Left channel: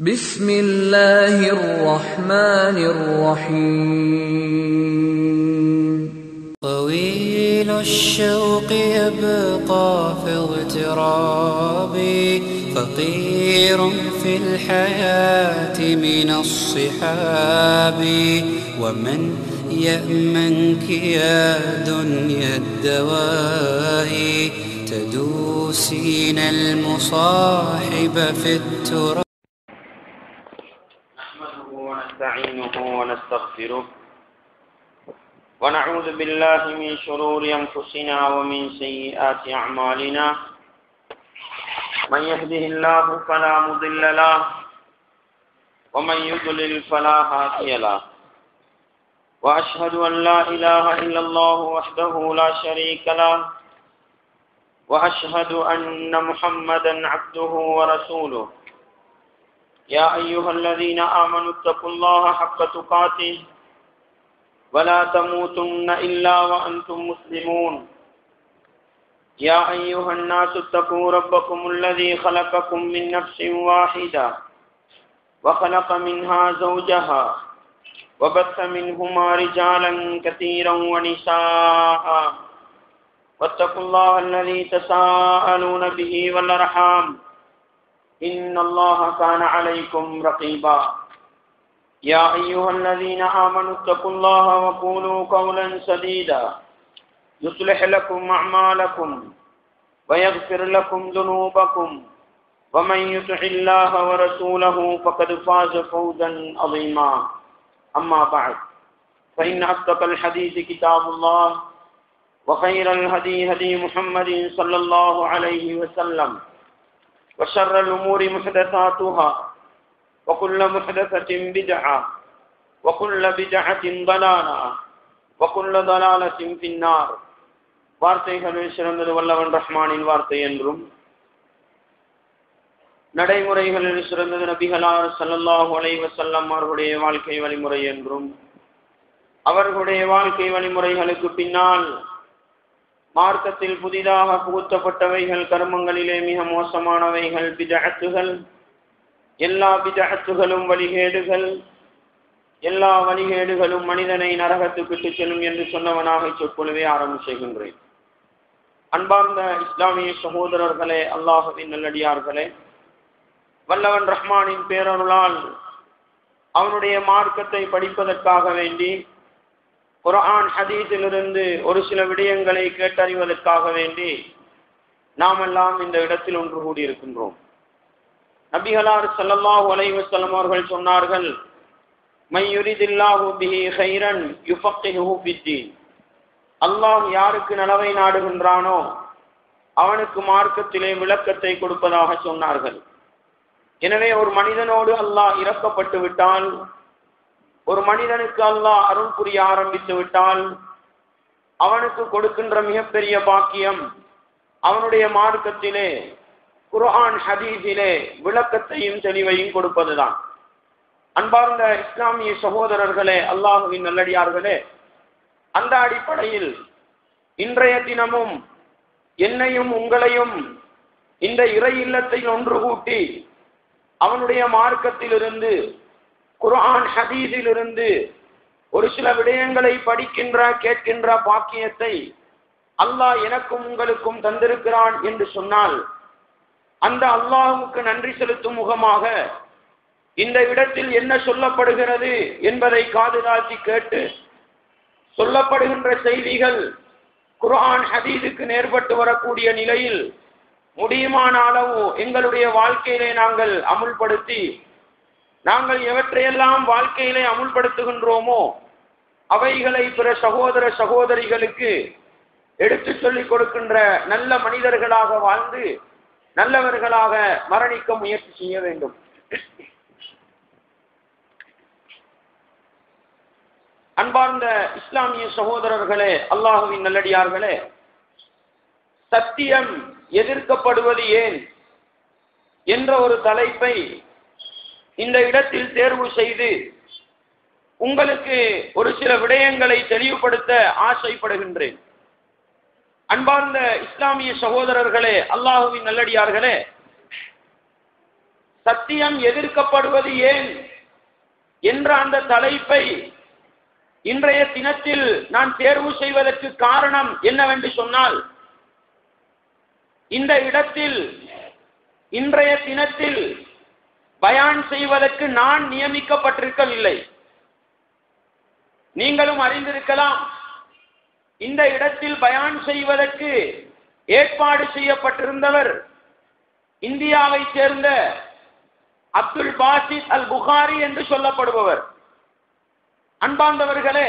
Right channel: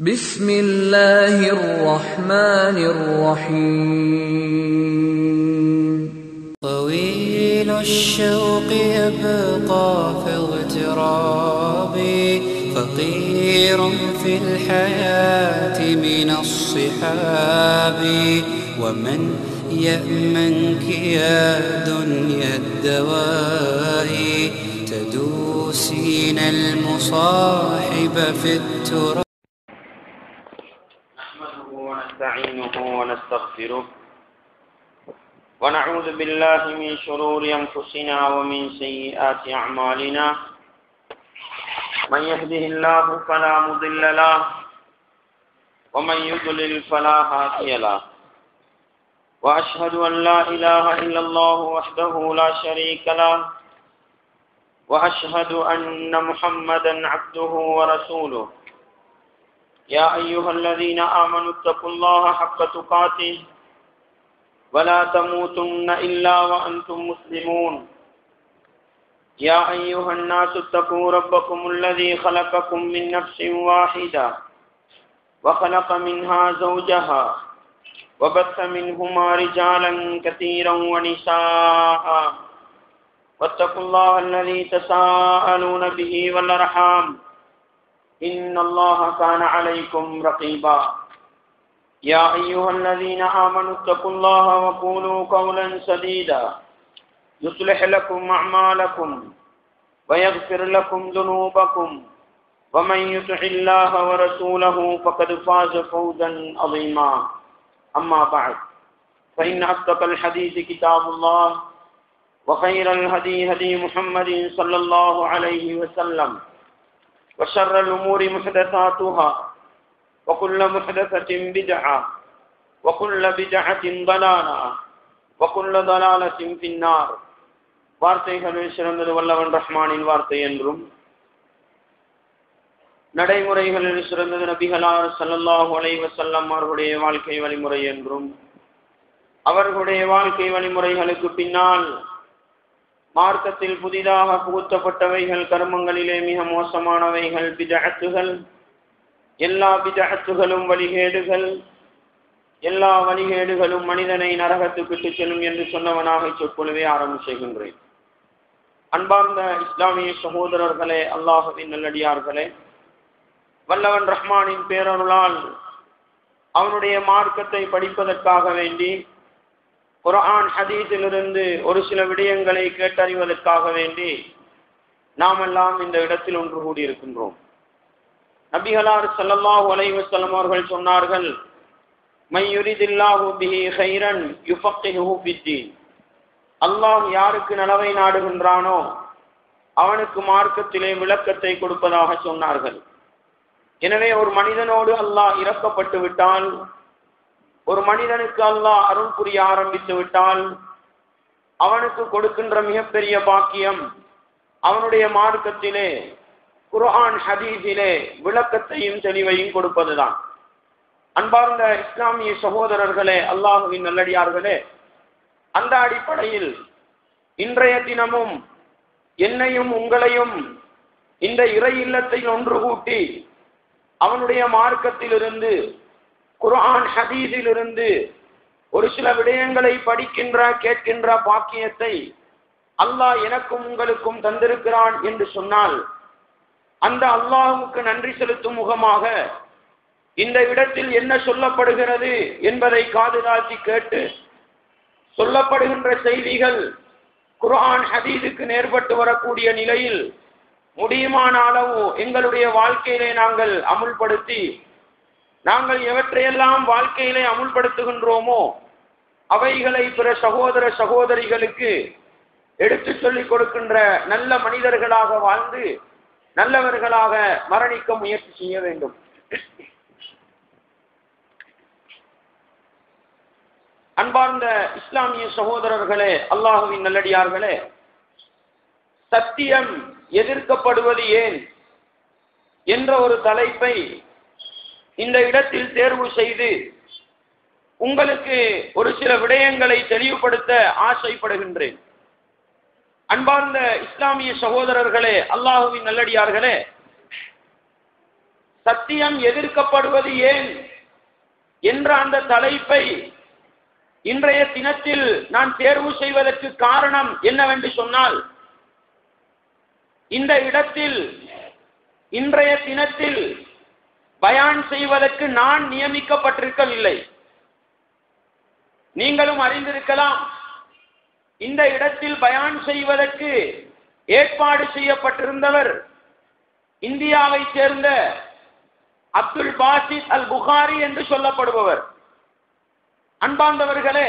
بسم الله الرحمن الرحيم طويل الشوق يبقى في اغترابي فقير في الحياة من الصحاب ومن يأمنك يا دنيا الدواهي تدوسين المصاحب في التراب. نحمده ونستعينه ونستغفره ونعوذ بالله من شرور أنفسنا ومن سيئات أعمالنا من يهده الله فلا مضل له ومن يضلل فلا هادي له وأشهد أن لا إله إلا الله وحده لا شريك له وأشهد أن محمدا عبده ورسوله. يا أيها الذين آمنوا اتقوا الله حق تقاته ولا تموتن إلا وأنتم مسلمون. يا أيها الناس اتقوا ربكم الذي خلقكم من نفس واحدة وخلق منها زوجها وبث منهما رجالا كثيرا ونساء واتقوا الله الذي تساءلون به والأرحام إن الله كان عليكم رقيبا. يا أيها الذين آمنوا اتقوا الله وقولوا قولا سديدا يصلح لكم أعمالكم ويغفر لكم ذنوبكم ومن يطع الله ورسوله فقد فاز فوزا عظيما. أما بعد فإن أصدق الحديث كتاب الله وخير الهدي هدي محمد صلى الله عليه وسلم وشر الأمور محدثاتها وكل محدثة بدعة وكل بدعة ضلالة وكل ضلالة في النار. வார்த்தைகளில் சிறந்தது வல்லவன் ரஹ்மானின் வார்த்தை என்றும் நடைமுறைகளில் சிறந்தது நபிகளார் ஸல்லல்லாஹு அலைஹி வஸல்லம் அவர்களுடைய வாழ்க்கை வழிமுறை என்றும் அவர்களுடைய வாழ்க்கை வழிமுறைகளுக்கு பின்னால் மார்க்கத்தில் புதிதாக புகுத்தப்பட்டவைகள் கர்மங்களிலே மிக மோசமானவைகள் பிதஅத்துகள். எல்லா பிதஅத்துகளும் வழிகேடுகள், எல்லா வழிகேடுகளும் மனிதனை நரகத்துக்கு செல்லும் என்று சொன்னவனாக சொற்பொழிவை ஆரம்பம் செய்கின்றேன். அன்பார்ந்த இஸ்லாமிய சகோதரர்களே, அல்லாஹ்வின் நல்லடியார்களே, வல்லவன் ரஹ்மானின் பேரருளால் அவனுடைய மார்க்கத்தை படிப்பதற்காக வேண்டி குர்ஆன் ஹதீஸிலிருந்து ஒரு சில விடயங்களை கேட்டறிவதற்காக வேண்டி நாமெல்லாம் இந்த இடத்தில் ஒன்று கூடியிருக்கின்றோம். நபிகளார் ஸல்லல்லாஹு அலைஹி வஸல்லம் அவர்கள் சொன்னார்கள், மை யுரிதில்லாஹு பிஹி கைரன் யுஃபக்கிஹு ஃபித்தீன். அல்லாஹ் யாருக்கு நலவை நாடுகின்றானோ அவனுக்கு மார்க்கத்திலே விளக்கத்தை கொடுப்பதாக சொன்னார்கள். எனவே ஒரு மனிதனோடு அல்லாஹ் இரக்கப்பட்டு விட்டால், ஒரு மனிதனுக்கு அல்லாஹ் அருள் புரிய ஆரம்பித்து விட்டால் அவனுக்கு கொடுக்கின்ற மிகப்பெரிய பாக்கியம் அவனுடைய மார்க்கத்திலே குர்ஆன் ஹதீஸிலே விளக்கத்தையும் தெளிவையும் கொடுப்பதுதான். அன்பார்ந்த இஸ்லாமிய சகோதரர்களே, அல்லாஹ்வின் நல்லடியார்களே, அந்த அடிப்படையில் இன்றைய தினமும் என்னையும் உங்களையும் இந்த இறை இல்லத்தை ஒன்று கூட்டி அவனுடைய மார்க்கத்திலிருந்து குர்ஆன் ஹதீஸிலிருந்து ஒரு சில விடயங்களை படிக்கின்ற கேட்கின்ற பாக்கியத்தை அல்லாஹ் எனக்கும் உங்களுக்கும் தந்திருக்கிறான் என்று சொன்னால் அந்த அல்லாஹ்வுக்கு நன்றி செலுத்தும் முகமாக இந்த இடத்தில் என்ன சொல்லப்படுகிறது என்பதை காதுதாழ்த்தி கேட்டு சொல்லப்படுகின்ற செய்திகள் குர்ஆன் ஹதீஸுக்கு நேர்பட்டு வரக்கூடிய நிலையில் முடியுமான அளவு எங்களுடைய வாழ்க்கையிலே நாங்கள் அமுல்படுத்தி நாங்கள் எவற்றையெல்லாம் வாழ்க்கையிலே அமுல்படுத்துகின்றோமோ அவைகளை பிற சகோதர சகோதரிகளுக்கு எடுத்து சொல்லிக் கொடுக்கின்ற நல்ல மனிதர்களாக வாழ்ந்து நல்லவர்களாக மரணிக்க முயற்சி செய்ய வேண்டும். அன்பார்ந்த இஸ்லாமிய சகோதரர்களே, அல்லாஹ்வின் நல்லடியார்களே, சத்தியம் எதிர்க்கப்படுவது ஏன் என்ற ஒரு தலைப்பை இந்த இடத்தில் தேர்வு செய்து உங்களுக்கு ஒரு சில விடயங்களை தெளிவுபடுத்த ஆசைப்படுகின்றேன். அன்பார்ந்த இஸ்லாமிய சகோதரர்களே, அல்லாஹ்வின் நல்லடியார்களே, சத்தியம் எதிர்க்கப்படுவது ஏன் என்ற அந்த தலைப்பை இன்றைய தினத்தில் நான் தேர்வு செய்வதற்கு காரணம் என்னவென்று சொன்னால், இந்த இடத்தில் இன்றைய தினத்தில் பயான் செய்வதற்கு நான் நியமிக்கப்பட்டிருக்கவில்லை. நீங்களும் அறிந்திருக்கலாம், இந்த இடத்தில் பயான் செய்வதற்கு ஏற்பாடு செய்யப்பட்டிருந்தவர் இந்தியாவை சேர்ந்த அப்துல் பாசித் அல் புகாரி என்று சொல்லப்படுபவர். அன்பார்ந்தவர்களே,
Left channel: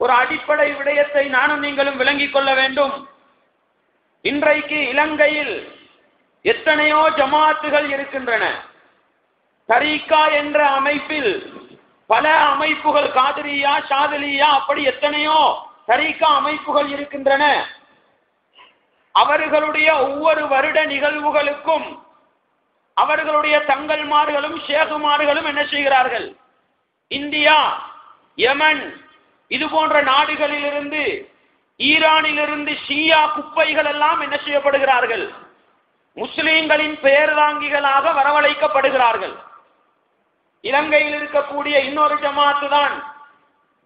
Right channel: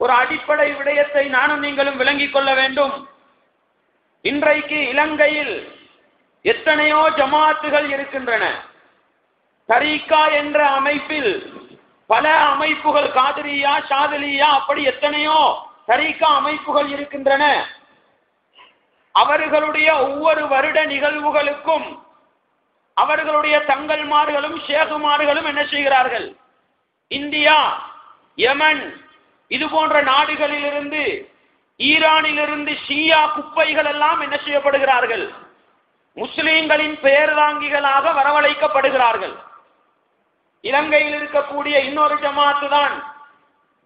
ஒரு அடிப்படை விடயத்தை நானும் நீங்களும் விளங்கிக் கொள்ள வேண்டும். இன்றைக்கு இலங்கையில் எத்தனையோ ஜமாத்துகள் இருக்கின்றன. தரீகா என்ற அமைப்பில் பல அமைப்புகள், காதிரியா, ஷாதிலியா, அப்படி எத்தனையோ தரீகா அமைப்புகள் இருக்கின்றன. அவர்களுடைய ஒவ்வொரு வருட நிகழ்வுகளுக்கும் அவர்களுடைய தங்கள்மார்களும் ஷேகுமார்களும் என்ன செய்கிறார்கள்? இந்தியா, யமன் இது போன்ற நாடுகளிலிருந்து, ஈரானிலிருந்து ஷியா குப்பைகள் எல்லாம் என்ன செய்யப்படுகிறார்கள்? முஸ்லிம்களின் பெயர்தாங்கிகளாக வரவழைக்கப்படுகிறார்கள். இலங்கையில் இருக்கக்கூடிய இன்னொரு ஜமாத்து தான்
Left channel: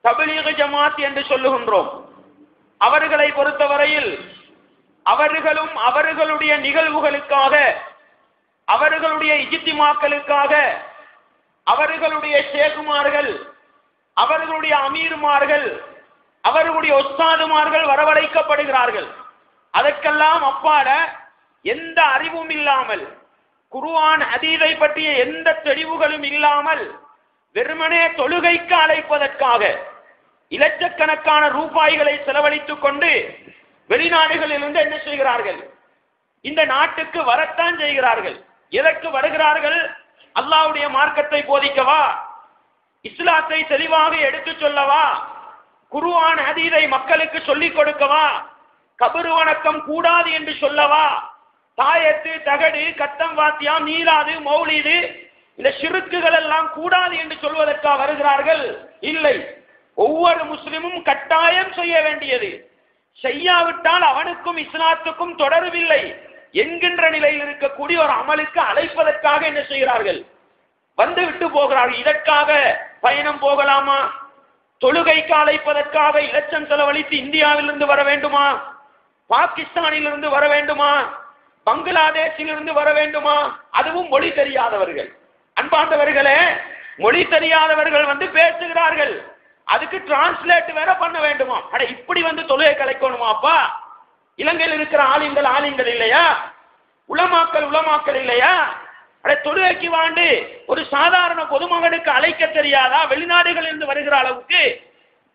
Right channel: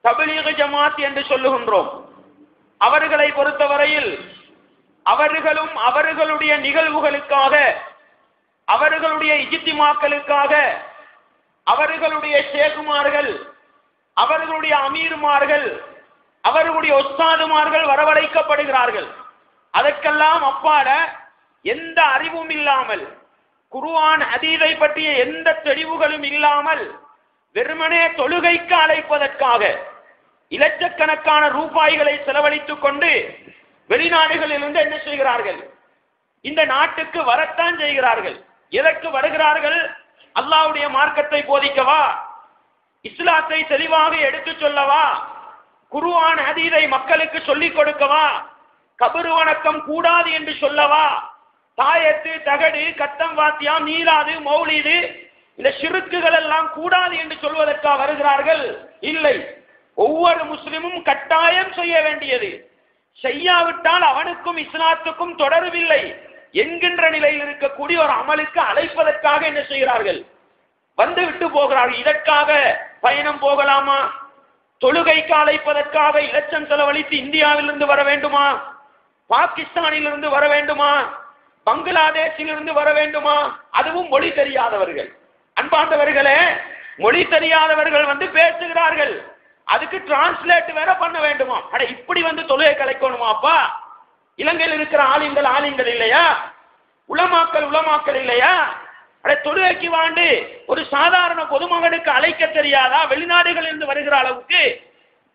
தப்லீக் ஜமாத் என்று சொல்லுகின்றோம். அவர்களை பொறுத்தவரையில் அவர்களும் அவர்களுடைய நிகழ்வுகளுக்காக, அவர்களுடைய இஜ்திமாக்களுக்காக அவர்களுடைய ஷேகுமார்கள், அவர்களுடைய அமீர்மார்கள், அவர்களுடைய உஸ்தாதுமார்கள் வரவழைக்கப்படுகிறார்கள். அதற்கெல்லாம் அப்பால எந்த அறிவும் இல்லாமல், குர்ஆன் ஹதீஸை பற்றிய எந்த தெளிவுகளும் இல்லாமல், வெறுமனே தொழுகைக்கு அழைப்பதற்காக இலட்சக்கணக்கான ரூபாய்களை செலவழித்துக் கொண்டு வெளிநாடுகளிலிருந்து என்ன செய்கிறார்கள்? இந்த நாட்டுக்கு வரத்தான் செய்கிறார்கள். எதற்கு வருகிறார்கள்? அல்லாஹ்வுடைய மார்க்கத்தை போதிக்கவா, இஸ்லாத்தை தெளிவாக எடுத்துச் சொல்லவா, குர்ஆன் ஹதீஸை மக்களுக்கு சொல்லிக் கொடுக்கவா, கபர் வணக்கம் கூடாது என்று சொல்லவா, தாயத்து, தகடு, கத்தம் வாத்தியம், நீலாது, மௌலிது இந்த ஷிர்க்குகள் எல்லாம் கூடாது என்று சொல்வதற்காக வருகிறார்கள்? இல்லை. ஒவ்வொரு முஸ்லிமும் கட்டாயம் செய்ய வேண்டியது, செய்யாவிட்டால் அவனுக்கும் இஸ்லாத்துக்கும் தொடர்பில்லை என்கின்ற நிலையில் இருக்கக்கூடிய ஒரு அமலுக்கு அழைப்பதற்காக என்ன செய்கிறார்கள்? வந்து விட்டு போகிறார்கள். இதற்காக பயணம் போகலாமா? தொழுகைக்கு அழைப்பதற்காக இலட்சம் செலவழித்து இந்தியாவிலிருந்து வர வேண்டுமா? பாகிஸ்தானிலிருந்து வர வேண்டுமா? பங்களாதேஷிலிருந்து வர வேண்டுமா? அதுவும் மொழி தெரியாதவர்கள். அன்பார்ந்தவர்களே, மொழி தெரியாதவர்கள் வந்து பேசுகிறார்கள், அதுக்கு டிரான்ஸ்லேட் வேற பண்ண வேண்டுமா? அட, இப்படி வந்து தொழுகை கலைக்கணுமாப்பா? இலங்கையில் இருக்கிற ஆலிம்கள் இல்லையா? உலமாக்கள் இல்லையா? அட, தொழுகைக்கு வாண்டு ஒரு சாதாரண பொதுமகனுக்கு அழைக்க தெரியாதா? வெளிநாடுகளில் இருந்து வருகிற அளவுக்கு.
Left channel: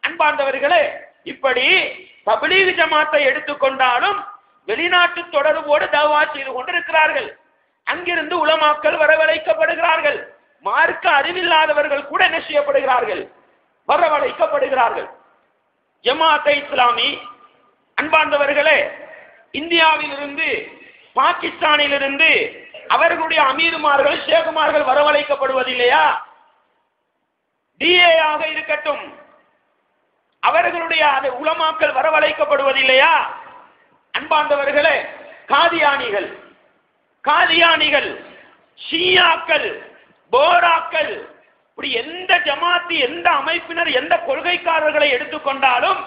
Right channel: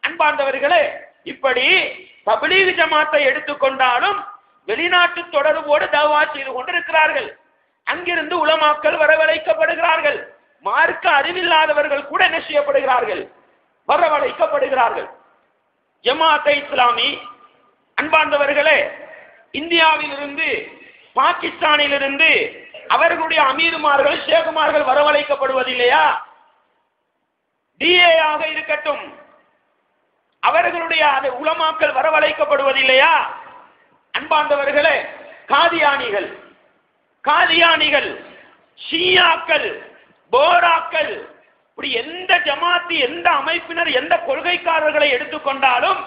அன்பார்ந்தவர்களே, இப்படி தப்லீக் ஜமாத்தை எடுத்துக்கொண்டாலும் வெளிநாட்டு தொடர்போடு தவா செய்து கொண்டிருக்கிறார்கள். அங்கிருந்து உலமாக்கள் வரவழைக்கப்படுகிறார்கள். மார்க்க அறிவில்லாதவர்கள் கூட என்ன செய்யப்படுகிறார்கள்? வரவழைக்கப்படுகிறார்கள். ஜமாத்தை இஸ்லாமி அன்பார்ந்தவர்களே, இந்தியாவிலிருந்து, பாகிஸ்தானிலிருந்து அவர்களுடைய அமீர்மார்கள், ஷேகுமார்கள் வரவழைக்கப்படுவதில்லையா? டிஏ ஆக இருக்கட்டும், அவர்களுடைய உலமாக்கள் வரவழைக்கப்படுவதில்லையா? அன்பார்ந்தவர்களே, காதியானிகள், ஷியாக்கள், போராக்கள், இப்படி எந்த ஜமாத்து, எந்த அமைப்பினர், எந்த கொள்கைக்காரர்களை எடுத்துக்கொண்டாலும்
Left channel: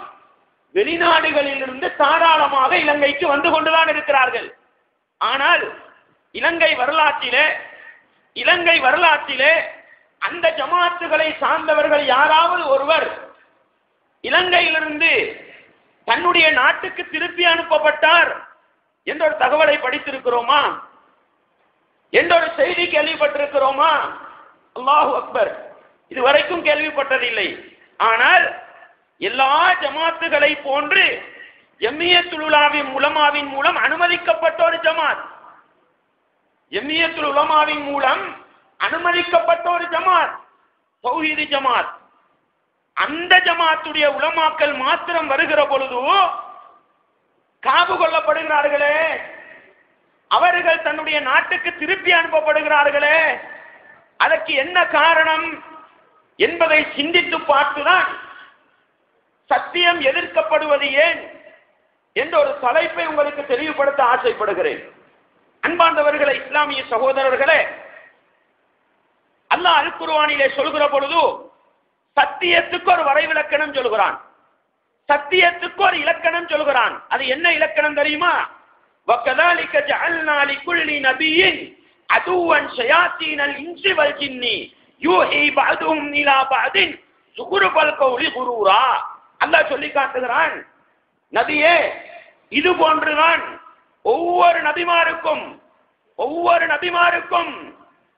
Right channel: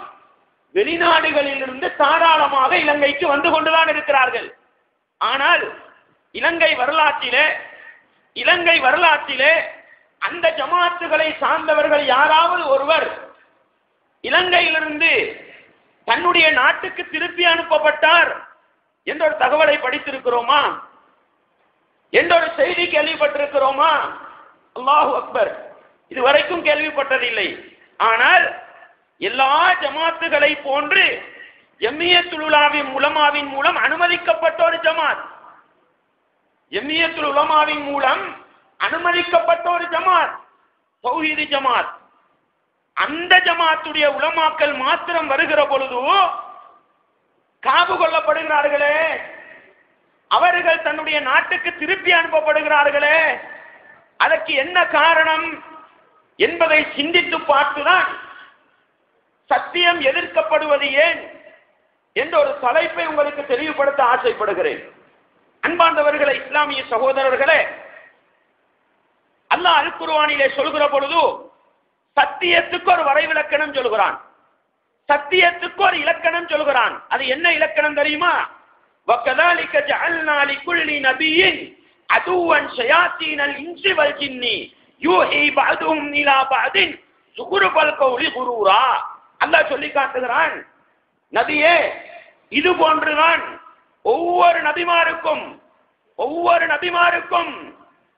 வெளிநாடுகளில் இருந்து தாராளமாக இலங்கைக்கு வந்து கொண்டுதான் இருக்கிறார்கள். ஆனால் இலங்கை வரலாற்றிலே அந்த ஜமாத்துகளை சார்ந்தவர்கள் யாராவது ஒருவர் இலங்கையிலிருந்து தன்னுடைய நாட்டுக்கு திருப்பி அனுப்பப்பட்டார் என்ற ஒரு தகவலை படித்திருக்கிறோமா? என்ற ஒரு செய்தி கேள்விப்பட்டிருக்கிறோமா? அல்லாஹு அக்பர், இதுவரைக்கும் கேள்விப்பட்டதில்லை. ஆனால் எல்லா ஜமாத்துகளை போன்று ஜம்மியத்துல் உலமாவின் மூலம் அனுமதிக்கப்பட்ட ஒரு ஜமாத், ஜம்மியத்துல் உலமாவின் மூலம் அனுமதிக்கப்பட்ட ஒரு ஜமாத் தௌஹீது ஜமாத். அந்த ஜமாத்துடைய உலமாக்கள் மாத்திரம் வருகிற பொழுது காபு கொள்ளப்படுகிறார்களே, அவர்கள் தன்னுடைய நாட்டுக்கு திருப்பி அனுப்பப்படுகிறார்களே, அதற்கு என்ன காரணம் என்பதை சிந்தித்து பார்த்துதான் சத்தியம் எதிர்க்கப்படுவது ஏன் என்ற ஒரு தலைப்பை உங்களுக்கு தெளிவுபடுத்த ஆசைப்படுகிறேன். அன்பார்ந்தவர்களே, இஸ்லாமிய சகோதரர்களே, அல்லாஹ் அல் குர்ஆனிலே சொல்கிற பொழுது சத்தியத்துக்கு ஒரு வரைவிலக்கணம் சொல்கிறான், சத்தியத்துக்கு ஒரு இலக்கணம் சொல்கிறான். அது என்ன இலக்கணம் தெரியுமா? وَكَذَلِكَ جَعَلْنَا لِكُلِّ نَبِيٍّ عَدُوًّا شَيَاطِينَ الْإِنسِ وَالْجِنِّ يُوحِي بَعْضُهُمْ إِلَى بَعْضٍ زُخْرُفَ الْقَوْلِ غُرُورًا. அல்லாஹ் சொல்லி காட்டுகிறான், நபியே இது போன்றுதான் ஒவ்வொரு நபிமாருக்கும்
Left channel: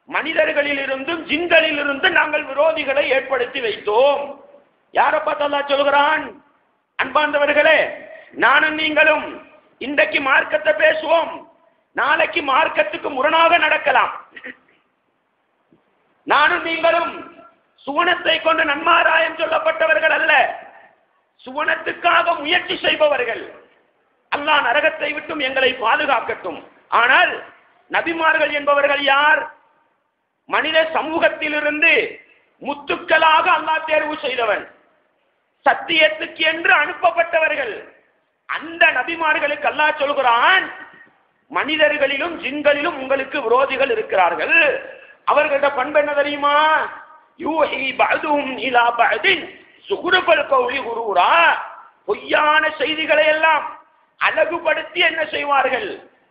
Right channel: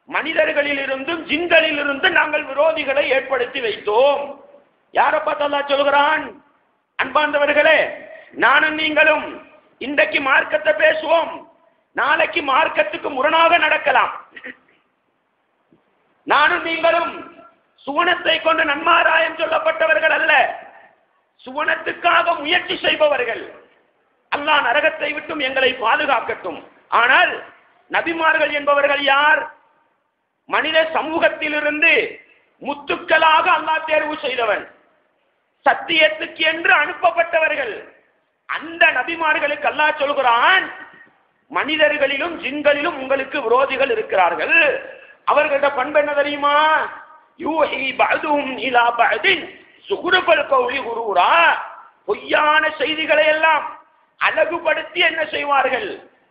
மனிதர்களில் இருந்தும் ஜின்களில் இருந்தும் நாங்கள் விரோதிகளை ஏற்படுத்தி வைத்தோம். யாரை பார்த்து அல்லாஹ் சொல்கிறான்? அன்பார்ந்தவர்களே, நானும் நீங்களும் இன்றைக்கு மார்க்கத்தை பேசுவோம், நாளைக்கு மார்க்கத்துக்கு முரணாக நடக்கலாம். நானும் நீங்களும் சுவனத்தை கொண்டு நன்மாராயம் சொல்லப்பட்டவர்கள் அல்ல, சுவனத்துக்காக முயற்சி செய்பவர்கள். அல்லாஹ் நரகத்தை விட்டும் எங்களை பாதுகாக்கட்டும். ஆனால் நபிமார்கள் என்பவர்கள் யார்? மனித சமூகத்திலிருந்து முத்துக்களாக அல்லாஹ் தேர்வு செய்தவன், சத்தியத்துக்கு என்று அனுப்பப்பட்டவர்கள். அந்த நபிமார்களுக்கு அல்லாஹ் சொல்கிறான், மனிதர்களிலும் ஜின்களிலும் உங்களுக்கு விரோதிகள் இருக்கிறார்கள். அவர்களோட பண்பு என்ன தெரியுமா? யூஹி பஅதுஹும் இலா பஅதின் சுஹ்ருஃபல் கௌலி குரூரா. பொய்யான செய்திகளை எல்லாம் அழகுபடுத்தி என்ன செய்வார்கள்?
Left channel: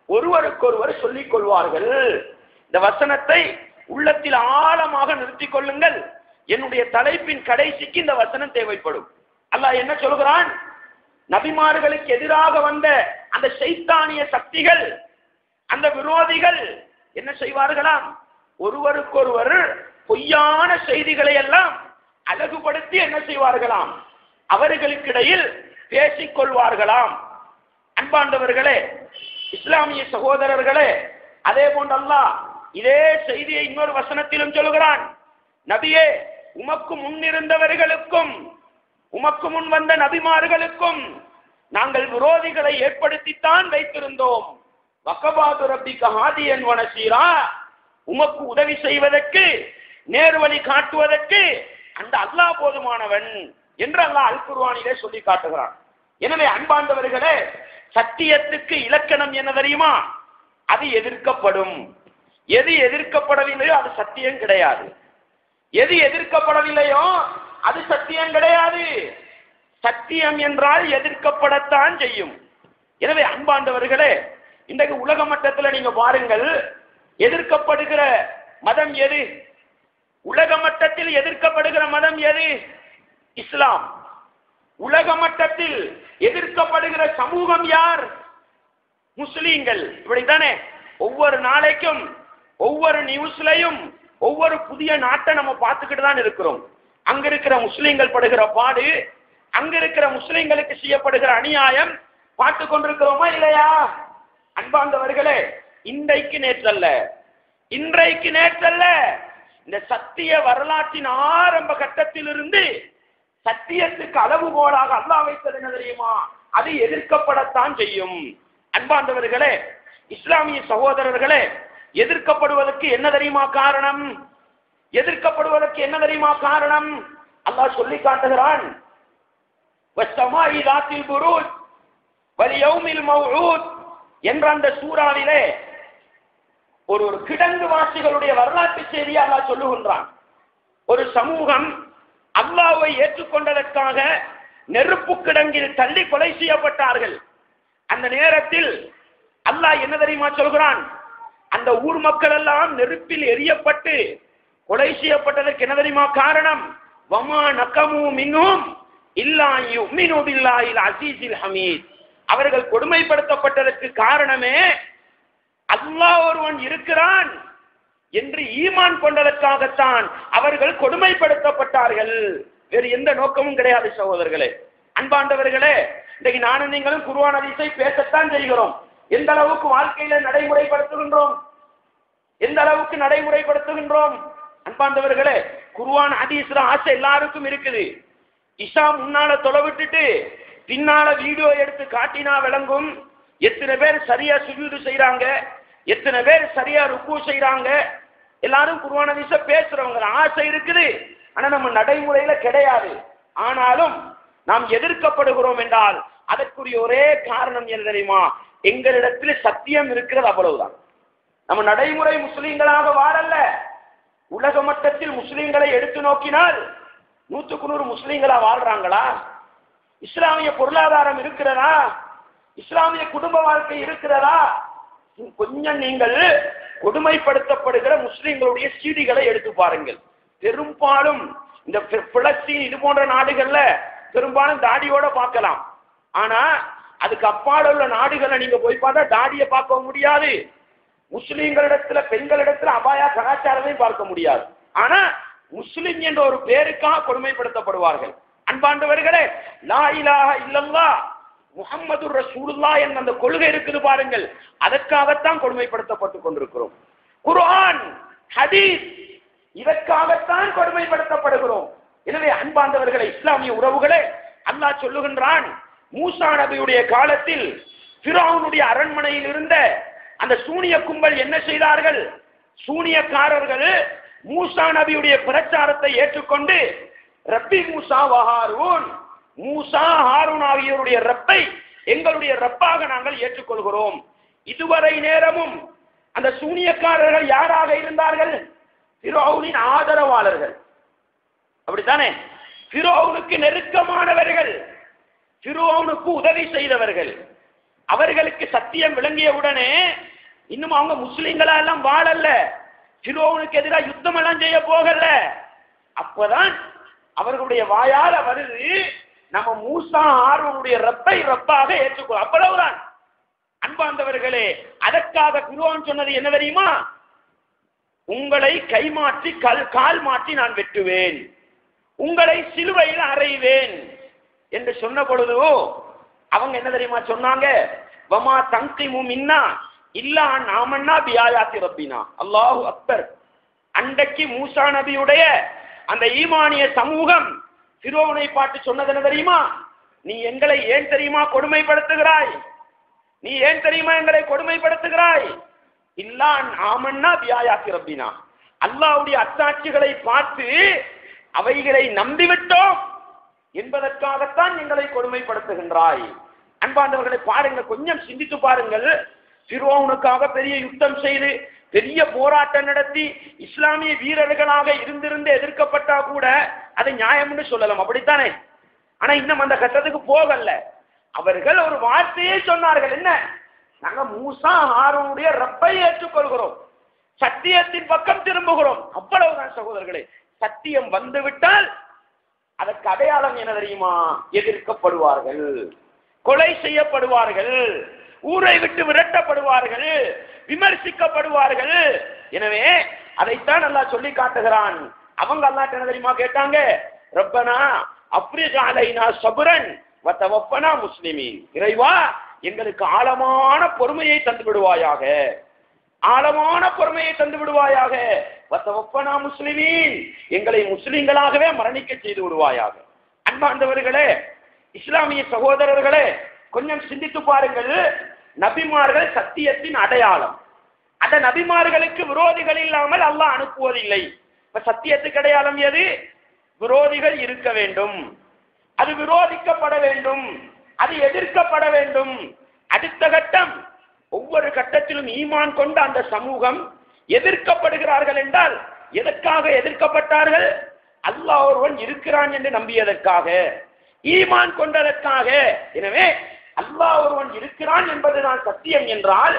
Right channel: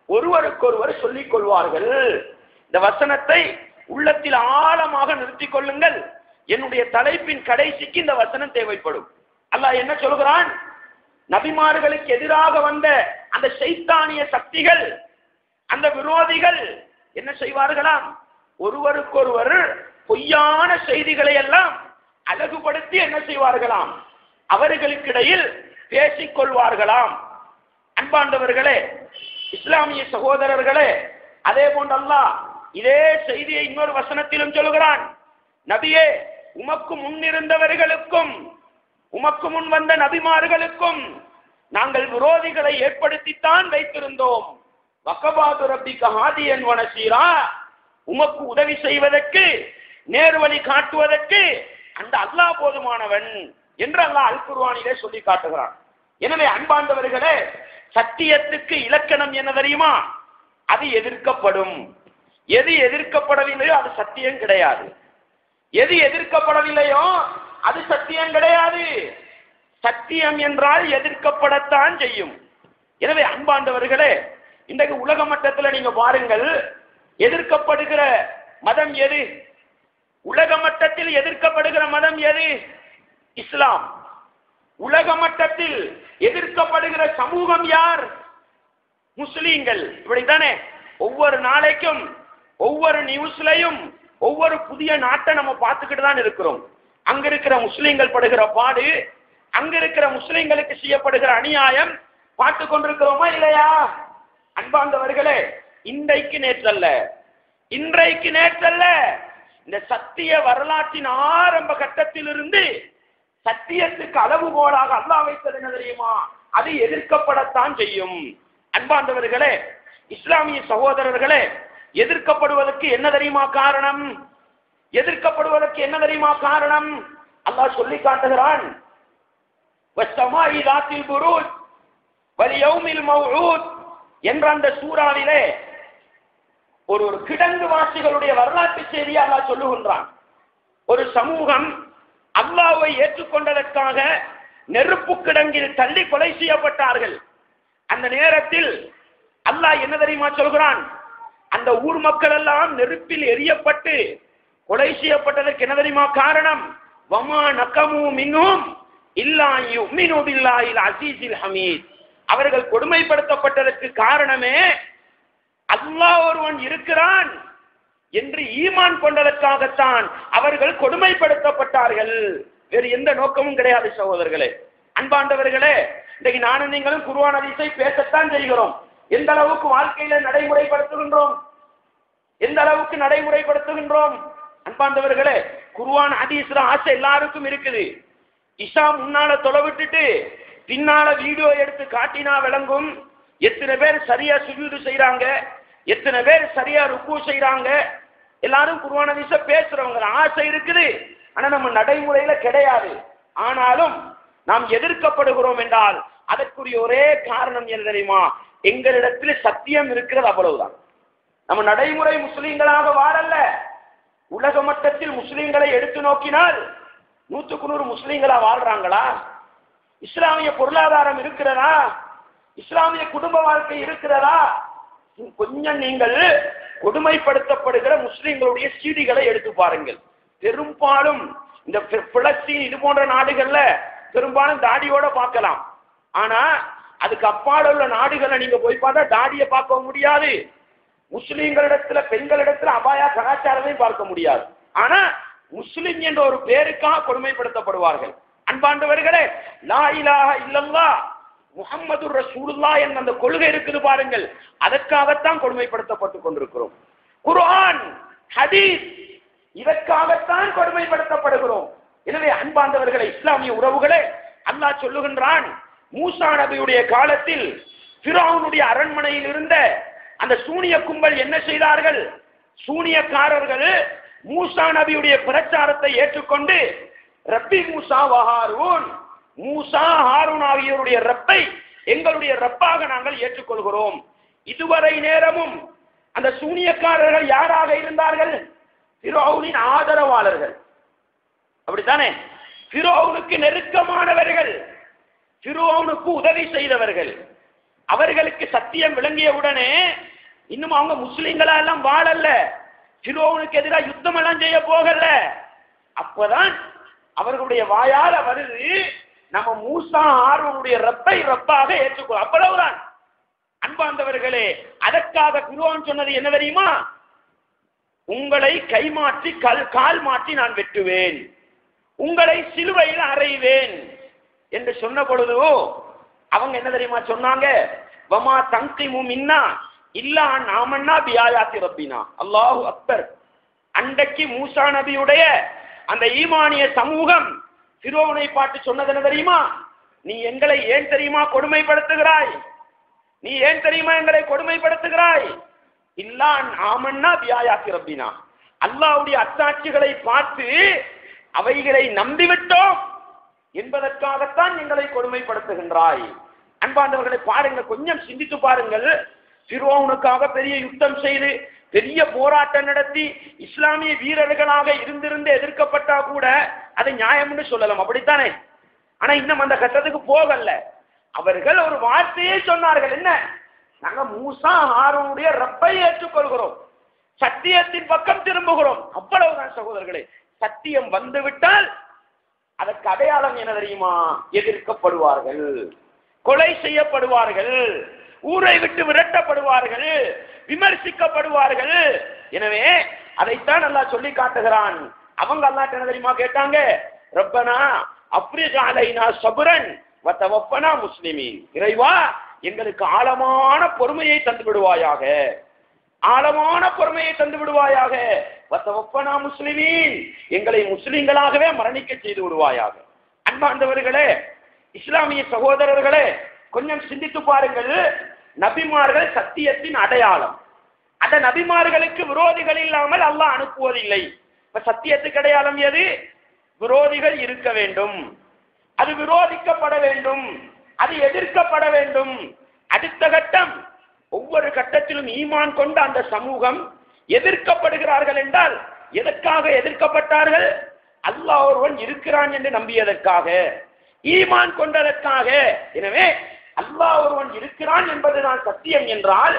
ஒருவருக்கொருவர் சொல்லிக் கொள்வார்கள். இந்த வசனத்தை உள்ளத்தில் ஆழமாக நிறுத்திக் கொள்ளுங்கள். என்னுடைய தலைப்பின் கடைசிக்கு இந்த வசனம் தேவைப்படும். அல்லாஹ் என்ன சொல்கிறான்? நபிமார்களுக்கு எதிராக வந்த அந்த ஷைத்தானிய சக்திகள், அந்த விரோதிகள் என்ன செய்வார்களாம்? ஒருவருக்கொருவர் பொய்யான செய்திகளை எல்லாம் அழகுபடுத்தி என்ன செய்வார்களாம்? அவர்களுக்கிடையில் பேசிக் கொள்வார்களாம். அன்பாண்டவர்களே, இஸ்லாமிய சகோதரர்களே, அதே போன்று அல்லாஹ் இதே செய்தியை இன்னொரு வசனத்திலும் சொல்கிறான். நபியே, உமக்கு முன்னிருந்தவர்களுக்கும் உமக்கு முன் வந்த நபிமார்களுக்கும் நாங்கள் விரோதிகளை ஏற்படுத்தித்தான் வைத்திருந்தோம். வக்கபாது ரப்பிக ஹாதியன் வனசீரா. உமக்கு உதவி செய்வதற்கு, நேர்வழி காட்டுவதற்கு அந்த அல்லாஹ் போதுமானவன் என்று அல்லாஹ் அல் குர்ஆனிலே சொல்லி காட்டுகிறான். எனவே அன்பார்ந்தவர்களே, சத்தியத்துக்கு இலக்கணம் என்ன தெரியுமா? அது எதிர்க்கப்படும். எது எதிர்க்கப்படவில்லையோ அது சத்தியம் கிடையாது. எது எதிர்க்கப்படவில்லையோ அது சத்தியம் கிடையாது. சத்தியம் என்றால் எதிர்க்கப்படத்தான் செய்யும். எனவே அன்பாண்டவர்களே, இன்றைக்கு உலக மட்டத்தில் நீங்க பாருங்கள், எதிர்க்கப்படுகிற மதம் எது? உலக மட்டத்தில் எதிர்க்கப்படுகிற மதம் எது? இஸ்லாம். உலக மட்டத்தில் எதிர்க்கப்படுகிற சமூகம் யார்? முஸ்லீம்கள். இப்படித்தானே ஒவ்வொரு நாளைக்கும் ஒவ்வொரு நியூஸ்லையும் ஒவ்வொரு புதிய நாட்டை நம்ம பார்த்துக்கிட்டு தான் இருக்கிறோம். அங்க இருக்கிற முஸ்லீம்கள் படுகிற பாடு, அங்க இருக்கிற முஸ்லீம்களுக்கு செய்யப்படுகிற அநியாயம் பார்த்து கொண்டிருக்கிறோமா இல்லையா? அன்பார்ந்தவர்களே, இன்றைக்கு நேற்றல்ல, இந்த சத்திய வரலாற்றின் ஆரம்ப கட்டத்திலிருந்து சத்தியத்துக்கு அளவுகோலாக அல்லாஹ் வைத்தது என்ன தெரியுமா? அது எதிர்க்கப்படத்தான் செய்யும். அன்பார்ந்தவர்களே, இஸ்லாமிய சகோதரர்களே, எதிர்க்கப்படுவதற்கு என்ன தெரியுமா காரணம்? எதிர்க்கப்படுவதற்கு என்ன தெரியுமா காரணம்? அல்லாஹ் சொல்லி காட்டுகிறான், வஸ்ஸமாஇ ذاتில் புரூஜ் வல்யௌமில் மவ்ஊத் என்ற அந்த சூறாவிலே ஒரு கிடங்கு வாசிகளுடைய வரலாற்று செய்தியை அல்லாஹ் சொல்லுகின்றான். ஒரு சமூகம் அல்லாஹ்வை ஏற்றுக்கொண்டதற்காக நெருப்பு கிடங்கில் தள்ளி கொலை செய்யப்பட்டார்கள். அந்த நேரத்தில் அல்லாஹ் என்ன தெரியுமா சொல்கிறான்? அந்த ஊர் மக்கள் எல்லாம் நெருப்பில் எரியப்பட்டு கொலை செய்யப்பட்டதற்கு என்ன தெரியுமா காரணம்? வமா நகமு மின்ஹும் இல்லா யுமினு பில்லாஹில் அஸீஸில் ஹமீத். அவர்கள் கொடுமைப்படுத்தப்பட்டதற்கு காரணமே அல்லாஹ் ஒருவன் இருக்கிறான் என்று ஈமான் கொண்டதற்காகத்தான் அவர்கள் கொடுமைப்படுத்தப்பட்டார்கள். வேறு எந்த நோக்கமும் கிடையாது சகோதரர்களே. அன்பாண்டவர்களே, இன்றைக்கு நானும் நீங்களும் குர்ஆன் ஹதீஸை பேசத்தான் செய்கிறோம். எந்த அளவுக்கு வாழ்க்கையில நடைமுறைப்படுத்துகின்றோம்? எந்த அளவுக்கு நடைமுறைப்படுத்துகின்றோம்? அன்பாண்டவர்களே, குர்ஆன் ஹதீஸ்ல ஆசை எல்லாருக்கும் இருக்குது. இஷா முன்னால தொலைவிட்டுட்டு பின்னால வீடியோ எடுத்து காட்டினா விளங்கும். எத்தனை பேர் சரியா சுஜூது செய்யறாங்க, எத்தனை பேர் சரியா ருக்கு செய்யறாங்க. எல்லாரும் குர்ஆன் ஹதீஸ பேசுறவங்க ஆசை இருக்குது, ஆனா நம்ம நடைமுறையில கிடையாது. ஆனாலும் நாம் எதிர்க்கப்படுகிறோம் என்றால் அதற்குரிய ஒரே காரணம் என்ன தெரியுமா? எங்களிடத்தில் சத்தியம் இருக்கிறது, அவ்வளவுதான். நம்ம நடைமுறை முஸ்லீம்களாக வாழல்ல, உலக மட்டத்தில் முஸ்லிம்களை எடுத்து நோக்கினால் 100க்கு 100 முஸ்லிம்களா வாழ்றாங்களா? இஸ்லாமிய பொருளாதாரம் இருக்கிறதா? இஸ்லாமிய குடும்ப வாழ்க்கை இருக்கிறதா? கொஞ்சம் நீங்கள் கொடுமைப்படுத்தப்படுகிற முஸ்லிம்களுடைய செய்திகளை எடுத்து பாருங்கள். பெரும்பாலும் இந்த பிலஸ்தீன் இது போன்ற நாடுகள்ல பெரும்பாலும் தாடியோட பார்க்கலாம். ஆனா அதுக்கு அப்பால் உள்ள நாடுகளை நீங்க போய் பார்த்தா தாடியை பார்க்க முடியாது. முஸ்லிம்களிடத்துல பெண்களிடத்துல அபாயா கலாச்சாரத்தையும் பார்க்க முடியாது. ஆனா முஸ்லிம் என்ற ஒரு பேருக்காக கொடுமைப்படுத்தப்படுவார்கள். அன்பாண்டவர்களே, லா இலாஹ இல்லல்லாஹ் முஹம்மது ரசூலுல்லாஹ் என்ற அந்த கொள்கை இருக்குது பாருங்கள், அதற்காகத்தான் கொடுமைப்படுத்தப்பட்டுக் கொண்டிருக்கிறோம். குர்ஆன், ஹதீஸ் இதற்காகத்தான் கொடுமைப்படுத்தப்படுகிறோம். எனவே அன்பாண்டவர்களே, இஸ்லாமிய உறவுகளே, அல்லாஹ் சொல்லுகின்றான், மூசா நபியுடைய காலத்தில் ஃபிரௌனுடைய அரண்மனையில் இருந்த அந்த சூனிய கும்பல் என்ன செய்தார்கள்? சூனியக்காரர்கள் மூசா நபியுடைய பிரச்சாரத்தை ஏற்றுக்கொண்டு ரப்பி மூசா வஹாரூன், மூசா ஹாரூன் ஆகியோருடைய ரப்பை எங்களுடைய ரப்பாக நாங்கள் ஏற்றுக்கொள்கிறோம். இதுவரை நேரமும் அந்த சூனியக்காரர்கள் யாராக இருந்தார்கள்? ஃபிரௌனின் ஆதரவாளர்கள். அப்படித்தானே? ஃபிரௌனுக்கு நெருக்கமானவர்கள், ஃபிரௌனுக்கு உதவி செய்தவர்கள். அவர்களுக்கு சத்தியம் விளங்கியவுடனே இன்னும் அவங்க முஸ்லிம்களா எல்லாம் வாழல்ல, ஃபிரௌனுக்கு எதிராக யுத்தம் எல்லாம் செய்ய போகல. அப்பதான் அவர்களுடைய வாயால வருது, நம்ம மூசா ஹாரூனுடைய ரப்பை ரப்பாக ஏற்றுக்கொள். அவ்வளவுதான். அன்பார்ந்தவர்களே, அதற்காக ஃபிரௌன் சொன்னது என்ன தெரியுமா? உங்களை கை மாற்றி கால் மாற்றி நான் வெட்டுவேன், உங்களை சிலுவையில் அறைவேன் என்று சொன்ன பொழுது அவங்க என்ன தெரியுமா சொன்னாங்க? வமா தங்கிமு மின்னா இல்லா நாமன்னா பியாயாத்தி ரப்பினா. அல்லாஹு அக்பர். அன்றைக்கு மூசா நபியுடைய அந்த ஈமானிய சமூகம் ஃபிரௌனை பார்த்து சொன்னது என்ன தெரியுமா? நீ எங்களை ஏன் தெரியுமா கொடுமைப்படுத்துகிறாய்? நீ ஏன் தெரியுமா எங்களை கொடுமைப்படுத்துகிறாய்? இல்லா நாமன்னா பியாயாத்தி ரப்பினா. அல்லாஹ்வுடைய அத்தாட்சிகளை பார்த்து அவைகளை நம்பிவிட்டோம் என்பதற்காகத்தான் எங்களை கொடுமைப்படுத்துகின்றாய். அன்பார்ந்தவர்களை பாருங்கள், கொஞ்சம் சிந்தித்து பாருங்கள். ஃபிரௌனுக்காக பெரிய யுத்தம் செய்து பெரிய போராட்டம் நடத்தி இஸ்லாமிய வீரர்களாக இருந்திருந்து எதிர்க்கப்பட்டா கூட அதை நியாயம்னு சொல்லலாம், அப்படித்தானே? ஆனா இன்னும் அந்த கட்டத்துக்கு போகல. அவர்கள் ஒரு வார்த்தையே சொன்னார்கள், என்ன? நாங்க மூசா ஹாரூனுடைய ரப்பை ஏற்றுக்கொள்கிறோம், சத்தியத்தின் பக்கம் திரும்புகிறோம். அவ்வளவுதான் சகோதரர்களே. சத்தியம் வந்துவிட்டால் அதற்கு அடையாளம் என்ன தெரியுமா? எதிர்க்கப்படுவார்கள், கொலை செய்யப்படுவார்கள், ஊரை விட்டு விரட்டப்படுவார்கள், விமர்சிக்கப்படுவார்கள். எனவே அதைத்தான் அல்லாஹ் சொல்லி காட்டுகிறான். அவங்க அல்லாஹ் என்ன தெரியுமா கேட்டாங்க? ரப்பனா அஃப்ரிஜ் அலைனா ஸப்ரன் வ தவஃபனா முஸ்லிமீன். இறைவா, எங்களுக்கு ஆழமான பொறுமையை தந்து விடுவாயாக, ஆழமான பொறுமையை தந்து விடுவாயாக. வத்தவப்பனா முஸ்லிமீன், எங்களை முஸ்லிம்களாகவே மரணிக்க செய்து விடுவாயாக. அன்பார்ந்தவர்களே, இஸ்லாமிய சகோதரர்களே, கொஞ்சம் சிந்தித்து பாருங்கள். நபிமார்கள் சத்தியத்தின் அடையாளம். அந்த நபிமார்களுக்கு விரோதிகள் இல்லாமல் அல்லாஹ் அனுப்புவதில்லை. இப்ப சத்தியத்துக்கு அடையாளம் எது? விரோதிகள் இருக்க வேண்டும், அது விரோதிக்கப்பட வேண்டும், அது எதிர்க்கப்பட வேண்டும். அடுத்த கட்டம், ஒவ்வொரு கட்டத்திலும் ஈமான் கொண்ட அந்த சமூகம் எதிர்க்கப்படுகிறார்கள் என்றால் எதற்காக எதிர்க்கப்பட்டார்கள்? அல்லாஹ் ஒருவன் இருக்கிறான் என்று நம்பியதற்காக, ஈமான் கொண்டதற்காக. எனவே அல்லாஹ் ஒருவன் இருக்கிறான் என்பதுதான் சத்தியம் என்றால்,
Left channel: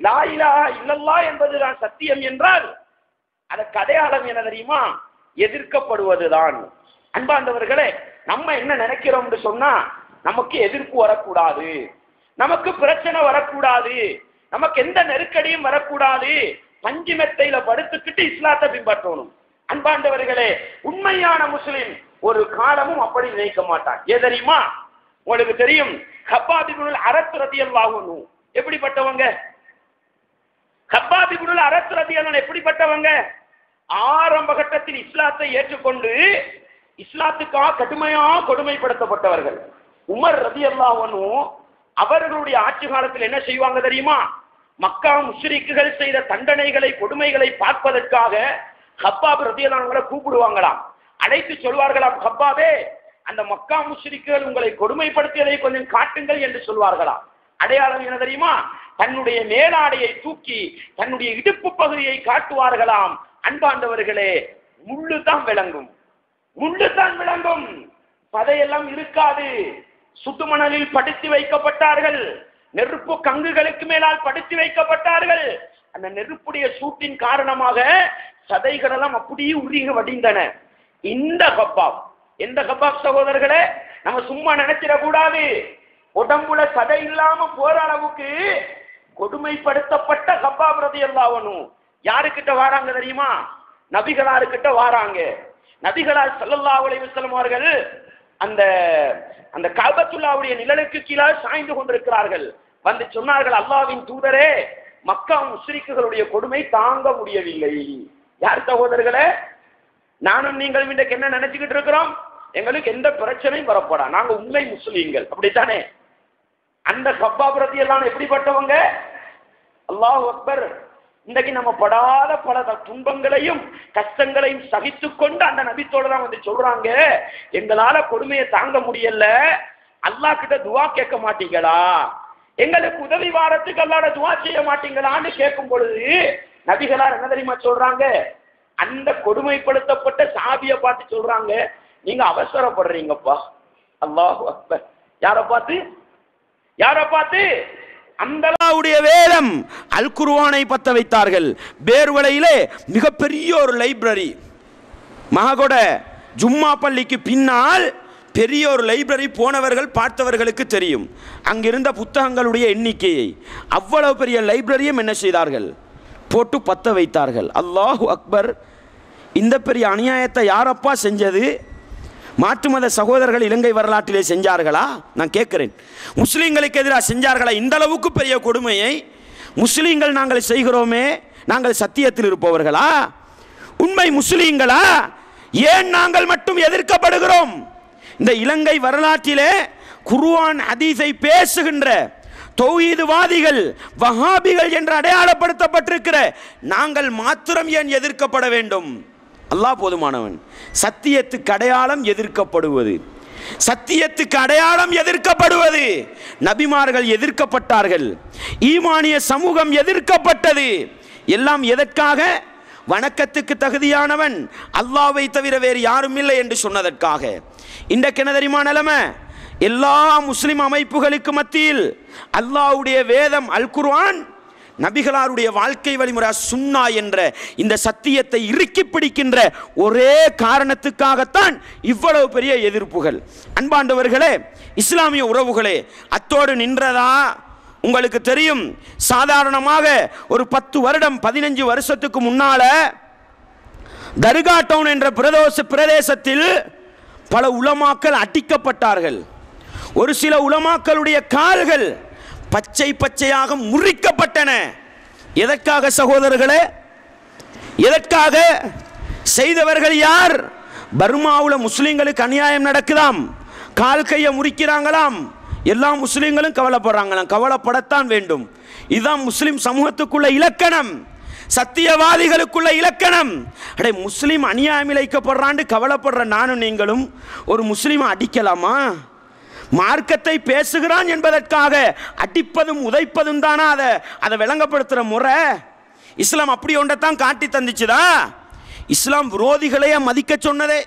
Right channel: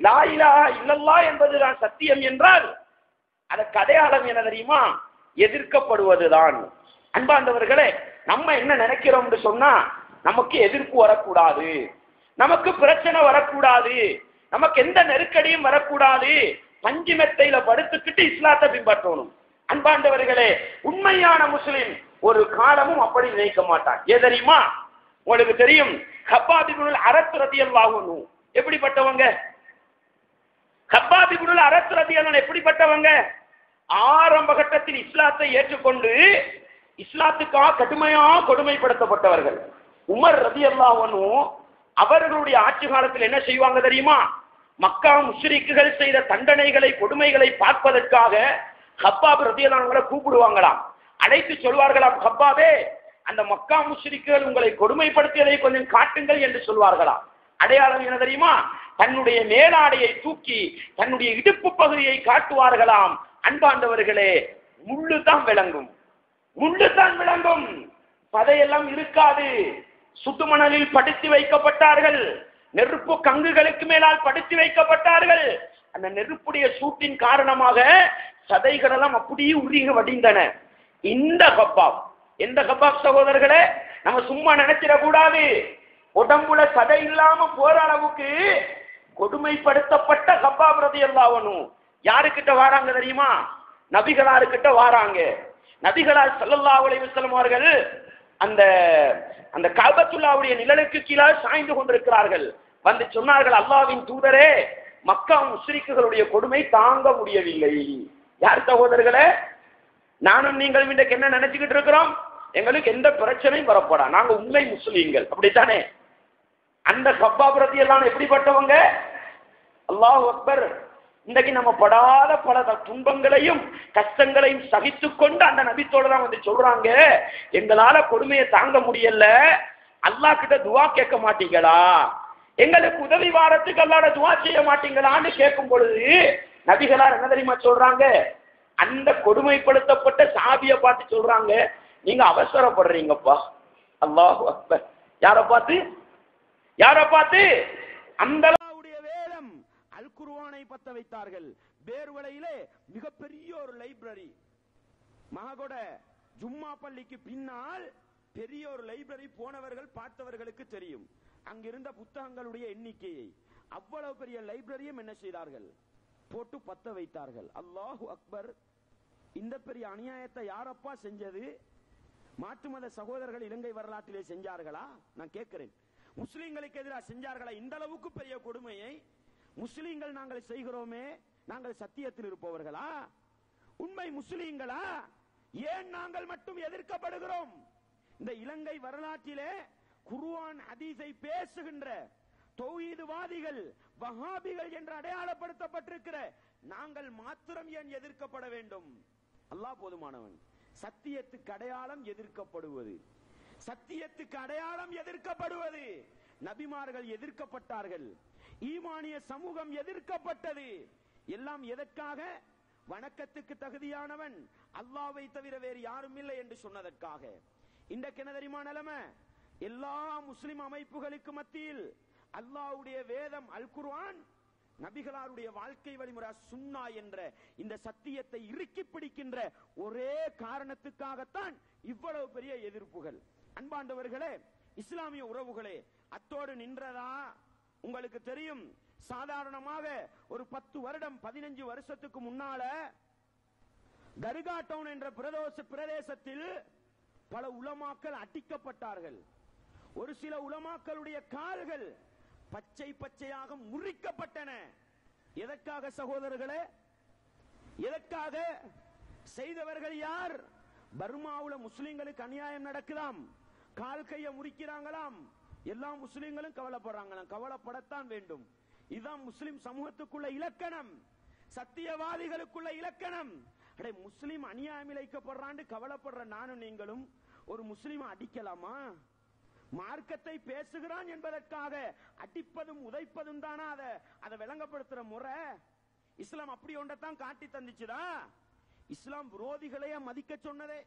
லா இலாஹ இல்லல்லாஹ் என்பதுதான் சத்தியம் என்றால், அதற்கு அடையாளம் என்ன தெரியுமா? எதிர்க்கப்படுவதுதான். அன்பார்ந்தவர்களே, நம்ம என்ன நினைக்கிறோம் என்று சொன்னா, நமக்கு எதிர்ப்பு வரக்கூடாது, நமக்கு பிரச்சனை வரக்கூடாது, நமக்கு எந்த நெருக்கடியும் வரக்கூடாது, பஞ்சு மெத்தையில படுத்துக்கிட்டு இஸ்லாத்தை பின்பற்றணும். அன்பாண்டவர்களே, உண்மையான முஸ்லிம் ஒரு காலமும் அப்படி நினைக்க மாட்டான். ஏன் தெரியுமா? உங்களுக்கு தெரியும், கப்பாப் இப்னுல் அரத் ரலியல்லாஹு அன்ஹு எப்படிப்பட்டவங்க? கப்பாப் இப்னுல் அரத் ரலியல்லாஹு அன்ஹு எப்படிப்பட்டவங்க? ஆரம்ப கட்டத்தில் இஸ்லாத்தை ஏற்றுக்கொண்டு இஸ்லாத்துக்காக கடுமையாக கொடுமைப்படுத்தப்பட்டவர்கள். உமர் ரலியல்லாஹு அன்ஹு அவர்களுடைய ஆட்சி காலத்தில் என்ன செய்வாங்க தெரியுமா? மக்கா முஷ்ரிக்குகள் செய்த தண்டனைகளை, கொடுமைகளை பார்ப்பதற்காக கப்பாப் ரலியல்லாஹு அன்ஹுவை கூப்பிடுவாங்களாம். அழைத்து சொல்வார்களாம், கப்பாபே, அந்த மக்கா முஷ்ரிக்குகள் உங்களை கொடுமைப்படுத்தியதை கொஞ்சம் காட்டுங்கள் என்று சொல்வார்களாம். அடையாளம் என்ன தெரியுமா? தன்னுடைய மேலாடையை தூக்கி தன்னுடைய இடுப்பு பகுதியை காட்டுவார்களாம். அன்பாண்டவர்களே, முள்ளு தான் விளங்கும், முள்ளு தான் விளங்கும், சதையெல்லாம் இருக்காது. சுடுமணலில் படுத்தி வைக்கப்பட்டார்கள், நெருப்பு கங்குகளுக்கு மேலால் படுத்தி வைக்கப்பட்டார்கள். அந்த நெருப்புடைய சூட்டின் காரணமாக சதைகள் எல்லாம் அப்படியே உருகி வடிந்தன. இந்த கப்பாப், எந்த கப்பாப் சகோதரர்களே, நம்ம சும்மா நினைச்சிடக்கூடாது. உடம்புல சதை இல்லாம போற அளவுக்கு கொடுமைப்படுத்தப்பட்ட கப்பாப் ரலியல்லாஹு அன்ஹு யாருக்கிட்ட வாராங்க தெரியுமா? நபிகளாருக்கிட்ட வாராங்க. நபிகளார் ஸல்லல்லாஹு அலைஹி வஸல்லம் அவர்கள் அந்த அந்த கஅபத்துல்லாஹ்வுடைய நிழலுக்கு கீழே சாய்ந்து கொண்டிருக்கிறார்கள். வந்து சொன்னார்கள், அல்லாஹ்வின் தூதரே, மக்கா முஸ்ரிக்குகளுடைய கொடுமை தாங்க முடியவில்லை. யார் சகோதரர்களே? நானும் நீங்கள் இன்றைக்கு என்ன நினைச்சுக்கிட்டு இருக்கிறோம்? எங்களுக்கு எந்த பிரச்சனையும் வரப்படா, நாங்க உண்மை முஸ்லீம்கள், அப்படித்தானே? அந்த கப்பாப் ரலியல்லாஹு எப்படிப்பட்டவங்க? அல்லாஹ் அக்பர். இன்றைக்கு நம்ம படாத பல துன்பங்களையும் கஷ்டங்களையும் சகித்து கொண்டு அந்த நபித்தோட தான் வந்து சொல்றாங்க, எங்களால கொடுமையை தாங்க முடியல, அல்லாஹ் கிட்ட துவா கேட்க மாட்டீங்களா, எங்களுக்கு உதவி வாரத்துக்கு அல்லாஹ்ட துவா செய்ய மாட்டீங்களான்னு கேட்கும் பொழுது நபிகளார் என்ன தெரியுமா சொல்றாங்க? அந்த கொடுமைப்படுத்தப்பட்ட சாபியை பார்த்து சொல்றாங்க, நீங்க அவசரப்படுறீங்கப்பா. அல்லாஹு அக்பர். யாரை பார்த்து? யாரை பார்த்து? அந்த அல்லாஹ்வுடைய வேதம் அல் குர்ஆனை பத்த வைத்தார்கள். பேர்வளையிலே மிகப்பெரிய ஒரு லைப்ரரி, மககொட ஜும்மா பள்ளிக்கு பின்னால் பெரிய ஒரு லைப்ரரி. போனவர்கள் பார்த்தவர்களுக்கு தெரியும் அங்கிருந்த புத்தகங்களுடைய எண்ணிக்கையை. அவ்வளவு பெரிய லைப்ரரியும் என்ன செய்தார்கள்? போட்டு பத்த வைத்தார்கள். அல்லாஹு அக்பர். இந்த பெரிய அநியாயத்தை யாரப்பா செஞ்சது? மாற்று மத சகோதரர்கள் இலங்கை வரலாற்றிலே செஞ்சார்களா? நான் கேட்கிறேன். முஸ்லீம்களுக்கு எதிராக செஞ்சார்களா? இந்த அளவுக்கு பெரிய கொடுமையை முஸ்லீம்கள் நாங்கள் செய்கிறோமே, நாங்கள் சத்தியத்தில் இருப்பவர்களா? உண்மை முஸ்லீம்களா? ஏன் நாங்கள் மட்டும் எதிர்க்கப்படுகிறோம்? இந்த இலங்கை வரலாற்றிலே குர்ஆன் ஹதீஸை பேசுகின்ற தௌஹீத்வாதிகள், வஹாபிகள் என்று அடையாளப்படுத்தப்பட்டிருக்கிற நாங்கள் மாத்திரம் ஏன் எதிர்க்கப்பட வேண்டும்? அல்லாஹ் போதுமானவன். சத்தியத்துக்கு அடையாளம் எதிர்க்கப்படுவது, சத்தியத்துக்கு அடையாளம் எதிர்க்கப்படுவது. நபிமார்கள் எதிர்க்கப்பட்டார்கள், ஈமானிய சமூகம் எதிர்க்கப்பட்டது. எல்லாம் எதற்காக? வணக்கத்துக்கு தகுதியானவன் அல்லாஹ்வை தவிர வேறு யாரும் இல்லை என்று சொன்னதற்காக. இன்றைக்கு என்ன தெரியுமா நிலைமை? எல்லா முஸ்லிம் அமைப்புகளுக்கு மத்தியில் அல்லாஹ்வுடைய வேதம் அல் குர்ஆன், நபிகளாருடைய வாழ்க்கை வழிமுறை சுன்னா என்ற இந்த சத்தியத்தை இறுக்கி பிடிக்கின்ற ஒரே காரணத்துக்காகத்தான் இவ்வளவு பெரிய எதிர்ப்புகள். அன்பாண்டவர்களே, இஸ்லாமிய உறவுகளே, அத்தோடு நின்றதா? உங்களுக்கு தெரியும், சாதாரணமாக ஒரு 10 வருடம் 15 வருஷத்துக்கு முன்னால தர்கா டவுன் என்ற பிரதேசத்தில் பல உலமாக்கள் அடிக்கப்பட்டார்கள். ஒரு சில உலமாக்களுடைய கால்கள் பச்சை பச்சையாக முறிக்கப்பட்டன. எதற்காக சகோதரர்களே? எதற்காக? செய்தவர்கள் யார்? பர்மாவில் முஸ்லிம்களுக்கு அநியாயம் நடக்குதாம், கால் கையை முறிக்கிறாங்களாம். எல்லா முஸ்லிம்களும் கவலைப்படுறாங்களாம். கவலைப்படத்தான் வேண்டும். இதுதான் முஸ்லிம் சமூகத்துக்குள்ள இலக்கணம், சத்தியவாதிகளுக்குள்ள இலக்கணம். அடே, முஸ்லிம் அநியாயம் இழைக்கப்படுறான்னு கவலைப்படுற நானும் நீங்களும் ஒரு முஸ்லிமை அடிக்கலாமா? மார்க்கத்தை பேசுகிறான் என்பதற்காக அடிப்பதும் உதைப்பதும் தானா அதை விளங்கப்படுத்துற முறை? இஸ்லாம் அப்படி ஒன்றைத்தான் காட்டி தந்துச்சுதா? இஸ்லாம் விரோதிகளையே மதிக்க சொன்னதே.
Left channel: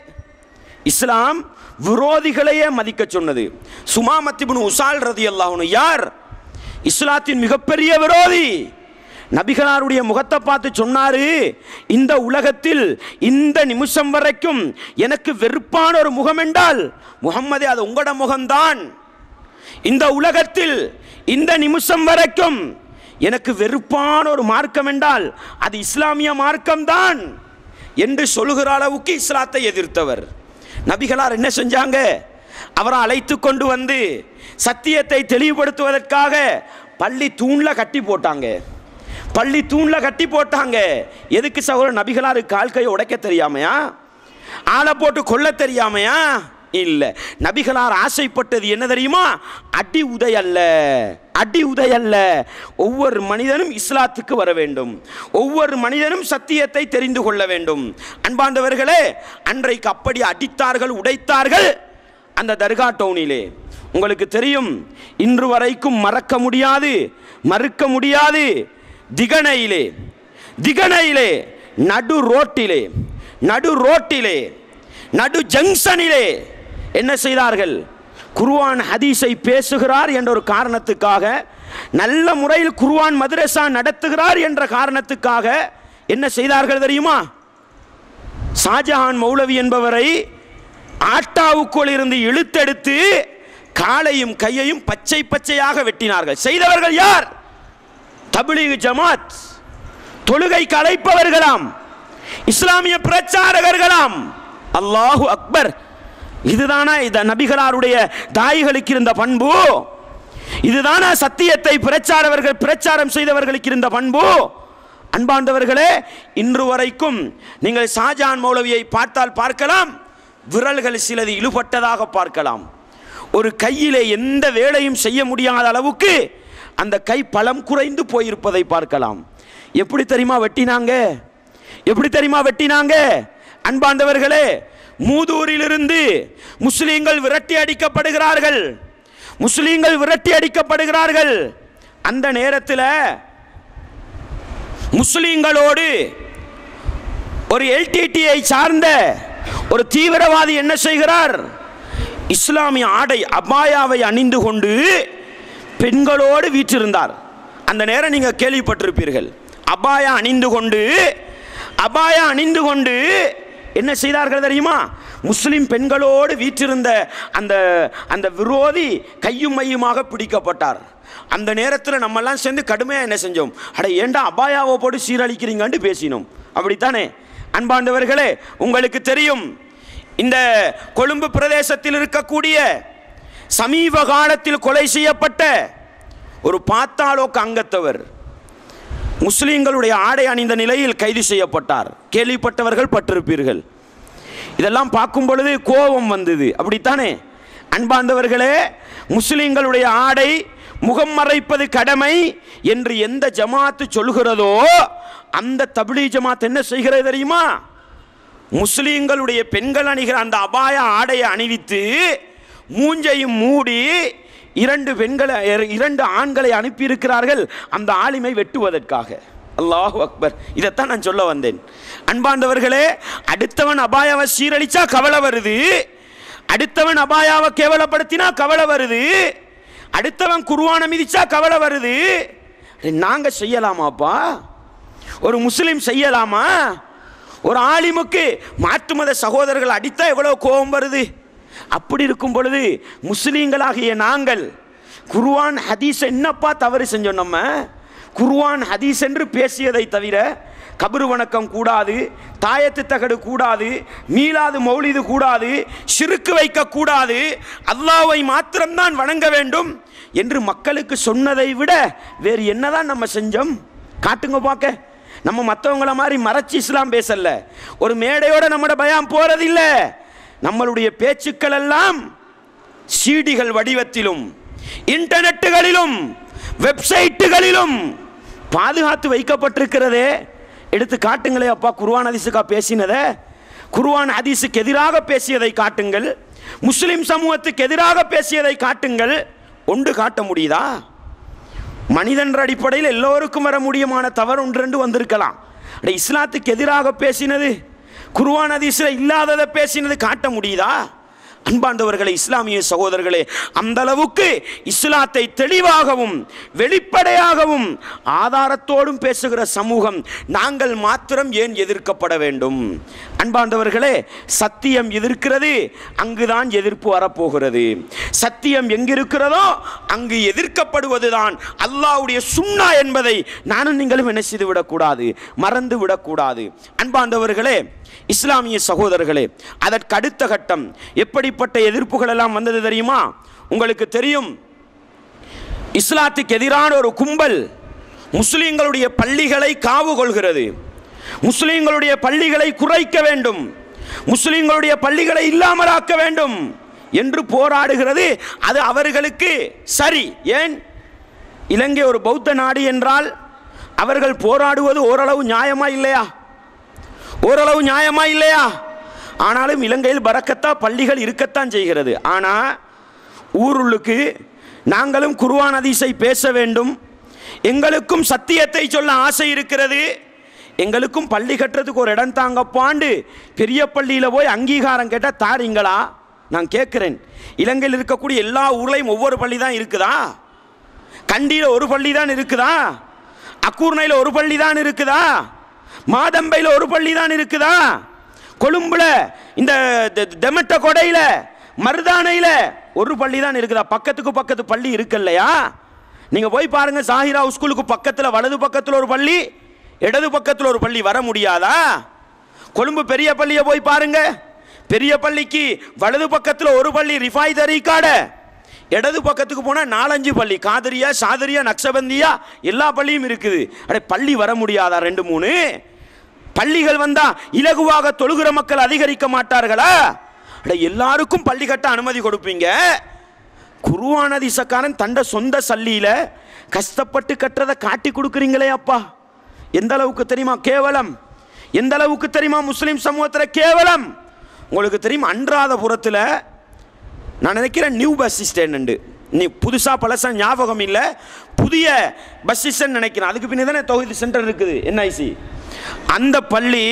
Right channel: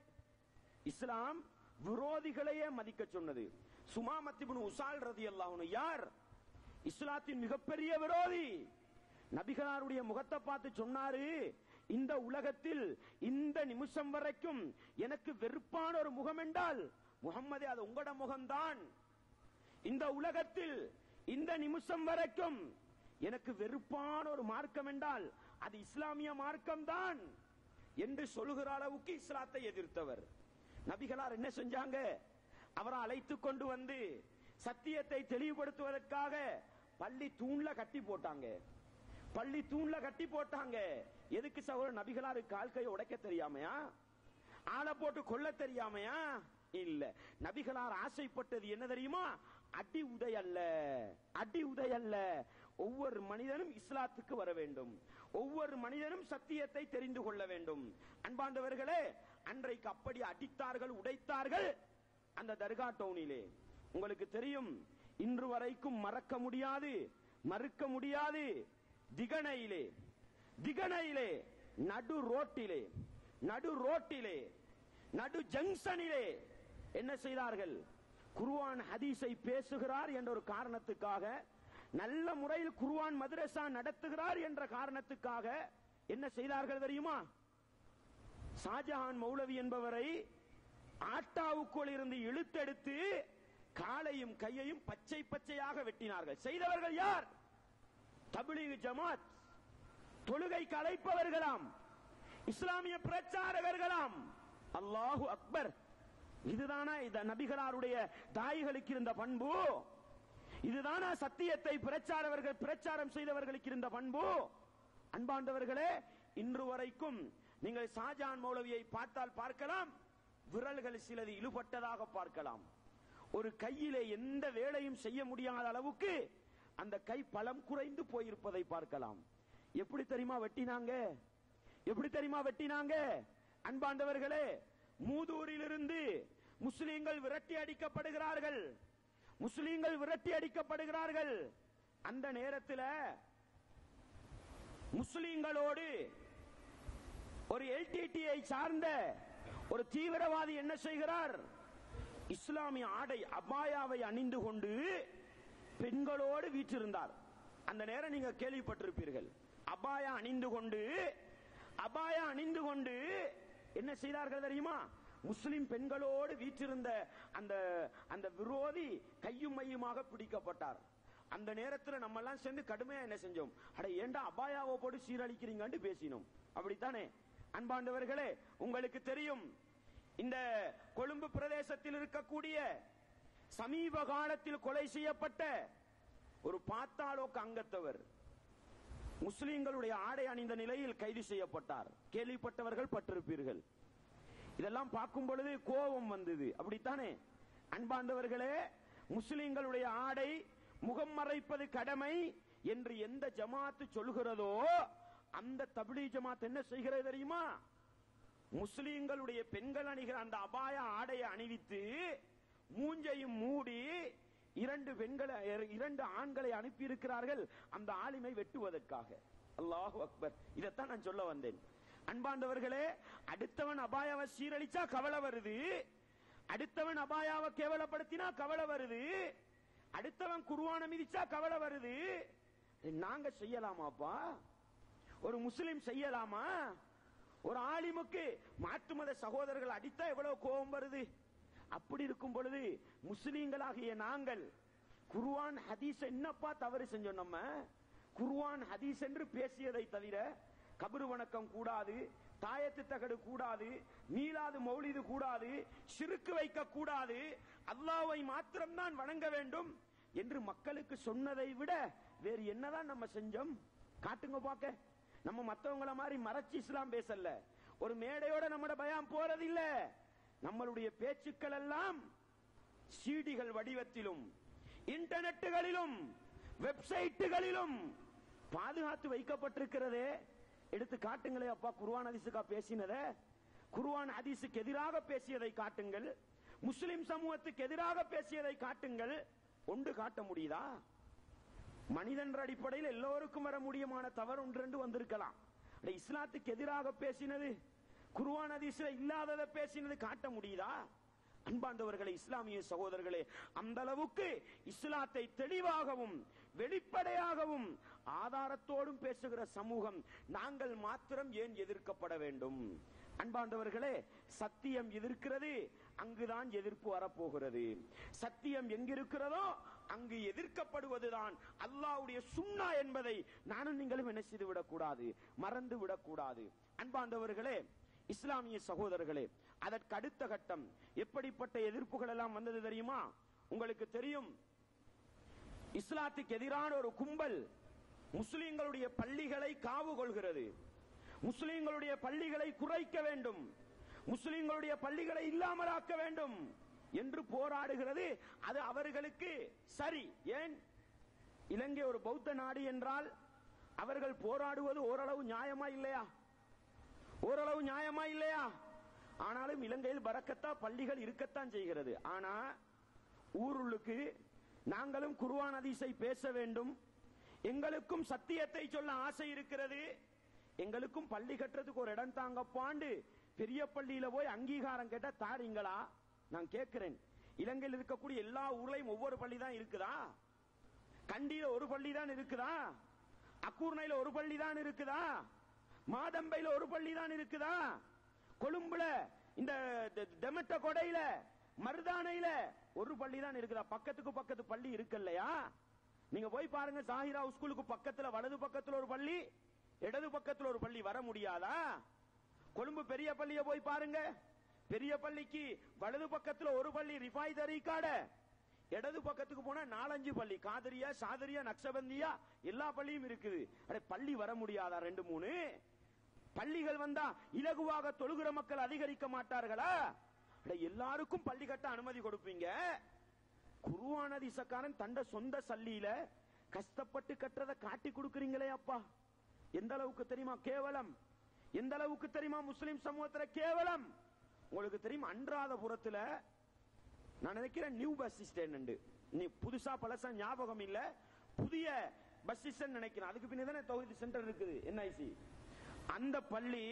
இஸ்லாம் விரோதிகளையே மதிக்க சொன்னது. சுமாமத் இப்னு உசால் ரலியல்லாஹு அன்ஹு யார்? இஸ்லாத்தின் மிகப்பெரிய விரோதி. நபிகளாருடைய முகத்தை பார்த்து சொன்னாரு, இந்த உலகத்தில் இந்த நிமிஷம் வரைக்கும் எனக்கு வெறுப்பான ஒரு முகம் என்றால் முஹம்மதே அது உங்களோட முகம்தான். இந்த உலகத்தில் இந்த நிமிஷம் வரைக்கும் எனக்கு வெறுப்பான ஒரு மார்க்கம் என்றால் அது இஸ்லாமிய மார்க்கம்தான் என்று சொல்லுகிற அளவுக்கு இஸ்லாத்தை எதிர்த்தவர். நபிகளார் என்ன செஞ்சாங்க? அவரை அழைத்து கொண்டு வந்து சத்தியத்தை தெளிவுபடுத்துவதற்காக பள்ளி தூண்ல கட்டி போட்டாங்க. பள்ளி தூண்ல கட்டி போட்டாங்க. எதுக்கு சகோதரர்? நபிகளாரு கால் கையை உடைக்க தெரியாமையா? ஆளை போட்டு கொல்ல தெரியாமையா? இல்ல. நபிகளார் ஆசைப்பட்டது என்ன தெரியுமா? அடி உதை அல்ல, அடி உதை அல்ல. ஒவ்வொரு மனிதனும் இஸ்லாத்துக்கு வர வேண்டும், ஒவ்வொரு மனிதனும் சத்தியத்தை தெரிந்து கொள்ள வேண்டும். அன்பாண்டவர்களே, அன்றைக்கு அப்படி அடித்தார்கள், உடைத்தார்கள் அந்த தர்கா டவுனிலே. உங்களுக்கு தெரியும், இன்று வரைக்கும் மறக்க முடியாது, மறுக்க முடியாது. திகனையிலே நடு ரோட்டிலே நடு ஜங்ஷனிலே என்ன செய்தார்கள்? குர்ஆன் ஹதீஸை பேசுகிறார் என்ற ஒரு காரணத்துக்காக, நல்ல முறையில் குர்ஆன் மதரசா நடத்துகிறார் என்ற காரணத்துக்காக என்ன செய்தார்கள் தெரியுமா? ஷாஜஹான் மௌலவி என்பவரை ஆட்டாவுக்குள் இருந்து இழுத்தெடுத்து காலையும் கையையும் பச்சை பச்சையாக வெட்டினார்கள். செய்தவர்கள் யார்? தப்லீக் ஜமாத், தொழுகை கலைப்பவர்களாம், இஸ்லாமிய பிரச்சாரகர்களாம். அல்லாஹு அக்பர். இதுதானா இந்த நபிகளாருடைய தாய்களுக்கு இருந்த பண்பு? இதுதானா சத்தியத்தை பிரச்சாரம் செய்தவர்களுக்கு இருந்த பண்பு? அன்பாண்டவர்களே, இன்று வரைக்கும் நீங்கள் ஷாஜஹான் மௌலவியை பார்க்கலாம், விரல்கள் சிலது இழுபட்டதாக பார்க்கலாம். ஒரு கையிலே எந்த வேலையும் செய்ய முடியாத அளவுக்கு அந்த கை பலம் குறைந்து போயிருப்பதை பார்க்கலாம். எப்படி தெரியுமா வெட்டினாங்க? அன்பாண்டவர்களே, மூதூரிலிருந்து முஸ்லீம்கள் விரட்டி அடிக்கப்படுகிறார்கள். அந்த நேரத்தில் முஸ்லீம்களோடு ஒரு எல்டிடியை சார்ந்த ஒரு தீவிரவாதி என்ன செய்கிறார்? இஸ்லாமிய ஆடை அபாயாவை அணிந்து கொண்டு பெண்களோடு வீற்றிருந்தார். அந்த நேரம் நீங்க கேள்விப்பட்டிருப்பீர்கள். அபாயா அணிந்து கொண்டு என்ன செய்தார்கள் தெரியுமா? முஸ்லிம் பெண்களோடு வீற்றிருந்த அந்த விரோதி கையும் மையுமாக பிடிக்கப்பட்டார். அந்த நேரத்தில் நம்ம எல்லாம் சேர்ந்து கடுமையாக என்ன செஞ்சோம்? ஏண்டா அபாயாவை போட்டு சீரழிக்கிறீங்கன்னு பேசினோம். அப்படித்தானே அன்பாண்டவர்களே? உங்களுக்கு தெரியும், இந்த கொழும்பு பிரதேசத்தில் இருக்கக்கூடிய சமீப காலத்தில் கொலை செய்யப்பட்ட ஒரு பாத்தாளோக்கு அங்கத்தவர் முஸ்லிம்களுடைய ஆடை அணிந்த நிலையில் கைது செய்யப்பட்டார். கேள்விப்பட்டவர்கள் பட்டிருப்பீர்கள். இதெல்லாம் பார்க்கும் பொழுது கோபம் வந்தது. அப்படித்தானே அன்பாண்டவர்களே? முஸ்லிம்களுடைய ஆடை முகம் மறைப்பது கடமை என்று எந்த ஜமாத்து சொல்கிறதோ அந்த தப்லீக் ஜமாத் என்ன செய்கிறது தெரியுமா? முஸ்லிம்களுடைய பெண்கள் அணிகிற அந்த அபாய ஆடையை அணிவித்து மூஞ்சையும் மூடி இரண்டு ஆண்களை அனுப்பியிருக்கிறார்கள் அந்த ஆலிமை வெட்டுவதற்காக. அல்லாஹு அக்பர். இதைத்தான் நான் சொல்ல வந்தேன். அன்பாண்டவர்களே, அடுத்தவன் அபாயாவை சீரழிச்சா கவலை வருது, அடுத்தவன் அபாயாவை கேவலப்படுத்தினா கவலை வருது, அடுத்தவன் குர்ஆனை மிதிச்சா கவலை வருது. நாங்க செய்யலாமாப்பா? ஒரு முஸ்லிம் செய்யலாமா? ஒரு ஆலிமுக்கு மாற்று மத சகோதரர்கள் அடித்தா எவ்வளவு கோபம் வருது. அப்படி இருக்கும் பொழுது முஸ்லீம்களாகிய நாங்கள் குர்ஆன் ஹதீஸ் என்னப்பா தவறு செஞ்சோம்? நம்ம குர்ஆன் ஹதீஸ் என்று பேசியதை தவிர கபரு வணக்கம் கூடாது, தாயத்து தகடு கூடாது, மீலாது மௌலிது கூடாது, ஷிர்க் வைக்க கூடாது, அல்லாஹ்வை மாத்திரம்தான் வணங்க வேண்டும் என்று மக்களுக்கு சொன்னதை விட வேறு என்னதான் நம்ம செஞ்சோம்? காட்டுங்க பார்க்க. நம்ம மற்றவங்கள மாதிரி மறைச்சி இஸ்லாம் பேசல, ஒரு மேடையோட நம்மட பயான் போறதில்லை. நம்மளுடைய பேச்சுக்கள் எல்லாம் சீடிகள் வடிவத்திலும் இன்டர்நெட்டுகளிலும் வெப்சைட்டுகளிலும் பாதுகாத்து வைக்கப்பட்டிருக்கிறதே. எடுத்து காட்டுங்களே அப்பா. குர்ஆன் ஹதீஸுக்கா பேசினதை? குர்ஆன் ஹதீஸுக்கு எதிராக பேசியதை காட்டுங்கள், முஸ்லிம் சமூகத்துக்கு எதிராக பேசியதை காட்டுங்கள். ஒன்று காட்ட முடியுதா? மனிதன்ற அடிப்படையில் எல்லோருக்கும் வர முடியுமான தவறு ஒன்று வந்திருக்கலாம். இஸ்லாத்துக்கு எதிராக பேசினது, குர்ஆன் ஹதீஸில் இல்லாததை பேசினது காட்ட முடியுதா? அன்பாண்டவர்களே, இஸ்லாமிய சகோதரர்களே, அந்த அளவுக்கு இஸ்லாத்தை தெளிவாகவும் வெளிப்படையாகவும் ஆதாரத்தோடும் பேசுகிற சமூகம் நாங்கள் மாத்திரம் ஏன் எதிர்க்கப்பட வேண்டும்? அன்பாண்டவர்களே, சத்தியம் எதிர்க்கிறது, அங்குதான் எதிர்ப்பு வரப்போகிறது. சத்தியம் எங்கிருக்கிறதோ அங்கு எதிர்க்கப்படுவதுதான் அல்லாஹ்வுடைய சுன்னா என்பதை நானும் நீங்களும் என்ன செய்து விடக்கூடாது, மறந்து விடக்கூடாது. அன்பாண்டவர்களே, இஸ்லாமிய சகோதரர்களே, அதற்கு அடுத்த கட்டம் எப்படிப்பட்ட எதிர்ப்புகள் எல்லாம் வந்தது தெரியுமா? உங்களுக்கு தெரியும், இஸ்லாத்துக்கு எதிரான ஒரு கும்பல் முஸ்லிம்களுடைய பள்ளிகளை காவு கொள்கிறது, முஸ்லிம்களுடைய பள்ளிகளை குறைக்க வேண்டும், முஸ்லிம்களுடைய பள்ளிகளை இல்லாமலாக்க வேண்டும் என்று போராடுகிறது. அது அவர்களுக்கு சரி. ஏன்? இலங்கை ஒரு பௌத்த நாடு என்றால் அவர்கள் போராடுவது ஓரளவு நியாயமா இல்லையா? ஓரளவு நியாயமா இல்லையா? ஆனாலும் இலங்கையில் பரக்கத்தா பள்ளிகள் இருக்கத்தான் செய்கிறது. ஆனால் ஊருளுக்கு நாங்களும் குர்ஆன் ஹதீஸை பேச வேண்டும், எங்களுக்கும் சத்தியத்தை சொல்ல ஆசை இருக்கிறது எங்களுக்கும் பள்ளி கட்டுறதுக்கு ஒரு இடம் தாங்கப்பாண்டு பெரிய பள்ளியில் போய் அங்கீகாரம் கேட்டால் தாரீங்களா? நான் கேட்குறேன். இலங்கையில் இருக்கக்கூடிய எல்லா ஊர்லையும் ஒவ்வொரு பள்ளி தான் இருக்குதா? கண்டியில் ஒரு பள்ளி தான் இருக்குதா? அக்கூர்ணையில் ஒரு பள்ளி தான் இருக்குதா? மாதம்பையில் ஒரு பள்ளி தான் இருக்குதா? கொழும்புல இந்த தெமட்ட கொடையில் மருதானையில் ஒரு பள்ளி தான் இருக்குதா? பக்கத்துக்கு பக்கத்து பள்ளி இருக்கு இல்லையா? நீங்கள் போய் பாருங்க, சாஹிரா ஸ்கூலுக்கு பக்கத்தில் வலது பக்கத்தில் ஒரு பள்ளி, இடது பக்கத்தில் ஒரு பள்ளி. வர முடியாதா? கொழும்பு பெரிய பள்ளியை போய் பாருங்க, பெரிய பள்ளிக்கு வலது பக்கத்தில் ஒரு பள்ளி ரிஃபாய் தரீக்காட, இடது பக்கத்துக்கு போனால் 4-5 பள்ளி, காதரியா, சாதரியா, நக்ஷபந்தியா, எல்லா பள்ளியும் இருக்குது. அடே பள்ளி வர முடியாதா? 2-3 பள்ளிகள் வந்தா இலகுவாக தொழுகிற மக்கள் அதிகரிக்க மாட்டார்களா? அட எல்லாருக்கும் பள்ளி கட்ட அனுமதி கொடுப்பீங்க. குர்ஆன் ஹதீஸக்காரன் தண்ட சொந்த சல்லியில கஷ்டப்பட்டு கட்டுறதை காட்டி கொடுக்குறீங்களே அப்பா, எந்த அளவுக்கு தெரியுமா கேவலம்? எந்த அளவுக்கு தெரியுமா முஸ்லிம் சமூகத்தில் கேவலம்? உங்களுக்கு தெரியும், அன்றாதபுரத்தில் நான் நினைக்கிறேன் நியூ பஸ் ஸ்டாண்ட், நீ புதுசாக பழசா ஞாபகம் இல்லை, புதிய பஸ் ஸ்டாண்ட் நினைக்கிறேன். அதுக்கு பின்னே தானே தௌஹீத் சென்டர் இருக்குது, என்ஐசி. அந்த பள்ளி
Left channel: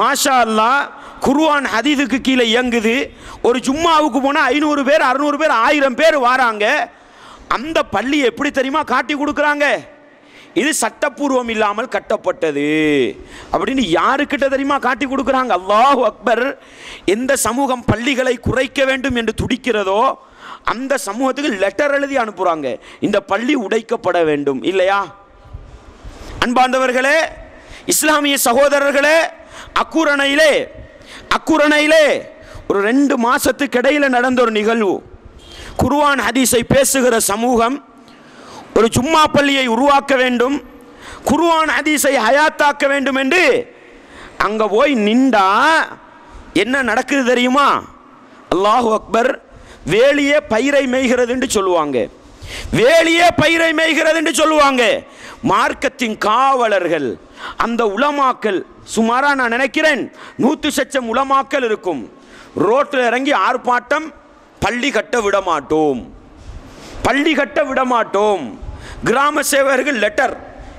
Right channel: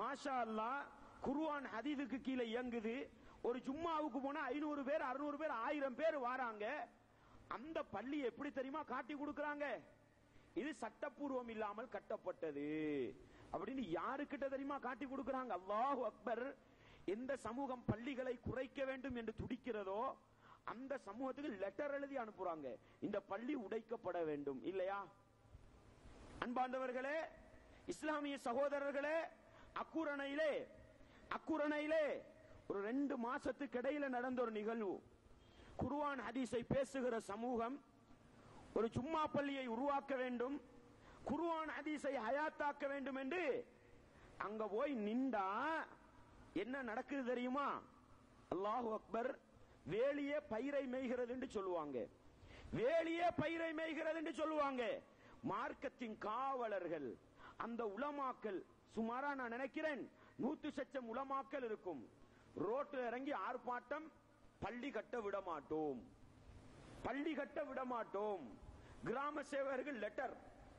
மாஷா அல்லாஹ் குர்ஆன் ஹதீஸுக்கு கீழே இயங்குது. ஒரு ஜும்மாவுக்கு போனால் 500 பேர் 600 பேர் 1000 பேர் வராங்க. அந்த பள்ளி எப்படி தெரியுமா காட்டி கொடுக்குறாங்க? இது சட்டப்பூர்வம் இல்லாமல் கட்டப்பட்டது அப்படின்னு யாருக்கிட்ட தெரியுமா காட்டி கொடுக்குறாங்க? அல்லாஹு அக்பர். எந்த சமூகம் பள்ளிகளை குறைக்க வேண்டும் என்று துடிக்கிறதோ அந்த சமூகத்துக்கு லெட்டர் எழுதி அனுப்புறாங்க, இந்த பள்ளி உடைக்கப்பட வேண்டும். இல்லையா அன்பார்ந்தவர்களே, இஸ்லாமிய சகோதரர்களே, அக்குரணையிலே ஒரு 2 மாசத்துக்கு இடையில நடந்த ஒரு நிகழ்வு. குர்ஆன் ஹதீஸை பேசுகிற சமூகம் ஒரு ஜும்மா பள்ளியை உருவாக்க வேண்டும், குர்ஆன் ஹதீஸை ஹயாத்தாக்க வேண்டும் என்று அங்க போய் நின்றா என்ன நடக்குது தெரியுமா? அல்லாஹு அக்பர். வேலியே பயிரை மேய்கிறது என்று சொல்லுவாங்க, வேலியே பயிரை மேய்கிறது என்று சொல்லுவாங்க. மார்க்கத்தின் காவலர்கள் அந்த உலமாக்கள், சுமாரா நான் நினைக்கிறேன் 100,000 உலமாக்கள் இருக்கும். ரோட்டில் இறங்கி ஆர்ப்பாட்டம், பள்ளி கட்ட விட மாட்டோம், பள்ளி கட்ட விட மாட்டோம். கிராம சேவகர்கள் லெட்டர்,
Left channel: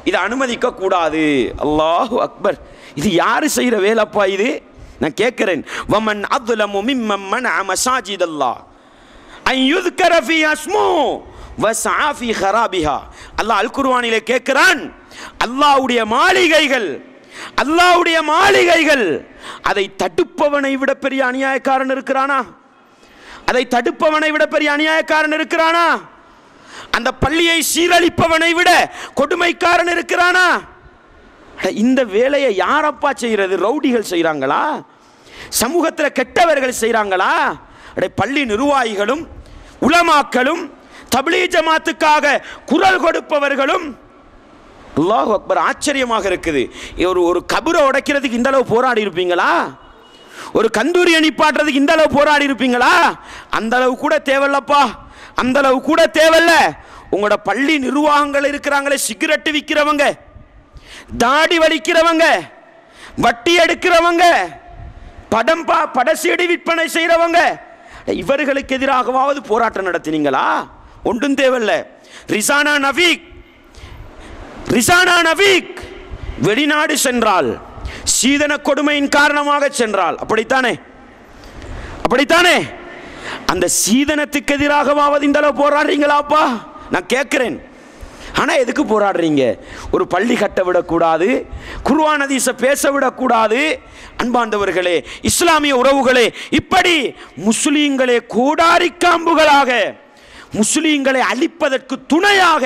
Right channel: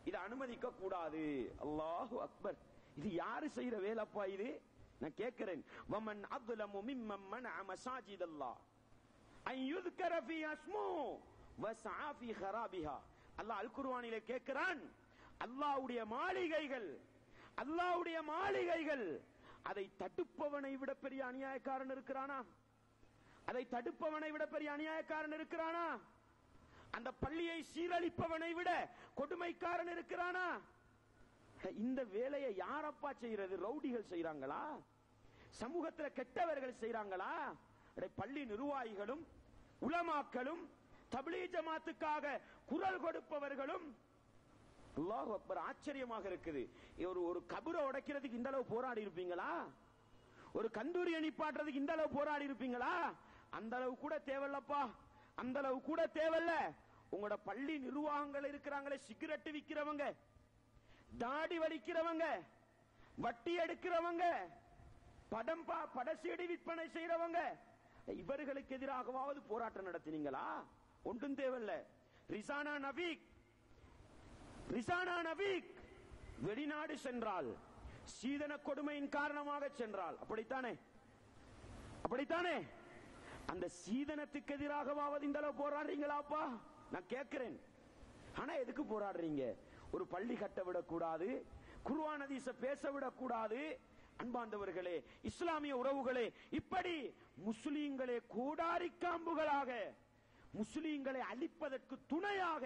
இதை அனுமதிக்க கூடாது. அல்லாஹு அக்பர். இது யாரு செய்யற வேலைப்பா இது? நான் கேட்கிறேன். வமன் அத்லமு மிம்மன் மனஅ மசாஜிதல்லாஹ் அன் யுذ்கர ஃபீஹா இஸ்முஹு வஸஆ ஃபீ ஹராபிஹா. அல்லாஹ் அல் குர்ஆனிலே கேட்கிறான், அல்லாஹ்வுடைய மாளிகைகள், அல்லாஹ்வுடைய மாளிகைகள், அதை தடுப்பவனை விட பெரிய அநியாயக்காரன் இருக்கிறானா? அதை தடுப்பவனை விட பெரிய அநியாயக்காரன் இருக்கிறானா? அந்த பள்ளியை சீரழிப்பவனை விட கொடுமைக்காரன் இருக்கிறானா? இந்த வேலையை யாரப்பா செய்யறது? ரவுடிகள் செய்றாங்களா? சமூகத்தில் கெட்டவர்கள் செய்றாங்களா? பள்ளி நிர்வாகிகளும் உலமாக்களும் தப்லீக் ஜமாத்துக்காக குரல் கொடுப்பவர்களும். அல்லாஹ் அக்பர். ஆச்சரியமாக இருக்குது. ஒரு கபரை உடைக்கிறதுக்கு இந்த அளவு போராடி இருப்பீங்களா? ஒரு கந்தூரியை நிப்பாட்டுறதுக்கு இந்த அளவு போராடி இருப்பீங்களா? அந்த அளவு கூட தேவையில்லப்பா, அந்த அளவு கூட தேவையில்ல. உங்களோட பள்ளி நிர்வாகங்கள் இருக்கிறாங்களே, சிகரெட்டு விற்கிறவங்க, தாடி வலிக்கிறவங்க, வட்டி எடுக்கிறவங்க, படசீடி விற்பனை செய்யறவங்க, இவர்களுக்கு எதிராகவாவது போராட்டம் நடத்தினீங்களா? ஒன்றும் தேவையில்ல. ரிசானா நவீக் வெளிநாடு சென்றால், சீதன கொடுமையின் காரணமாக சென்றால், அப்படித்தானே? அப்படித்தானே? அந்த சீதனத்துக்கு எதிராகவாவது இந்த அளவு போராடுறீங்களாப்பா? நான் கேட்கிறேன். ஆனா எதுக்கு போராடுறீங்க? ஒரு பள்ளி கட்ட விடக்கூடாது, குர்ஆன் ஹதீஸை பேச விடக்கூடாது. அன்பாண்டவர்களே, இஸ்லாமிய உறவுகளே, இப்படி முஸ்லீம்களே கோடாரி காம்புகளாக முஸ்லீம்களை அழிப்பதற்கு துணையாக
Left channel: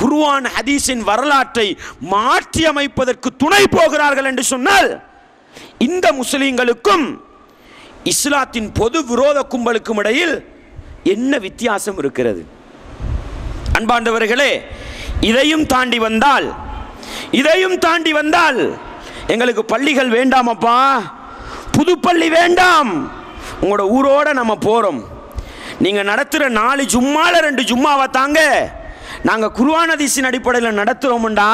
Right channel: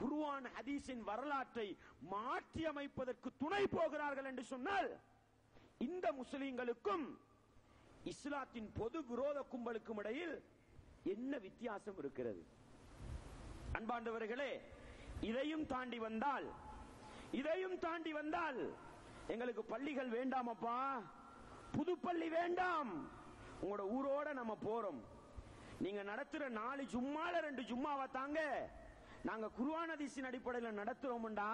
குர்ஆன் ஹதீஸின் வரலாற்றை மாற்றி அமைப்பதற்கு துணை போகிறார்கள் என்று சொன்னால், இந்த முஸ்லீம்களுக்கும் இஸ்லாத்தின் பொது விரோத கும்பலுக்கும் இடையில் என்ன வித்தியாசம் இருக்கிறது? அன்பாண்டவர்களே, இதையும் தாண்டி வந்தால் எங்களுக்கு பள்ளிகள் வேண்டாமப்பா, புது பள்ளி வேண்டாம். உங்களோட ஊரோட நம்ம போறோம், நீங்க நடத்துற 4 ஜும்மால 2 ஜும்மாவை தாங்க நாங்க குர்ஆன் ஹதீஸின் அடிப்படையில் நடத்துறோம்டா.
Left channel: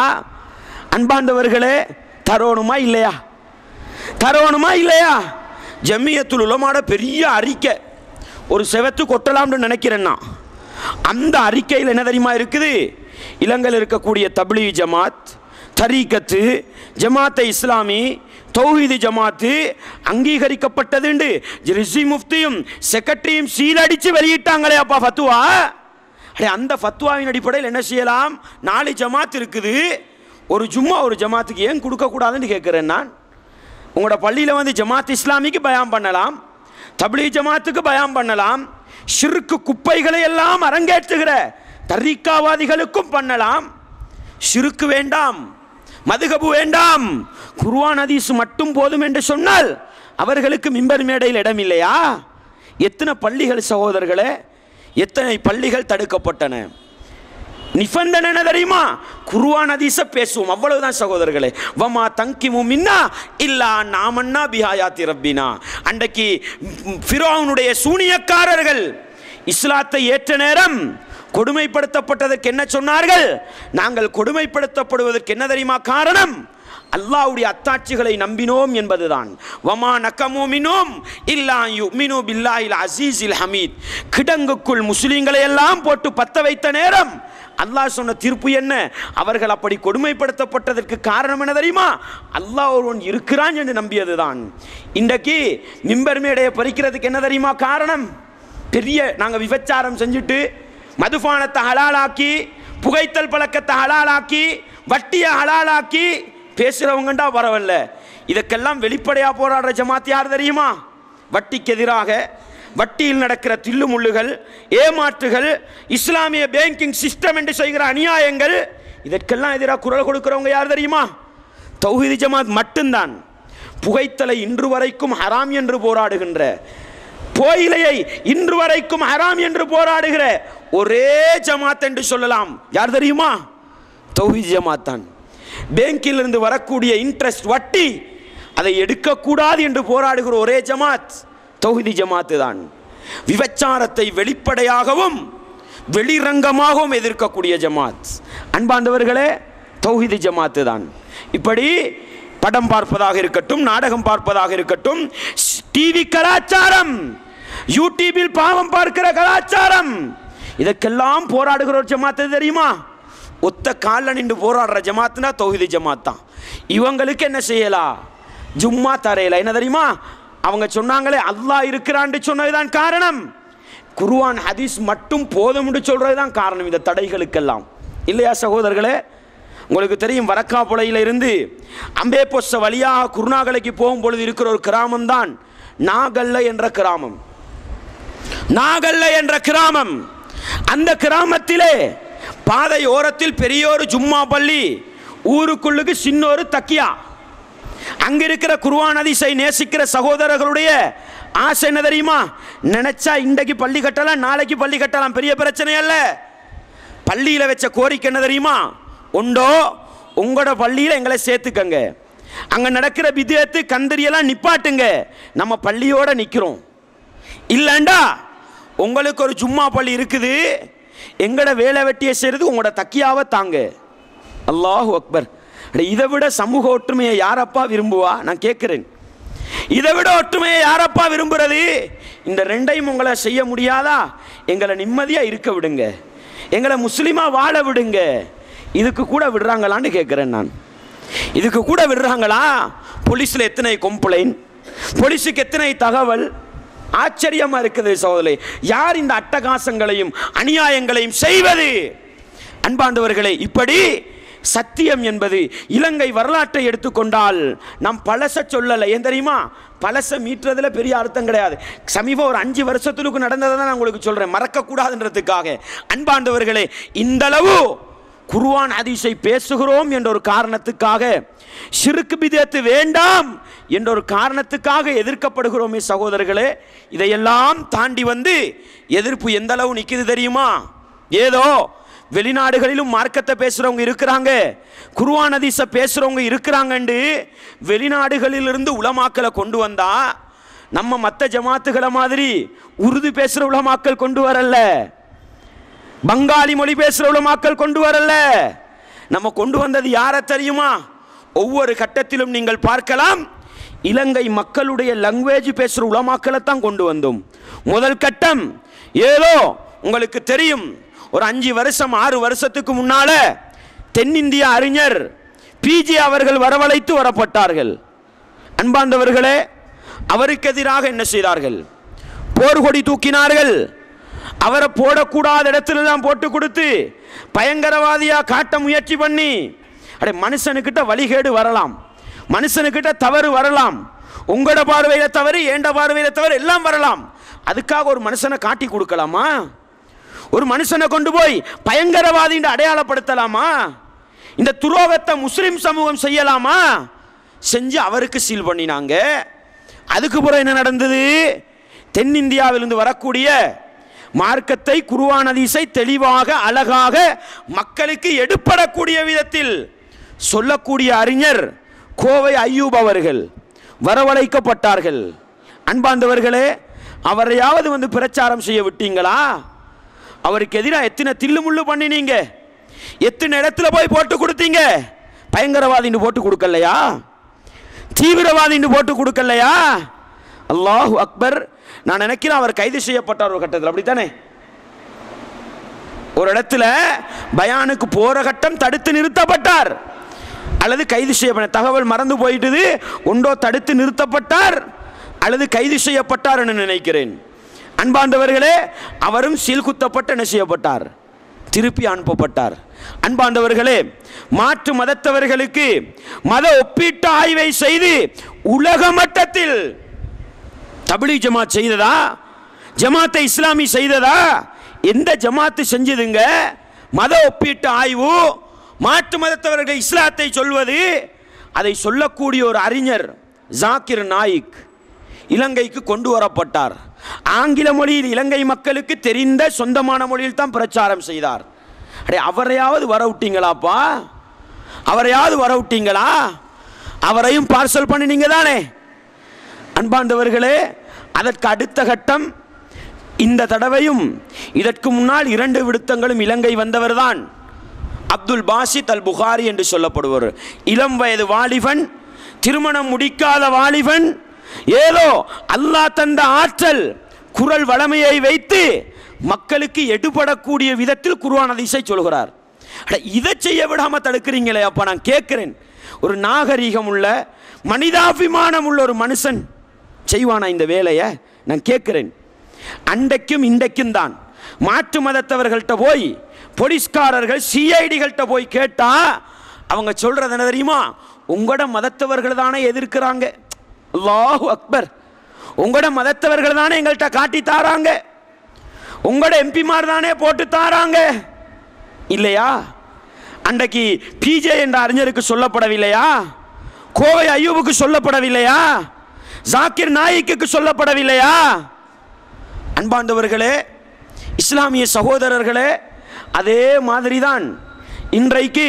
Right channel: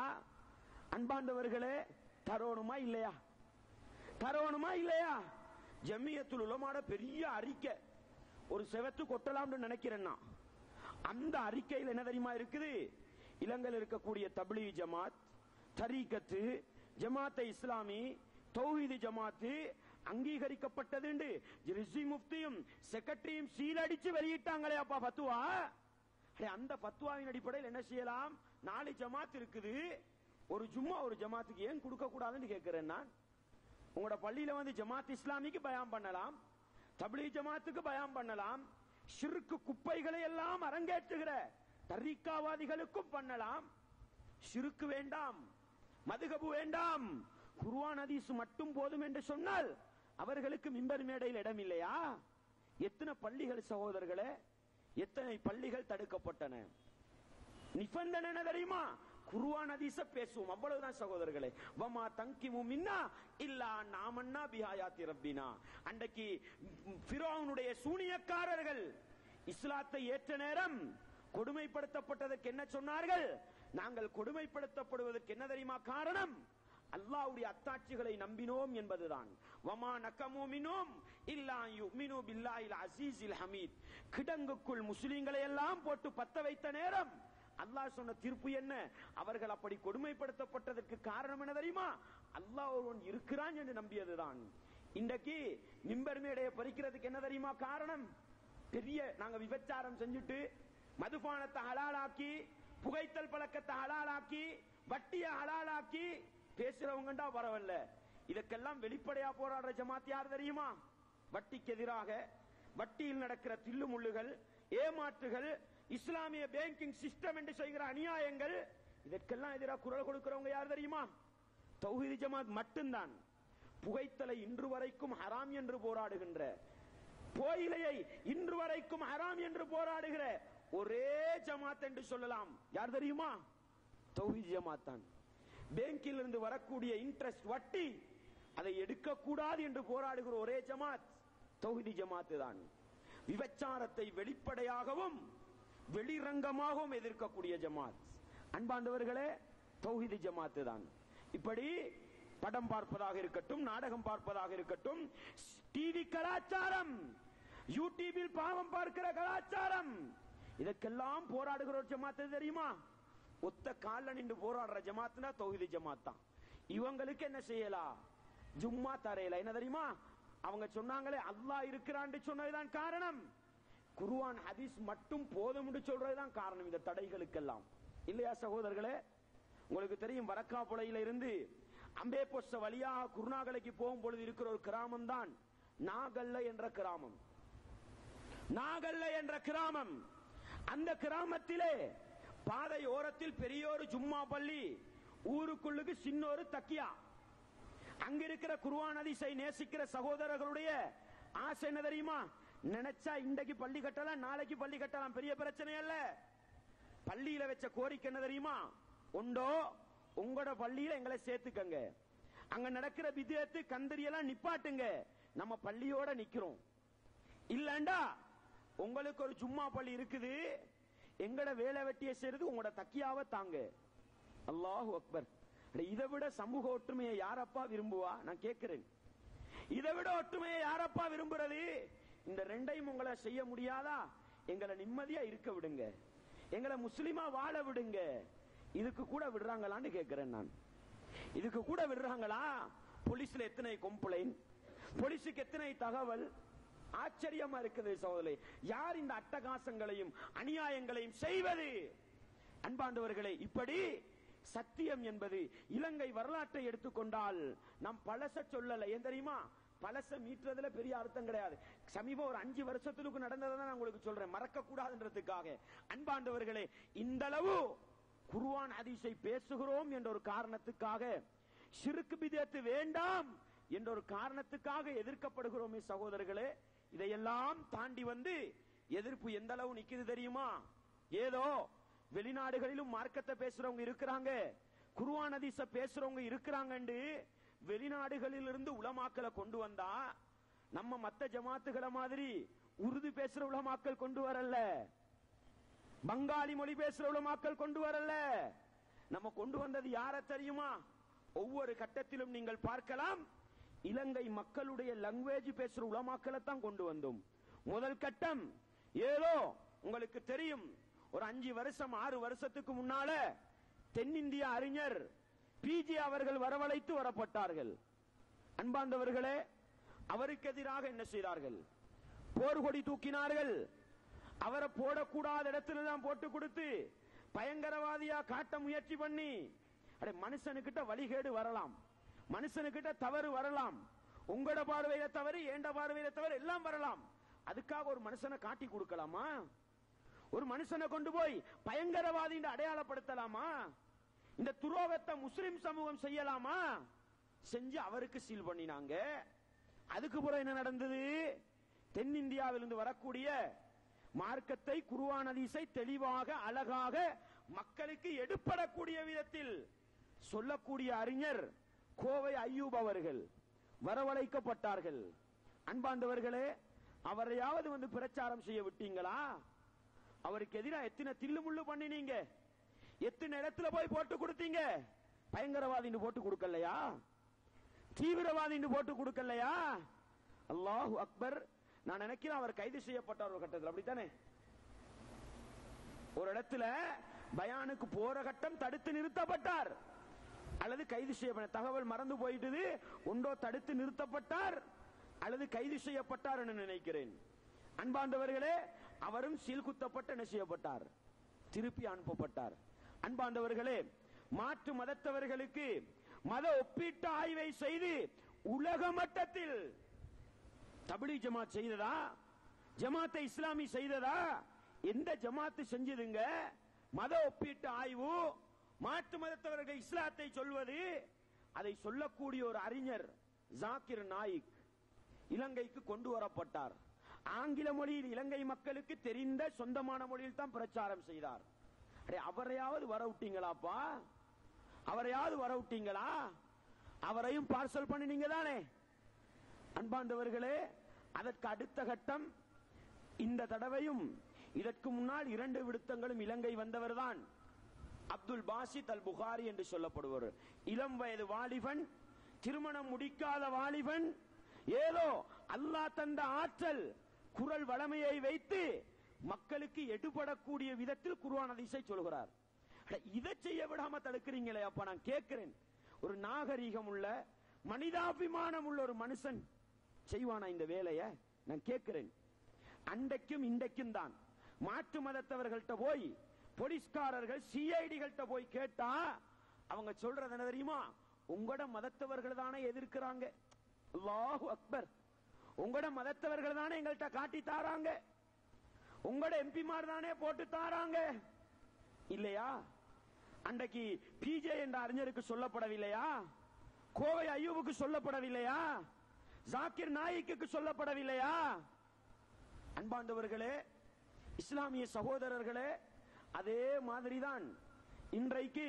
அன்பாண்டவர்களே, தரோணுமா இல்லையா? தரோணுமா இல்லையா? ஜமியத்துல் உலமாட பெரிய அறிக்கை ஒரு செவத்து கொட்டலாம்னு நினைக்கிறேன்னா, அந்த அறிக்கையில் என்ன தெரியுமா இருக்குது? இலங்கையில் இருக்கக்கூடிய தப்லீக் ஜமாத், தரீகத்து, ஜமாத்தை இஸ்லாமி, தௌஹீது ஜமாத்து அங்கீகரிக்கப்பட்டது ரிஸ்வி முஃப்தியும் செக்ரட்டரியும் சீலடிச்சு வெளியிட்டாங்களே அப்பா ஃபத்வா. அந்த ஃபத்வாவின் அடிப்படையில் என்ன செய்யலாம்? 4 ஜமாத் இருக்குது, ஒரு ஜமாத்துக்கு ஏன் கொடுக்கக்கூடாதுன்னு கேட்குறேன் நான். உங்களோட பள்ளியில் வந்து ஜமாத் இஸ்லாமிக்கு பயான் பண்ணலாம், தப்லீக் ஜமாத்துக்கு பயான் பண்ணலாம், ஷிர்க்கு குப்பைகளை எல்லாம் அரங்கேற்றுகிற தரீக்காவாதிகளுக்கும் பண்ணலாம். ஷிர்க்கு வேண்டாம், மதுகபு வேண்டாம், குர்ஆன் ஹதீஸ் மட்டும் போதும் என்று சொன்னால் அவர்களுக்கு மிம்பர் மேடையில் இடம் இல்லையா? எத்தனை பள்ளிகள் சகோதரர்களே, எத்தனை பள்ளிகள் தடுக்கப்பட்டன. நிபந்தனை என்ன தெரியுமா? குர்ஆன் ஹதீஸை பேசுவோம், அவ்வளவுதான் சகோதரர்களே. வமா தங்கிமு மின்னா இல்லா நாமன்னா பிஹாயாத்தி ரப்பினா. அன்றைக்கு ஃபிரௌனுடைய சூனியக்காரர்கள் இஸ்லாத்தை ஏற்ற நேரம் கொடுமைப்படுத்தப்பட்டதற்கு என்ன சொன்னார்கள்? நாங்கள் கொடுமைப்படுத்தப்படுவதற்கு என்ன தெரியுமா காரணம்? அல்லாஹ்வுடைய அத்தாட்சிகளை நம்பினோம் என்பதுதான். வமா நகமு மின்ஹும் இல்லா யுமினு பில்லாஹில் அஸீஸில் ஹமீத். கிடங்குக்குள் முஸ்லிம்களை எல்லாம் போட்டு பத்த வைத்த நேரம் அல்லாஹ் சொன்ன தீர்ப்பு என்ன? அவர்கள் அப்படி கொடுமைப்படுத்தப்பட்டதற்கு காரணம் என்ன தெரியுமா? அல்லாஹ் ஒருவன் இருக்கிறான் என்று நம்பியதுதான். இன்றைக்கு மிம்பர் மேடையை பறிக்கிறதுக்கு என்ன தெரியுமா காரணம்? பெரிய நாங்கள் விபச்சாரம் செஞ்சுட்டு மதுபானத்தை ஹலாலாக்கி, புகைத்தல் பழக்கத்தை ஹலாலாக்கி, வட்டியை ஹலாலாக்கி பேசுகிறவங்கண்டா பரவாயில்ல. இதற்கெல்லாம் வெளிப்படையாக போராடுற ஜமாத் யார் தெரியுமா? வட்டிக்கு எதிராக, வட்டியில் நடக்கிற தில்லுமுள்ளுகள், ஏமாற்றுகள், இஸ்லாமிய பேங்கிங் சிஸ்டம் என்று செய்கிற அநியாயங்கள், இதற்கெல்லாம் எதிராக குரல் கொடுக்கிறவங்க யார் தெரியுமா? தௌஹீது ஜமாத் மட்டும்தான். புகைத்தலை இன்று வரைக்கும் ஹராம் என்று போராடுகின்ற, புகையிலையை இன்று வரைக்கும் ஹராம் என்று போராடுகிற ஒரே ஜமாத் என்று சொல்லலாம். யார் தெரியுமா? தௌஹீது ஜமாத் தான். பேங்கில் இருந்து வரக்கூடிய இன்ட்ரெஸ்ட் வட்டி அதை எடுக்கக்கூடாது என்று போராடுகிற ஒரே ஜமாத் தௌஹீது ஜமாத்து தான். விபச்சாரத்தை வெளிப்படையாகவும் வெளிரங்கமாகவும் எதிர்க்கக்கூடிய ஜமாத் அன்பாண்டவர்களே தௌஹீது ஜமாத்து தான். இப்படி படம் பார்ப்பதாக இருக்கட்டும், நாடகம் பார்ப்பதாக இருக்கட்டும், டிவி கலாச்சாரம், யூடியூபில் பாவம் பார்க்கிற கலாச்சாரம், இதற்கெல்லாம் போராடுகிற ஒரு ஜமாத்து தெரியுமா? ஒத்த காலில் நின்று போராடுற ஜமாத்துனா தௌஹீது ஜமாத் தான். இவங்களுக்கு என்ன செய்யலாம்? ஜும்மா தரையில என்ன தெரியுமா? அவங்க சொன்னாங்களே அல்லாஹ் இருக்கிறான்னு சொன்னதுதான் காரணம். குர்ஆன் ஹதீஸ் மட்டும் போதும்னு சொல்றதுதான் காரணம் இந்த தடைகளுக்கெல்லாம். இல்லையா சகோதரர்களே? உங்களுக்கு தெரியும், வரக்காப்புளையில இருந்து அம்பேபொஸ்ஸ வழியாக குருநாகலைக்கு போகும் பொழுது இருக்கிற ஒரு கிராமம் தான் நாகல்ல என்ற கிராமம். நாகல்ல என்ற கிராமம். அந்த கிராமத்திலே பாதை ஓரத்தில் பெரிய ஒரு ஜும்மா பள்ளி, ஊருக்குள்ளுக்கு சின்ன ஒரு தக்கியா. அங்க இருக்கிற குர்ஆன் ஹதீஸை நேசிக்கிற சகோதரர்களுடைய ஆசை என்ன தெரியுமா? நினைச்சா இன்றைக்கு பள்ளி கட்டலாம், நாளைக்கு பள்ளி கட்டலாம், பெரிய பிரச்சனை அல்ல. பள்ளியில வச்ச கோரிக்கை என்ன தெரியுமா? உண்டோ உங்களோட பள்ளியில எங்களை சேர்த்துக்கங்க, அங்க நடக்கிற பித்அத்து கந்தரியெல்லாம் நிப்பாட்டுங்க, நம்ம பள்ளியோட நிக்கிறோம். இல்லண்டா உங்களுக்கு ஒரு ஜும்மா பள்ளி இருக்குது, எங்கட வேலை வெட்டியை செய்யறது உங்களோட தக்கியாவை தாங்க. அல்லாஹு அக்பர். இதை விட சமூக ஒற்றுமையை யாரப்பா விரும்புவா? நான் கேட்கிறேன், இதை விட ஒற்றுமையை யாரப்பா விரும்புறது? இந்த ரெண்டையும் உங்களை செய்ய முடியாதா? எங்களை நிம்மதியா இருக்க விடுங்க, எங்களை முஸ்லிமா வாழ விடுங்க. இதுக்கு கூட விடுறாங்களான்னு கேட்கிறேன் நான். இதுக்கு கூட விடுறாங்களா? போலீஸ்ல எத்தனை கம்ப்ளைண்ட், போலீஸுக்கு எத்தனை தகவல். ஆச்சரியமா இருக்குது சகோதரே. யார் இந்த அட்டகாசங்களையும் அநியாயங்களையும் செய்வது? அன்பாண்டவர்களே, இப்படி சத்தியம் என்பது இலங்கை வரலாற்றை எடுத்துக்கொண்டால் நாம் பழச சொல்லலை. ஏன் தெரியுமா? பழச மீட்டுறதுல பெரிய அர்த்தம் கிடையாது. சமீபம் ஒரு 5 வருஷத்துக்கு நடந்ததை தான் நான் உங்களுக்கு சொல்றேன், மறக்கக்கூடாதுன்றதுக்காக. அன்பாண்டவர்களே, இந்த அளவு குர்ஆன் ஹதீஸை பேசுகிறோம் என்ற ஒரு காரணத்துக்காக, ஷிர்க் பித்அத் வேண்டாம் என்ற ஒரு காரணத்துக்காக எதிர்க்கப்படுகிறோமே சகோதரர்களே. இதையெல்லாம் தாண்டி வந்து எதிர்ப்பு எந்த அளவு நிற்குது தெரியுமா? ஏதோ வெளிநாடுகளிலும் மார்க்கத்தை பேசுறவங்க இருக்கிறாங்க, குர்ஆன் ஹதீஸை பேசுறவங்க இருக்கிறாங்கன்னு வெளிநாடுகளிலிருந்து உலமாக்களை கொண்டு வந்தா நம்ம மற்ற ஜமாத்துகளை மாதிரி உருது பேசுற உலமாக்கள் கொண்டு வரல, பங்காளி மொழி பேசுற உலமாக்கள் கொண்டு வரல. நம்ம கொண்டு வந்தது யார தெரியுமா? ஒவ்வொரு கட்டத்திலும் நீங்கள் பார்க்கலாம், இலங்கை மக்களுடைய லாங்குவேஜ் பேசுற உலமாக்களை தான் கொண்டு வந்தோம். முதல் கட்டம் ஏதோ உங்களுக்கு தெரியும், ஒரு 5 வருஷம் 6 வருஷத்துக்கு முன்னால தென்னிந்திய அறிஞர் பிஜே அவர்கள் வரவழைத்து வரப்பட்டார்கள். அன்பார்ந்தவர்களே, அவருக்கு எதிராக என்ன செய்தார்கள்? போர்கொடி தூக்கினார்கள். அவரை போடக்கூடாத இடத்துல தான் போட்டு கொடுத்து பயங்கரவாதியா காட்ட முயற்சி பண்ணி, அடே மனுஷனுக்கிட்ட வழிகேடு வரலாம், மனுஷனுக்கிட்ட தவறு வரலாம், உங்களோட பார்வையில தவறு, ஏண்ட பார்வையில தவறு எல்லாம் வரலாம். அதுக்காக ஒரு மனுஷனை காட்டி கொடுக்கலாமா? ஒரு மனுஷனை கொண்டு போய் பயங்கரவாதி அடையாளப்படுத்தலாமா? இந்த துரோகத்தை முஸ்லிம் சமூகம் செய்யலாமா? செஞ்சு அவருக்கு சீல் பண்ணினாங்க. அதுக்கு பிறகு என்ன நடந்தது? தென்னிந்தியாவிலிருந்து வரக்கூடிய மார்க்கத்தை, குர்ஆன் ஹதீஸை தெளிவாக அழகாக மக்களுக்கு எடுப்படக்கூடிய விதத்தில் சொல்லக்கூடிய அறிஞர் கோவை ஐயூப் அவர்கள் வரவழைக்கப்பட்டார்கள். அன்பார்ந்தவர்களே, அவரையாவது வந்து பிரச்சாரம் செய்ய விட்டீங்களா? அவருக்கு எதிராக எத்தனை தில்லுமுள்ளு பண்ணினீங்க, எத்தனை இடத்துல போய் போட்டு கொடுத்தீங்க? பயங்கரவாதின்னு போட்டு கொடுக்கலையா? தீவிரவாதின்னு போட்டு கொடுக்கலையா? அல்லாஹு அக்பர். நான் நினைக்கிறேன் அவர் கைது செய்யப்பட்டார் ஒரு கட்டத்தில், அப்படித்தானே? ஒரு இடத்துல பயானுக்கு போற கட்டம் தடுத்து நிறுத்தப்பட்டார் அல்லது கைது செய்யப்பட்ட தகவல் மறந்து போயிட்டது. ஒன்றோ தடுத்து நிறுத்தப்பட்டார் அல்லது கைது செய்யப்பட்டார் என்று நினைக்கிறேன். அன்பார்ந்தவர்களே, அவரும் சீல் குத்தப்பட்டு என்ன செய்யப்பட்டார்? திருப்பி அனுப்பப்பட்டார். அன்பார்ந்தவர்களே, மாற்று மதத்தவர்களுக்கு மத ஒப்பீட்டு ஆய்வை செய்து உலக மட்டத்தில் தப்லீக் ஜமாத் செய்ததா? ஜமாத்தை இஸ்லாமி செய்ததா? எந்த ஜமாத்து செஞ்சதுங்க? மத ஒப்பீட்டு ஆய்வு, மாற்று மதத்தவர்கள் இஸ்லாத்தை சொல்வது. அதை சொல்லக்கூடிய ஒரு அறிஞர் ஜாக்கிர் நாயிக் இலங்கைக்கு கொண்டு வரப்பட்டார். ஆங்கில மொழியில் இலங்கை மக்களுக்கு தெரிந்த சொந்தமான மொழியில் தான் பிரச்சாரம் செய்தார். அடே, அவரையாவது வர விட்டீங்களாப்பா? அவரையாவது வர விட்டீங்களா? அவரையும் பார்சல் பண்ணினீங்க தானே? அன்பார்ந்தவர்களே, அதற்கு அடுத்த கட்டம் இந்த தடவையும் இதற்கு முன்னால் 2 விடுத்தங்களும் இலங்கை வந்தவர் தான் அப்துல் பாசித் அல் புகாரி என்று சொல்லப்படுவர். இளம் வயது வாலிபன், திருமணம் முடிக்காத வாலிபன், ஏதோ அல்லாஹ் தந்த ஆற்றல் குரல் வளமையை வைத்து மக்களுக்கு எடுபடக்கூடிய விதத்தில் குர்ஆன் ஹதீஸை சொல்கிறார். இதை செய்ய விடாம தடுக்கிறீங்களே அப்பா, நான் கேட்கிறேன். ஒரு நாகரீகம் உள்ள, மனிதாபிமானம் உள்ள ஒரு மனுஷன் செய்வானா இந்த வேலையை? நான் கேட்கிறேன். அன்றைக்கும் இன்றைக்கும் தான் மாற்று மதத்தவர்கள்ட்ட போய், போலீஸ்காரர்கள் சிஐடிகள்கிட்ட போய் கேட்டா அவங்க சொல்றது என்ன தெரியுமா? உங்களோட மதத்தவர்கள் தானே எதிர்க்கிறாங்க. அல்லாஹு அக்பர். உங்களோட மதத்தவர்கள் தானே எங்கள்கிட்ட காட்டி தாராங்க, உங்களோட எம்பிமார் தானே போட்டு தாராங்க, இல்லையா? அன்றைக்கு பிஜே என்ற அறிஞருக்கு சொல்லப்படவில்லையா? கோவை ஐயூபுக்கு சொல்லப்படவில்லையா? ஜாக்கிர் நாயிக்கு சொல்லப்படவில்லையா? அன்பார்ந்தவர்களே, இஸ்லாமிய சகோதரர்களே, அதே மாதிரி தான் இன்றைக்கு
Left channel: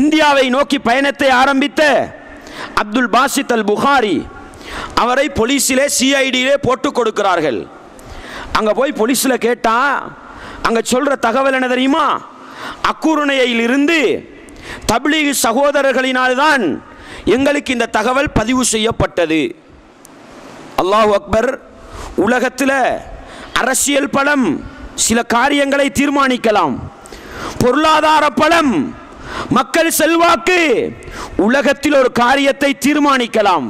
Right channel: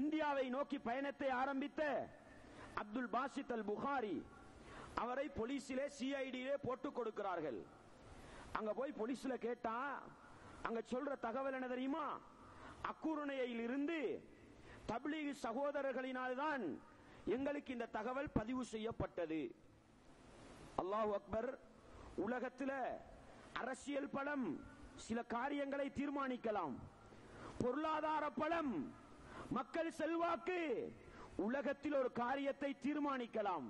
இந்தியாவை நோக்கி பயணத்தை ஆரம்பித்த அப்துல் பாசித் அல் புகாரி அவரை போலீஸிலே, சிஐடியிலே போட்டு கொடுக்கிறார்கள். அங்க போய் போலீஸ்ல கேட்டா அங்க சொல்ற தகவல் என்ன தெரியுமா? அக்குருணையில் இருந்து தப்லீக் சகோதரர்களினால்தான் எங்களுக்கு இந்த தகவல் பதிவு செய்யப்பட்டது. அல்லாஹு அக்பர். உலகத்தில் அரசியல் பலம் சில காரியங்களை தீர்மானிக்கலாம், பொருளாதார பலம், மக்கள் செல்வாக்கு உலகத்தில் ஒரு காரியத்தை தீர்மானிக்கலாம்.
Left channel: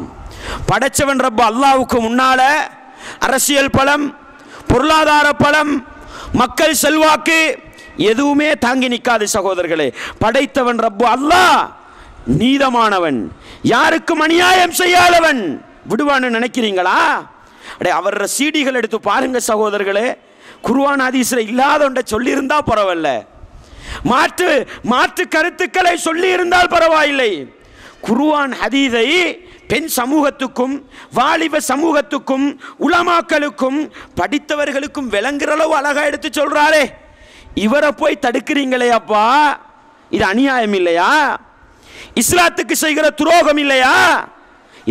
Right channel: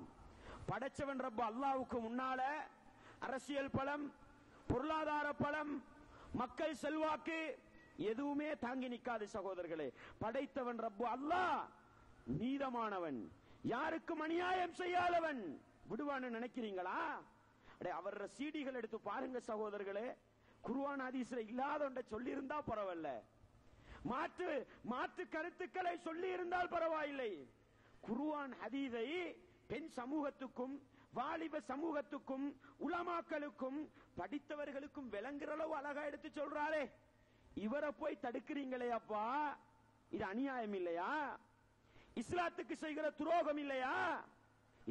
படைச்சவன் ரப்ப அல்லாஹ்வுக்கு முன்னால அரசியல் பலம், பொருளாதார பலம், மக்கள் செல்வாக்கு எதுவுமே தாங்கி நிற்காது சகோதரர்களே. படைத்தவன் ரப்பு அல்லாஹ் நீதமானவன், யாருக்கும் அநியாயம் செய்யாதவன். விடுவான்னு நினைக்கிறீங்களா? அடே, அவர் சீடிகள் எடுத்து பாருங்க சகோதரர்களே. குர்ஆன் ஹதீஸ்ல இல்லாத ஒன்றை சொல்லி இருந்தா பரவாயில்ல, மாற்று கருத்துக்களை சொல்லி இருந்தால் பரவாயில்லை. குர்ஆன் ஹதீஸை பெண் சமூகத்துக்கும் வாலிப சமூகத்துக்கும் உலமாக்களுக்கும் படித்தவர்களுக்கும் விளங்குற அளவு அழகா எடுத்து சொல்றாரே, இவரை போய் தடுக்கிறீங்களே அப்பா, இது அநியாயம் இல்லையா? இஸ்லாத்துக்கு செய்கிற துரோகம் இல்லையா?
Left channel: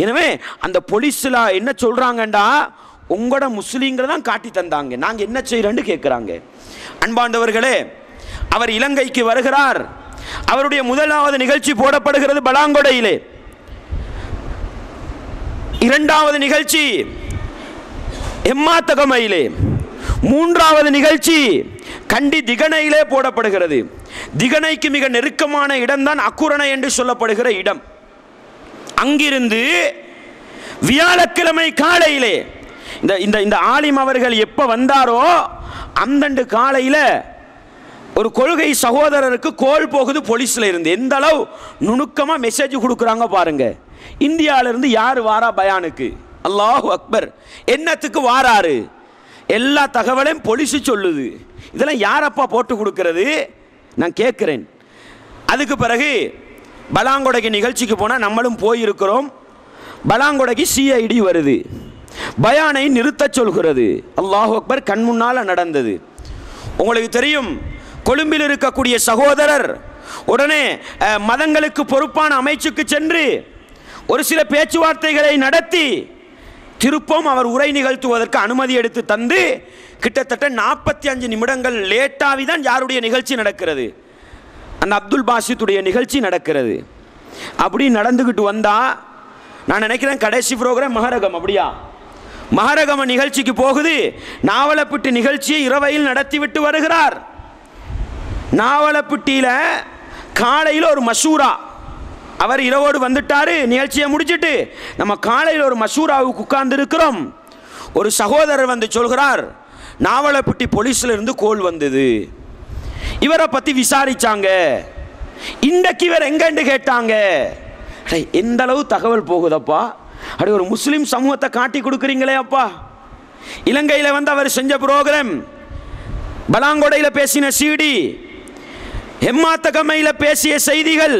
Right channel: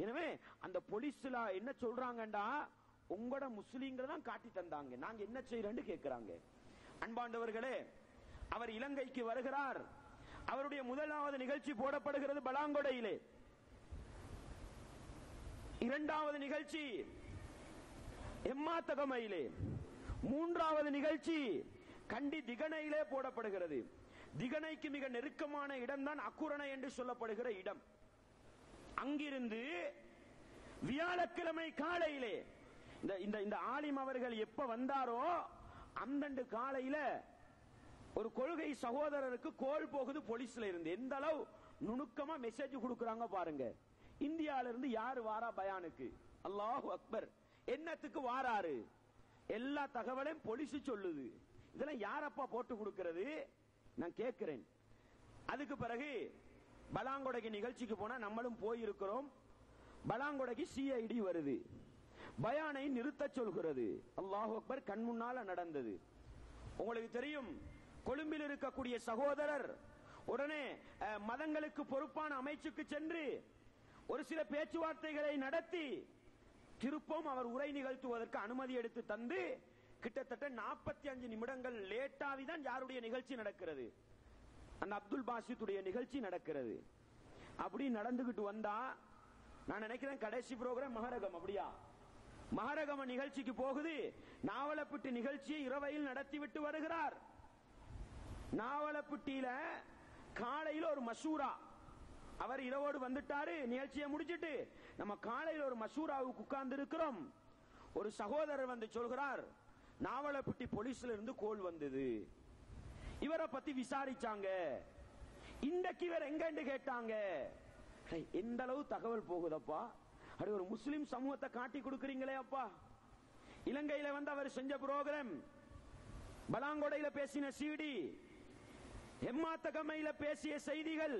எனவே அந்த போலீஸ்ல என்ன சொல்றாங்கண்டா, உங்களோட முஸ்லீம்களை தான் காட்டி தந்தாங்க, நாங்க என்ன செய்யறோம்னு கேட்கிறாங்க. அன்பாண்டவர்களே, அவர் இலங்கைக்கு வருகிறார். அவருடைய முதலாவது நிகழ்ச்சி போடப்படுகிறது பலாங்கொடையிலே, இரண்டாவது நிகழ்ச்சி எம்மாத்தகமையிலே, மூன்றாவது நிகழ்ச்சி கண்டி திகனையிலே போடப்படுகிறது. திகனைக்கு மிக நெருக்கமான இடம்தான் அக்குரணை என்று சொல்லப்படுகிற இடம். அங்கிருந்து வியாழக்கிழமை காலையிலே இந்த ஆலிம் அவர்கள் எப்ப வந்தாரோ அந்த காலையில் ஒரு கொள்கை சகோதரருக்கு கோல் போகுது போலீஸ்ல இருந்து. எந்த அளவு நுணுக்கமா மெசேஜ் கொடுக்குறாங்க பாருங்க. இந்தியாவில இருந்து யாரு வாரா பயானுக்கு? அல்லாஹு அக்பர். என்னத்துக்கு வாராரு? எல்லா தகவலையும் போலீஸ் சொல்லுது. இதெல்லாம் யாரப்பா போட்டு கொடுக்கிறது நான் கேட்கிறேன். அதுக்கு பிறகு பலாங்கொடைக்கு நிகழ்ச்சிக்கு போனால் நம்மளும் போயிருக்கிறோம். பலாங்கொடைக்கு CID வருது, பயானை நிறுத்த சொல்கிறது. அல்லாஹு அக்பர். கண் முன்னால் நடந்தது. உங்களுக்கு தெரியும், கொழும்பில் இருக்கக்கூடிய சகோதரர் உடனே மதங்களுக்கு பொறுப்பான அமைச்சுக்கு சென்று ஒரு சில பேச்சுவார்த்தைகளை நடத்தி திருப்பம் அவர் உரை நிகழ்த்துவதற்கு அனுமதி எடுத்து தந்து கிட்டத்தட்ட 45 நிமிடங்கள் லேட்டாகி தான் யாருடைய நிகழ்ச்சி நடக்கிறது? அந்த அப்துல் பாசித்துடைய நிகழ்ச்சி நடக்கிறது. அப்படி நடந்துக்கிட்டு வந்தா நான் நினைக்கிறேன் கடைசி ப்ரோக்ராம் மகரகம். அப்படியா? மகரகம நிகழ்ச்சிக்கு போகுது. நாவலப்பிட்டி நிகழ்ச்சியை இரவையில் நடத்திவிட்டு வருகிறார். நாவலப்பிட்டியில் காலையில் ஒரு மசூரா. அவர் இரவோடு வந்துட்டாரு, நிகழ்ச்சியை முடிச்சுட்டு நம்ம காலையில் ஒரு மசூராவுக்கு உட்கார்ந்து இருக்கிறோம். ஒரு சகோதரர் வந்து சொல்கிறார், நாவலப்பிட்டி போலீஸ்ல இருந்து கோல் வந்தது, இவரை பத்தி விசாரிச்சாங்க, இன்றைக்கு இவர் எங்கன்னு கேட்டாங்க. எந்த அளவு தகவல் போகுதப்பா? அப்படி ஒரு முஸ்லிம் சமூகத்தை காட்டி கொடுக்குறீங்களே அப்பா. இலங்கையில் வந்து அவர் செஞ்ச புரோகிராம், பலாங்கொடையில் பேசின CD, ஹெம்மாத்தகமையில் பேசிய செய்திகள்,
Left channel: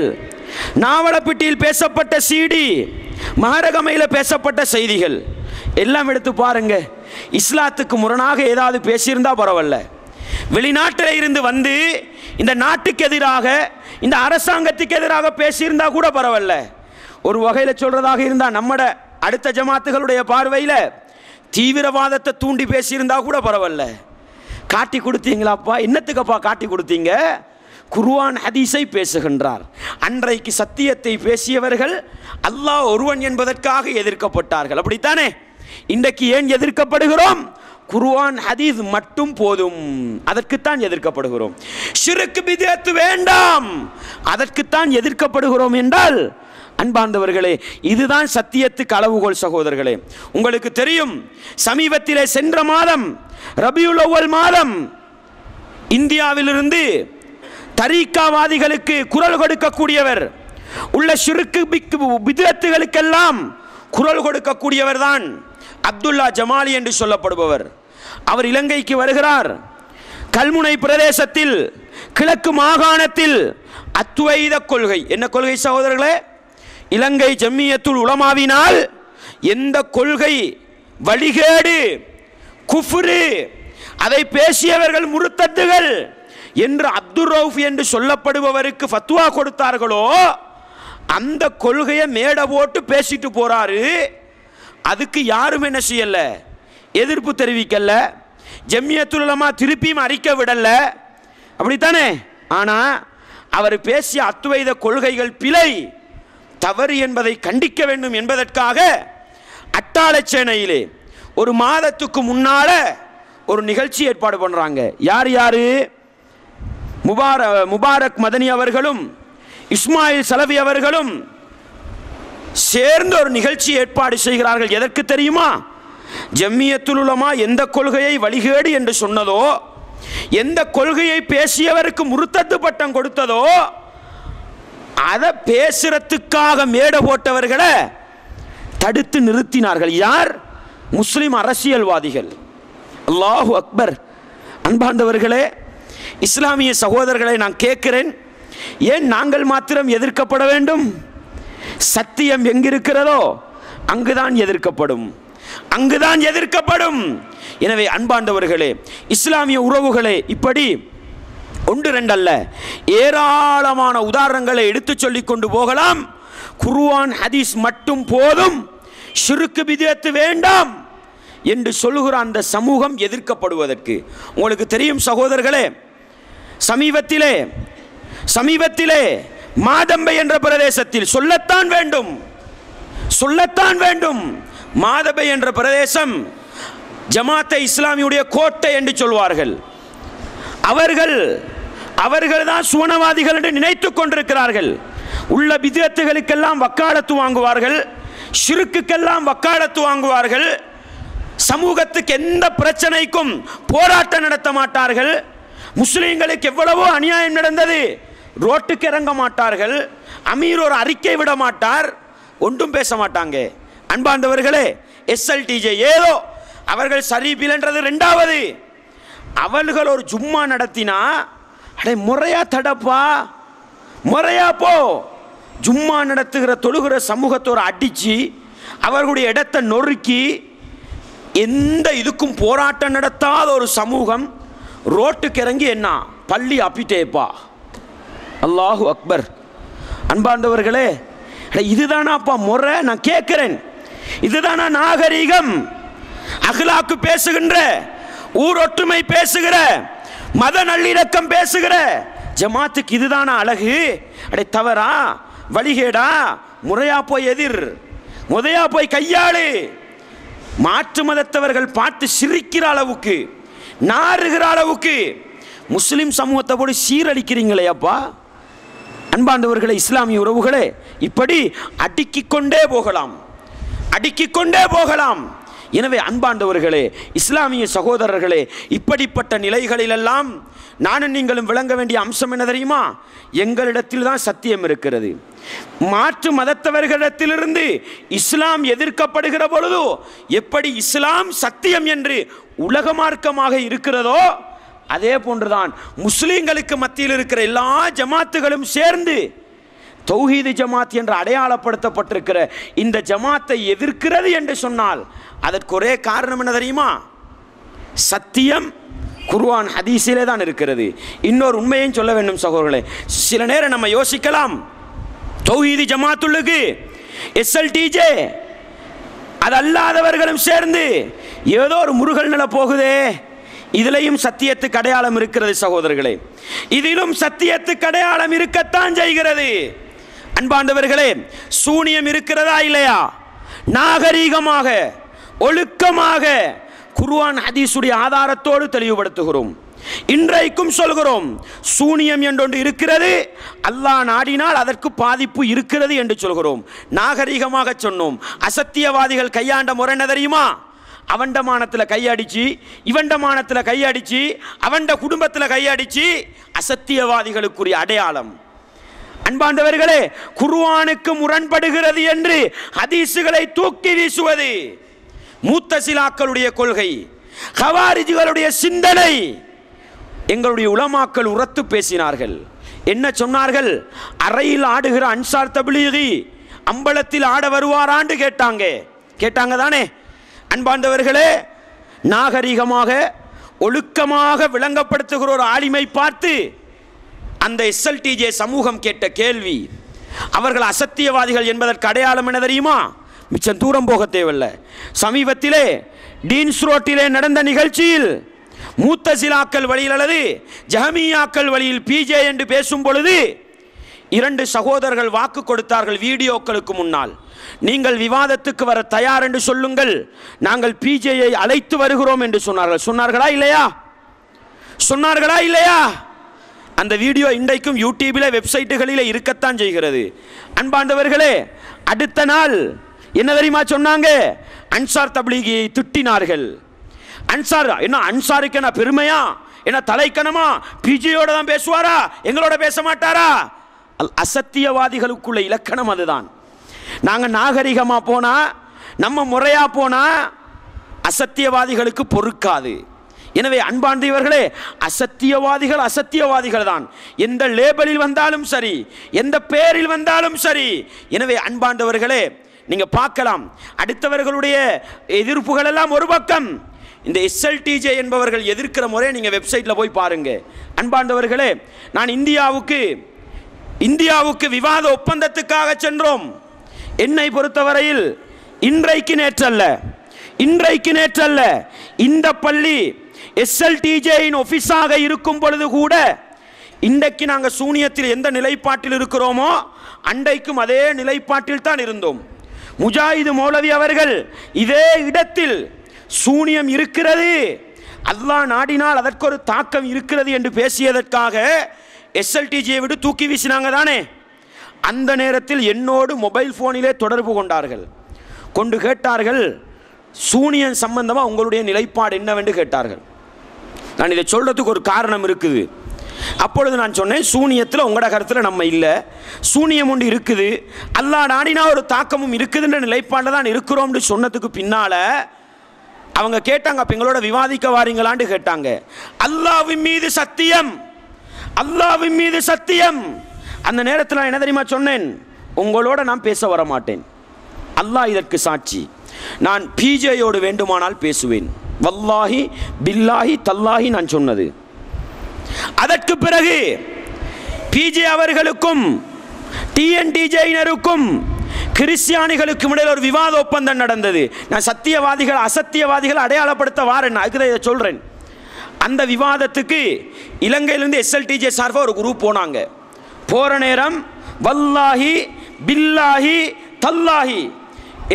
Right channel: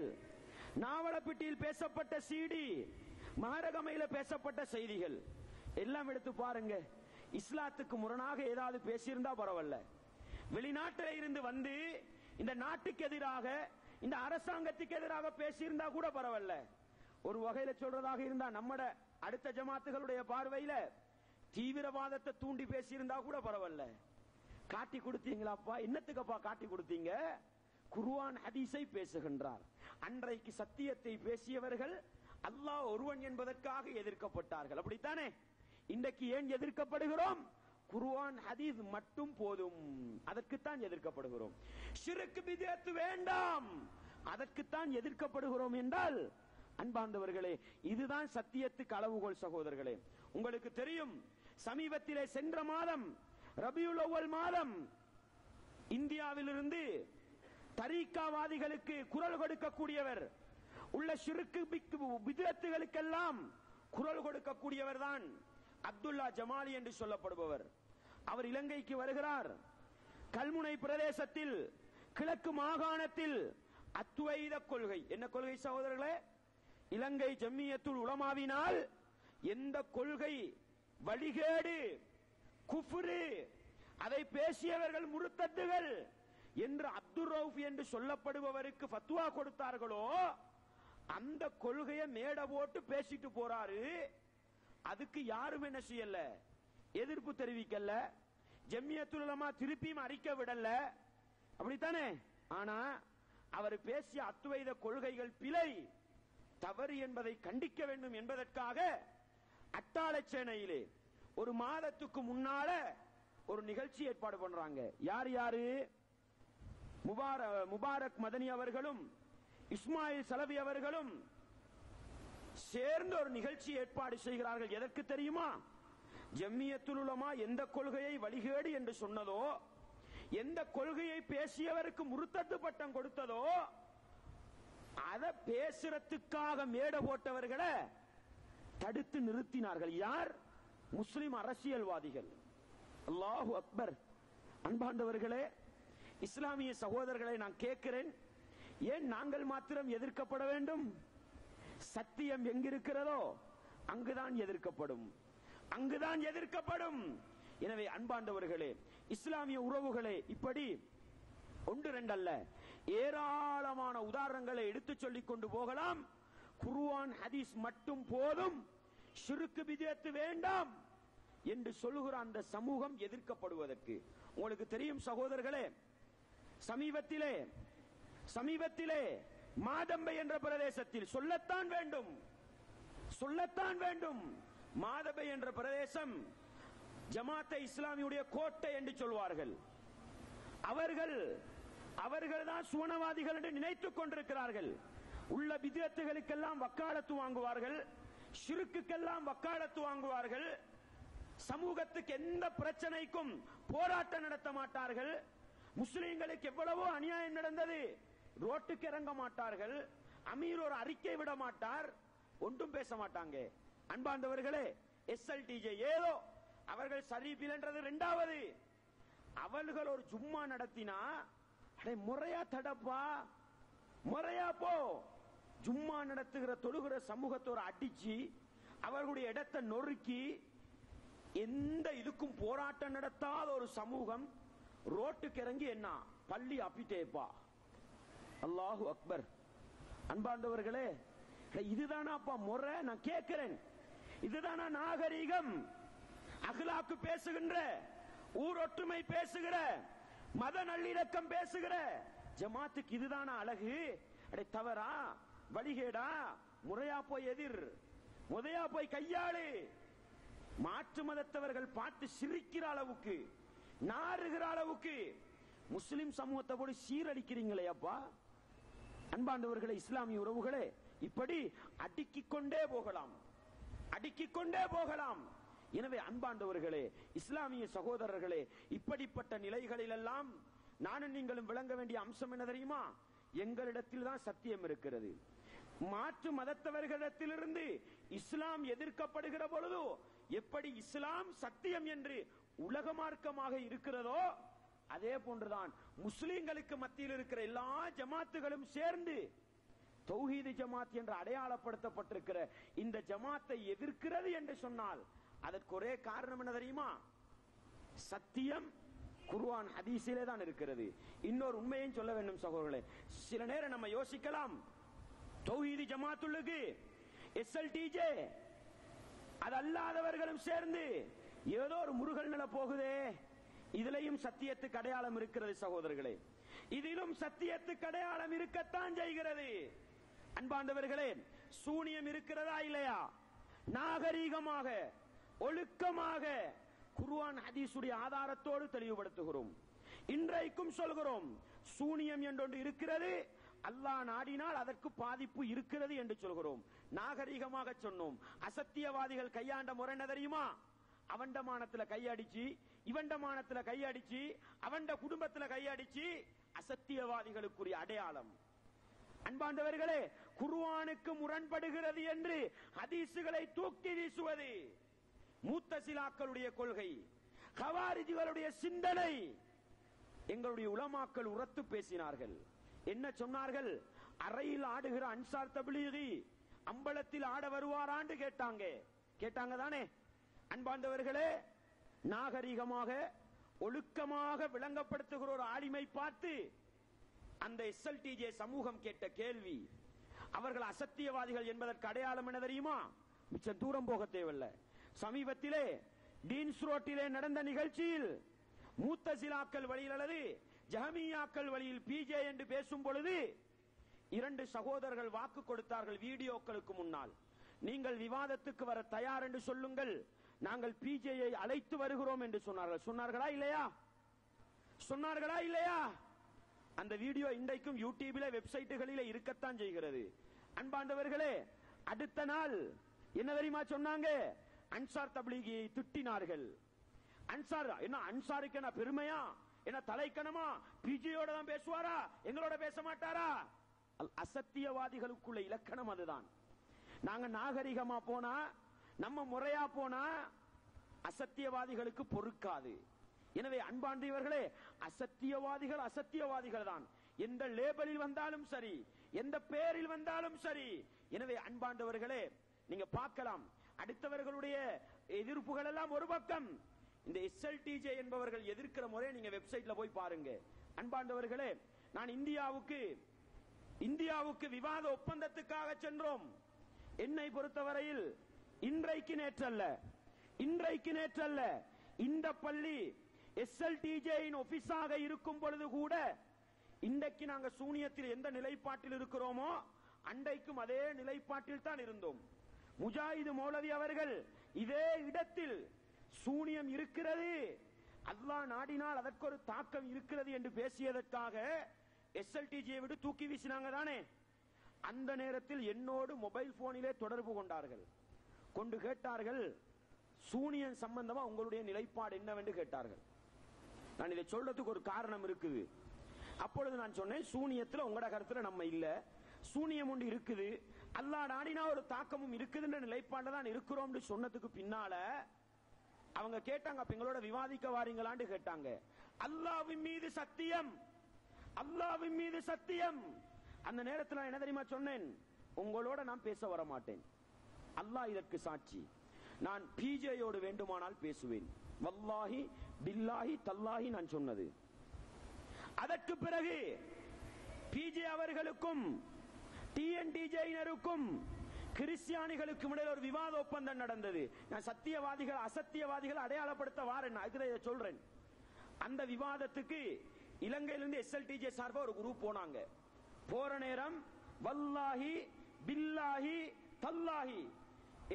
நாவலப்பிட்டியில் பேசப்பட்ட CD, மகரகமையில் பேசப்பட்ட செய்திகள் எல்லாம் எடுத்து பாருங்க. இஸ்லாத்துக்கு முரணாக ஏதாவது பேசியிருந்தா பரவாயில்ல. வெளிநாட்டில் இருந்து வந்து இந்த நாட்டுக்கு எதிராக, இந்த அரசாங்கத்துக்கு எதிராக பேசியிருந்தா கூட பரவாயில்ல. ஒரு வகையில் சொல்றதாக இருந்தா நம்மட அடுத்த ஜமாத்துகளுடைய பார்வையில் தீவிரவாதத்தை தூண்டி பேசியிருந்தா கூட பரவாயில்ல. காட்டி கொடுத்தீங்களாப்பா? என்னத்துக்கப்பா காட்டி கொடுத்தீங்க? குர்ஆன் ஹதீஸை பேசுகின்றார். அன்றைக்கு சத்தியத்தை பேசியவர்கள் அல்லாஹ் ஒருவன் என்பதற்காக எதிர்க்கப்பட்டார்கள். அப்படித்தானே? இன்றைக்கு ஏன் எதிர்க்கப்படுகிறோம்? குர்ஆன் ஹதீஸ் மட்டும் போதும், அதற்குத்தான் எதிர்க்கப்படுகிறோம். ஷிர்க் பித்அத் வேண்டாம், அதற்குத்தான் எதிர்க்கப்படுகிறோம் என்றால் அன்பார்ந்தவர்களே, இதுதான் சத்தியத்துக்கு அளவுகோல் சகோதரர்களே. உங்களுக்கு தெரியும், சமீபத்திலே சென்ற மாதம் ரபியுல் அவ்வல் மாதம் இந்தியாவிலிருந்து தரீக்காவாதிகளுக்கு குரல் கொடுக்கக்கூடியவர், உள்ள ஷிர்க் பித்அத்துகளுக்கெல்லாம் குரல் கொடுக்கக்கூடியவர் தான் அப்துல்லா ஜமாலி என்று சொல்லப்படுபவர். அவர் இலங்கைக்கு வருகிறார். கல்முனை பிரதேசத்தில் கிழக்கு மாகாணத்தில் அத்வைத கொள்கை, என்ன கொள்கை சகோதரர்களே? இலங்கை ஜம்மியத்துல் உலமாவினால் எந்த கொள்கை வழிகேடு, குஃப்ரு, அதை பேசியவர்கள் முர்த்தத்துகள் என்று அப்துல் ரவுஃப் என்று சொல்லப்படுபவருக்கு ஃபத்வா கொடுத்தார்களோ அந்த கொள்கையை மேடை போட்டு பேசிட்டு போறாரு. அதுக்கு யாரும் என்ன செய்யல, எதிர்ப்பு தெரிவிக்கல. ஜம்மியத்துல் உலமா திருப்பியும் அறிக்கை விடல. அப்படித்தானே? ஆனா அவர் பேசிய அத்வைத கொள்கைகள் பிழை, தவறு என்பதை கண்டிக்க வேண்டும் என்பதற்காக அட்டாளச்சேனையிலே ஒரு மாதத்துக்கு முன்னால ஒரு நிகழ்ச்சி ஏற்பாடு பண்றாங்க. யார் யாரு? முபாரக் மதனி அவர்களும் இஸ்மாயில் சலவி அவர்களும் சேர்ந்து ஒரு நிகழ்ச்சி ஏற்பாடு செய்கிறார்கள். எதற்கு தெரியுமா? ஜம்மியத்துல் உலமா எந்த கொள்கையை வழிகேடு என்று சொன்னதோ, எந்த கொள்கையை பேசியவருக்கு முர்த்தத்து பட்டம் கொடுத்ததோ, அதை பேசுறதுக்காக மேடை போட்டவர்களை தடுத்து நிறுத்தினார்கள். யார்? முஸ்லிம் அரசியல்வாதிகள். அல்லாஹு அக்பர். அன்பார்ந்தவர்களே, இஸ்லாமிய சகோதரர்களை நான் கேட்கிறேன், ஏன் நாங்கள் மாத்திரம் எதிர்க்கப்பட வேண்டும்? சத்தியம் எங்கிருக்கிறதோ அங்குதான் எதிர்க்கப்படும், அங்குதான் எதிர்க்கப்படும். எனவே அன்பார்ந்தவர்களே, இஸ்லாமிய உறவுகளே, இப்படி ஒன்று ரெண்டு அல்ல, ஏராளமான உதாரணங்களை எடுத்து சொல்லிக் கொண்டு போகலாம். குர்ஆன் ஹதீஸ் மட்டும் போதும், ஷிர்க் பித்அத் வேண்டாம் என்று சொல்லுகிற அந்த சமூகம் எதிர்க்கப்படுவதற்கு. உங்களுக்கு தெரியும் சகோதரர்களே, சமீபத்திலே மாதம்பை என்ற பிரதேசத்தில் சொல்லத்தான் வேண்டும், மாதம்பை என்ற பிரதேசம் ஜமாத்தை இஸ்லாமியுடைய கோட்டை என்று சொல்வார்கள். அவர்கள் அவர்கள் தான் சுவனவாதிகள் என்று நினைத்துக் கொண்டிருக்கிறார்கள். உள்ள பித்அத்துகளுக்கெல்லாம் வக்காலத்து வாங்குவார்கள், ஷிர்க்குக்கெல்லாம் வக்காலத்து வாங்குவார்கள், சமூகத்துக்கு எந்த பிரச்சனைக்கும் போராட்டம் நடத்த மாட்டார்கள், முஸ்லிம்களுக்கு எவ்வளவோ அநியாயம் நடந்தது ரோட்டுக்கு இறங்க மாட்டார்கள், அமீர் ஒரு அறிக்கை விட மாட்டார், ஒன்றும் பேச மாட்டாங்க. அன்பார்ந்தவர்களே, எஸ்எல்டிஜே ஏதோ அவர்கள் சரிபில்ன்றது ரெண்டாவது. அவர்கள் ஒரு ஜும்மா நடத்தினா அடே முறையா தடப்பா, முறையா போ. ஜும்மா நடத்துகிற தொழுகிற சமூகத்தோடு அடிச்சு அவர்களுடைய இடத்தை நொறுக்கி எந்த இதுக்கும் போராட்டம் நடத்தாத ஒரு சமூகம் ரோட்டுக்கு இறங்கி என்ன பள்ளி அப்பிட்டேப்பா. அல்லாஹு அக்பர். அன்பார்ந்தவர்களே, இதுதானாப்பா முறை? நான் கேட்கிறேன், இதுதானா நாகரீகம்? அஹ்லாக்கு பேசுகின்ற, ஊரொற்றுமை பேசுகிற, மத நல்லிணக்கம் பேசுகிற ஜமாத்துக்கு இதுதானா அழகு? அடே தவறா, வழிகேடா? முறையா போய் எதிர், முறையா போய் கையாளு. மாற்று மதத்தவர்கள் பார்த்து சிரிக்கிற அளவுக்கு, நாறுகிற அளவுக்கு முஸ்லிம் சமூகத்தை போடு சீரழிக்கிறீங்களே அப்பா. அன்பாண்டவர்களே, இஸ்லாமிய உறவுகளே, இப்படி அடுக்கிக் கொண்டே போகலாம், அடுக்கிக் கொண்டே போகலாம். எனவே அன்பாண்டவர்களே, இஸ்லாமிய சகோதரர்களே, இப்படிப்பட்ட நிலைகளிலெல்லாம் நானும் நீங்களும் விளங்க வேண்டிய அம்சம் என்ன தெரியுமா? எங்களிடத்தில் தான் சத்தியம் இருக்கிறது. மாற்று மதத்தவர்களிடத்திலிருந்து இஸ்லாம் எதிர்க்கப்படுகிற பொழுது எப்படி இஸ்லாம் சத்தியம் என்று உலக மார்க்கமாக இருக்கிறதோ அதே போன்றுதான் முஸ்லிம்களுக்கு மத்தியில் இருக்கிற எல்லா ஜமாத்துகளும் சேர்ந்து தௌஹீது ஜமாத் என்று அடையாளப்படுத்தப்பட்டிருக்கிற இந்த ஜமாத்தை எதிர்க்கிறது என்று சொன்னால் அதற்கு ஒரே காரணம் என்ன தெரியுமா? சத்தியம் குர்ஆன் ஹதீஸிலே தான் இருக்கிறது. இன்னொரு உண்மையும் சொல்ல வேண்டும் சகோதரர்களே. சில நேரம் நம்ம யோசிக்கலாம், தௌஹீது ஜமாத்துள்ளுக்கு எஸ்எல்டிஜே அது அல்லாதவர்களும் சேர்ந்து ஏதோ ஒரு முருகல் நில போகுதே, இதிலையும் சத்தியத்துக்கு அடையாளம் இருக்கிறது சகோதரர்களே, இதிலும் சத்தியத்துக்கு அடையாளம் இருக்கத்தான் செய்கிறது. அன்பாண்டவர்களே, சூனியம் இருக்கிறதா இல்லையா? நாகரீகமாக ஒழுக்கமாக குர்ஆன் ஹதீஸுடைய ஆதாரத்தோடு தெளிவுபடுத்துகிறோம். இன்றைக்கும் சொல்கிறோம், சூனியம் என்றொன்று இருக்கிறது, அல்லாஹ் நாடினால் அதற்கு பாதிப்பு இருக்கிறது என்று சொல்கிறோம். நாகரீகமாக சொன்னோம். அசத்தியவாதிகள் கையாண்ட முறை என்ன தெரியுமா? அவண்டமானத்தில் கையடிச்சு, இவண்டமானத்தில் கையடிச்சு, அவண்ட குடும்பத்தில் கையடிச்சு, அசத்தியவாதிகளுக்குரிய அடையாளம். அன்பாண்டவர்களே, குர்ஆனுக்கு முரண்படுகிறது என்று ஹதீஸுகளை தூக்கி வீசுவது முத்தசிலாக்களுடைய கொள்கை, கவாரிஜிகளுடைய சிந்தனை. எங்களுடைய உலமாக்கள் உரத்து பேசினார்கள். என்ன சொன்னார்கள்? அறையில் ஆடுகிற அன்சார் தப்லீகி அம்பலத்தில் ஆட வருவாரான்னு கேட்டாங்க. கேட்டாங்க தானே? அன்பாண்டவர்களே, நாகரிகமாக ஒழுக்கமாக விளங்கப்படுத்துகிற ஒரு ஆலிமை பார்த்து அந்த எஸ்எல்டிஜே சமூகம் கேட்ட கேள்வி, அவர்கள் அசத்தியவாதிகள் என்பதற்கு அடையாளம் என்ன தெரியுமா? மிச்சம் தூரம் போக தேவையில்லை. சமீபத்திலே டீன்ஸ் ரோட்டிலே நடந்த நிகழ்ச்சியில் மூத்தசிலாக்கள் வழியில் அல்லது ஜஹமியாக்கள் வழியில் பிஜே என்று பேசும் பொழுது 2 சகோதரர்கள் வாக்கு கொடுத்தார்கள் வீடியோக்களுக்கு முன்னால். நீங்கள் விவாதத்துக்கு வர தயார் என்று சொல்லுங்கள், நாங்கள் பிஜேயை அழைத்து வருகிறோம் என்று சொன்னார்கள். சொன்னார்களா இல்லையா? சொன்னார்களா இல்லையா? அந்த வீடியோ இன்றைக்கும் யூடியூபில் வெப்சைட்டுகளில் இருக்கத்தான் செய்கிறது. அன்பாண்டவர்களே, அடுத்த நாள் என்ன தெரியுமா சொன்னாங்க? அன்சார் தப்லீகியை திட்டினார்கள். அன்சார் என்ன, அன்சாருக்கு என்ன பெருமையா, என்ன தலைக்கணமா? பிஜேயோட தான் பேசுவாரா, எங்களோட பேச மாட்டாரா? அசத்தியவாதிகளுக்குள்ள இலக்கணம் அதுதான். நாங்கள் நாகரிகமா போனா, நம்ம முறையா போனா அசத்தியவாதிகளுக்கு பொறுக்காது. எனவே அன்பாண்டவர்களே, அசத்தியவாதிகள் அசத்தியவாதிகள் தான், எந்த லேபலில் வந்தாலும் சரி, எந்த பெயரில் வந்தாலும் சரி. எனவே அன்பாண்டவர்களே, நீங்க பார்க்கலாம், அடுத்தவர்களுடைய எதிர்ப்புகள் எல்லாம் ஒரு பக்கம், இந்த எஸ்எல்டிஜே என்பவர்கள் எதிர்க்கிற முறையை நீங்க வெப்சைட்ல போய் பாருங்க. அன்பாண்டவர்களே, நான் இந்தியாவுக்கு விவாத ஒப்பந்தத்துக்காக சென்றோம். என்னை பொறுத்தவரையில் இன்றைக்கு நேற்றல்ல இந்த பள்ளி எஸ்எல்டிஜேயின் ஆபீஸாக இருக்கும் பொழுது கூட இன்றைக்கு நாங்கள் சூனியத்தில் எந்த நிலைப்பாட்டில் இருக்கிறோமோ அன்றைக்கும் அதே நிலைப்பாட்டில் தான் இருந்தோம். முஜாஹிது மௌலவி அவர்கள் இதே இடத்தில் சூனியம் இருக்கிறது, அல்லாஹ் நாடினால் அதற்கு ஒரு தாக்கம் இருக்கிறது என்று பேசியதற்காக எஸ்எல்டிஜியை விட்டு தூக்கி வீசினாங்க தானே. அந்த நேரத்தில் என்னோடு மொபைல் ஃபோனிலே தொடர்பு கொண்டார்கள். கொண்டு கேட்டார்கள், சூனியன் சம்பந்தமாக உங்களுடைய நிலைப்பாடு என்னவென்று கேட்டார்கள். நான் இதை சொல்கிறதுக்கு ஒரு காரணம் இருக்குது. அப்பொழுது நான் சொன்னேன், சூனியத்தில் உங்களோட கருத்தில் நம்ம இல்லை, சூனியம் ஒன்று இருக்குது, அல்லாஹ் நாடினா ஒரு தாக்கமும் இருக்குதுன்ற நிலைப்பாடில் தான் இருக்கிறோம்னு சொன்னதுக்கு பின்னால் அவங்க கேட்டாங்க, அப்போ எங்களோட விவாதிக்க வாரீங்களான்னு கேட்டாங்க. அல்லாஹ்வின் மீது சத்தியம், அல்லாஹ்வின் மீது சத்தியம். அந்த நேரத்தில் என்ன தெரியுமா சொன்னேன், உங்களோட நான் பேச வர மாட்டேன், அல்லாஹ் இதற்கு சாட்சி, நான் பிஜேயோடு வேண்டுமானால் பேசுவேன், வல்லாஹி பில்லாஹி தல்லாஹி நான் சொன்னது. அதற்கு பிறகு பிஜே அவர்களுக்கும் டிஎன்டிஜேயினருக்கும் கிறிஸ்டியானிகளுக்கும் இடையில் ஒரு விவாத ஒப்பந்தம் நடந்தது. நான் சத்தியவாதிகள் அசத்தியவாதிகள் அடையாளப்படுத்த வாரேன், அதுக்கு தான் இதை சொல்கிறேன். அந்த விவாதத்துக்கு இலங்கையிலிருந்து எஸ்எல்டிஜே சார்பாக ஒரு குரூப் போனாங்க. போகிற நேரம் வல்லாஹி பில்லாஹி தல்லாஹி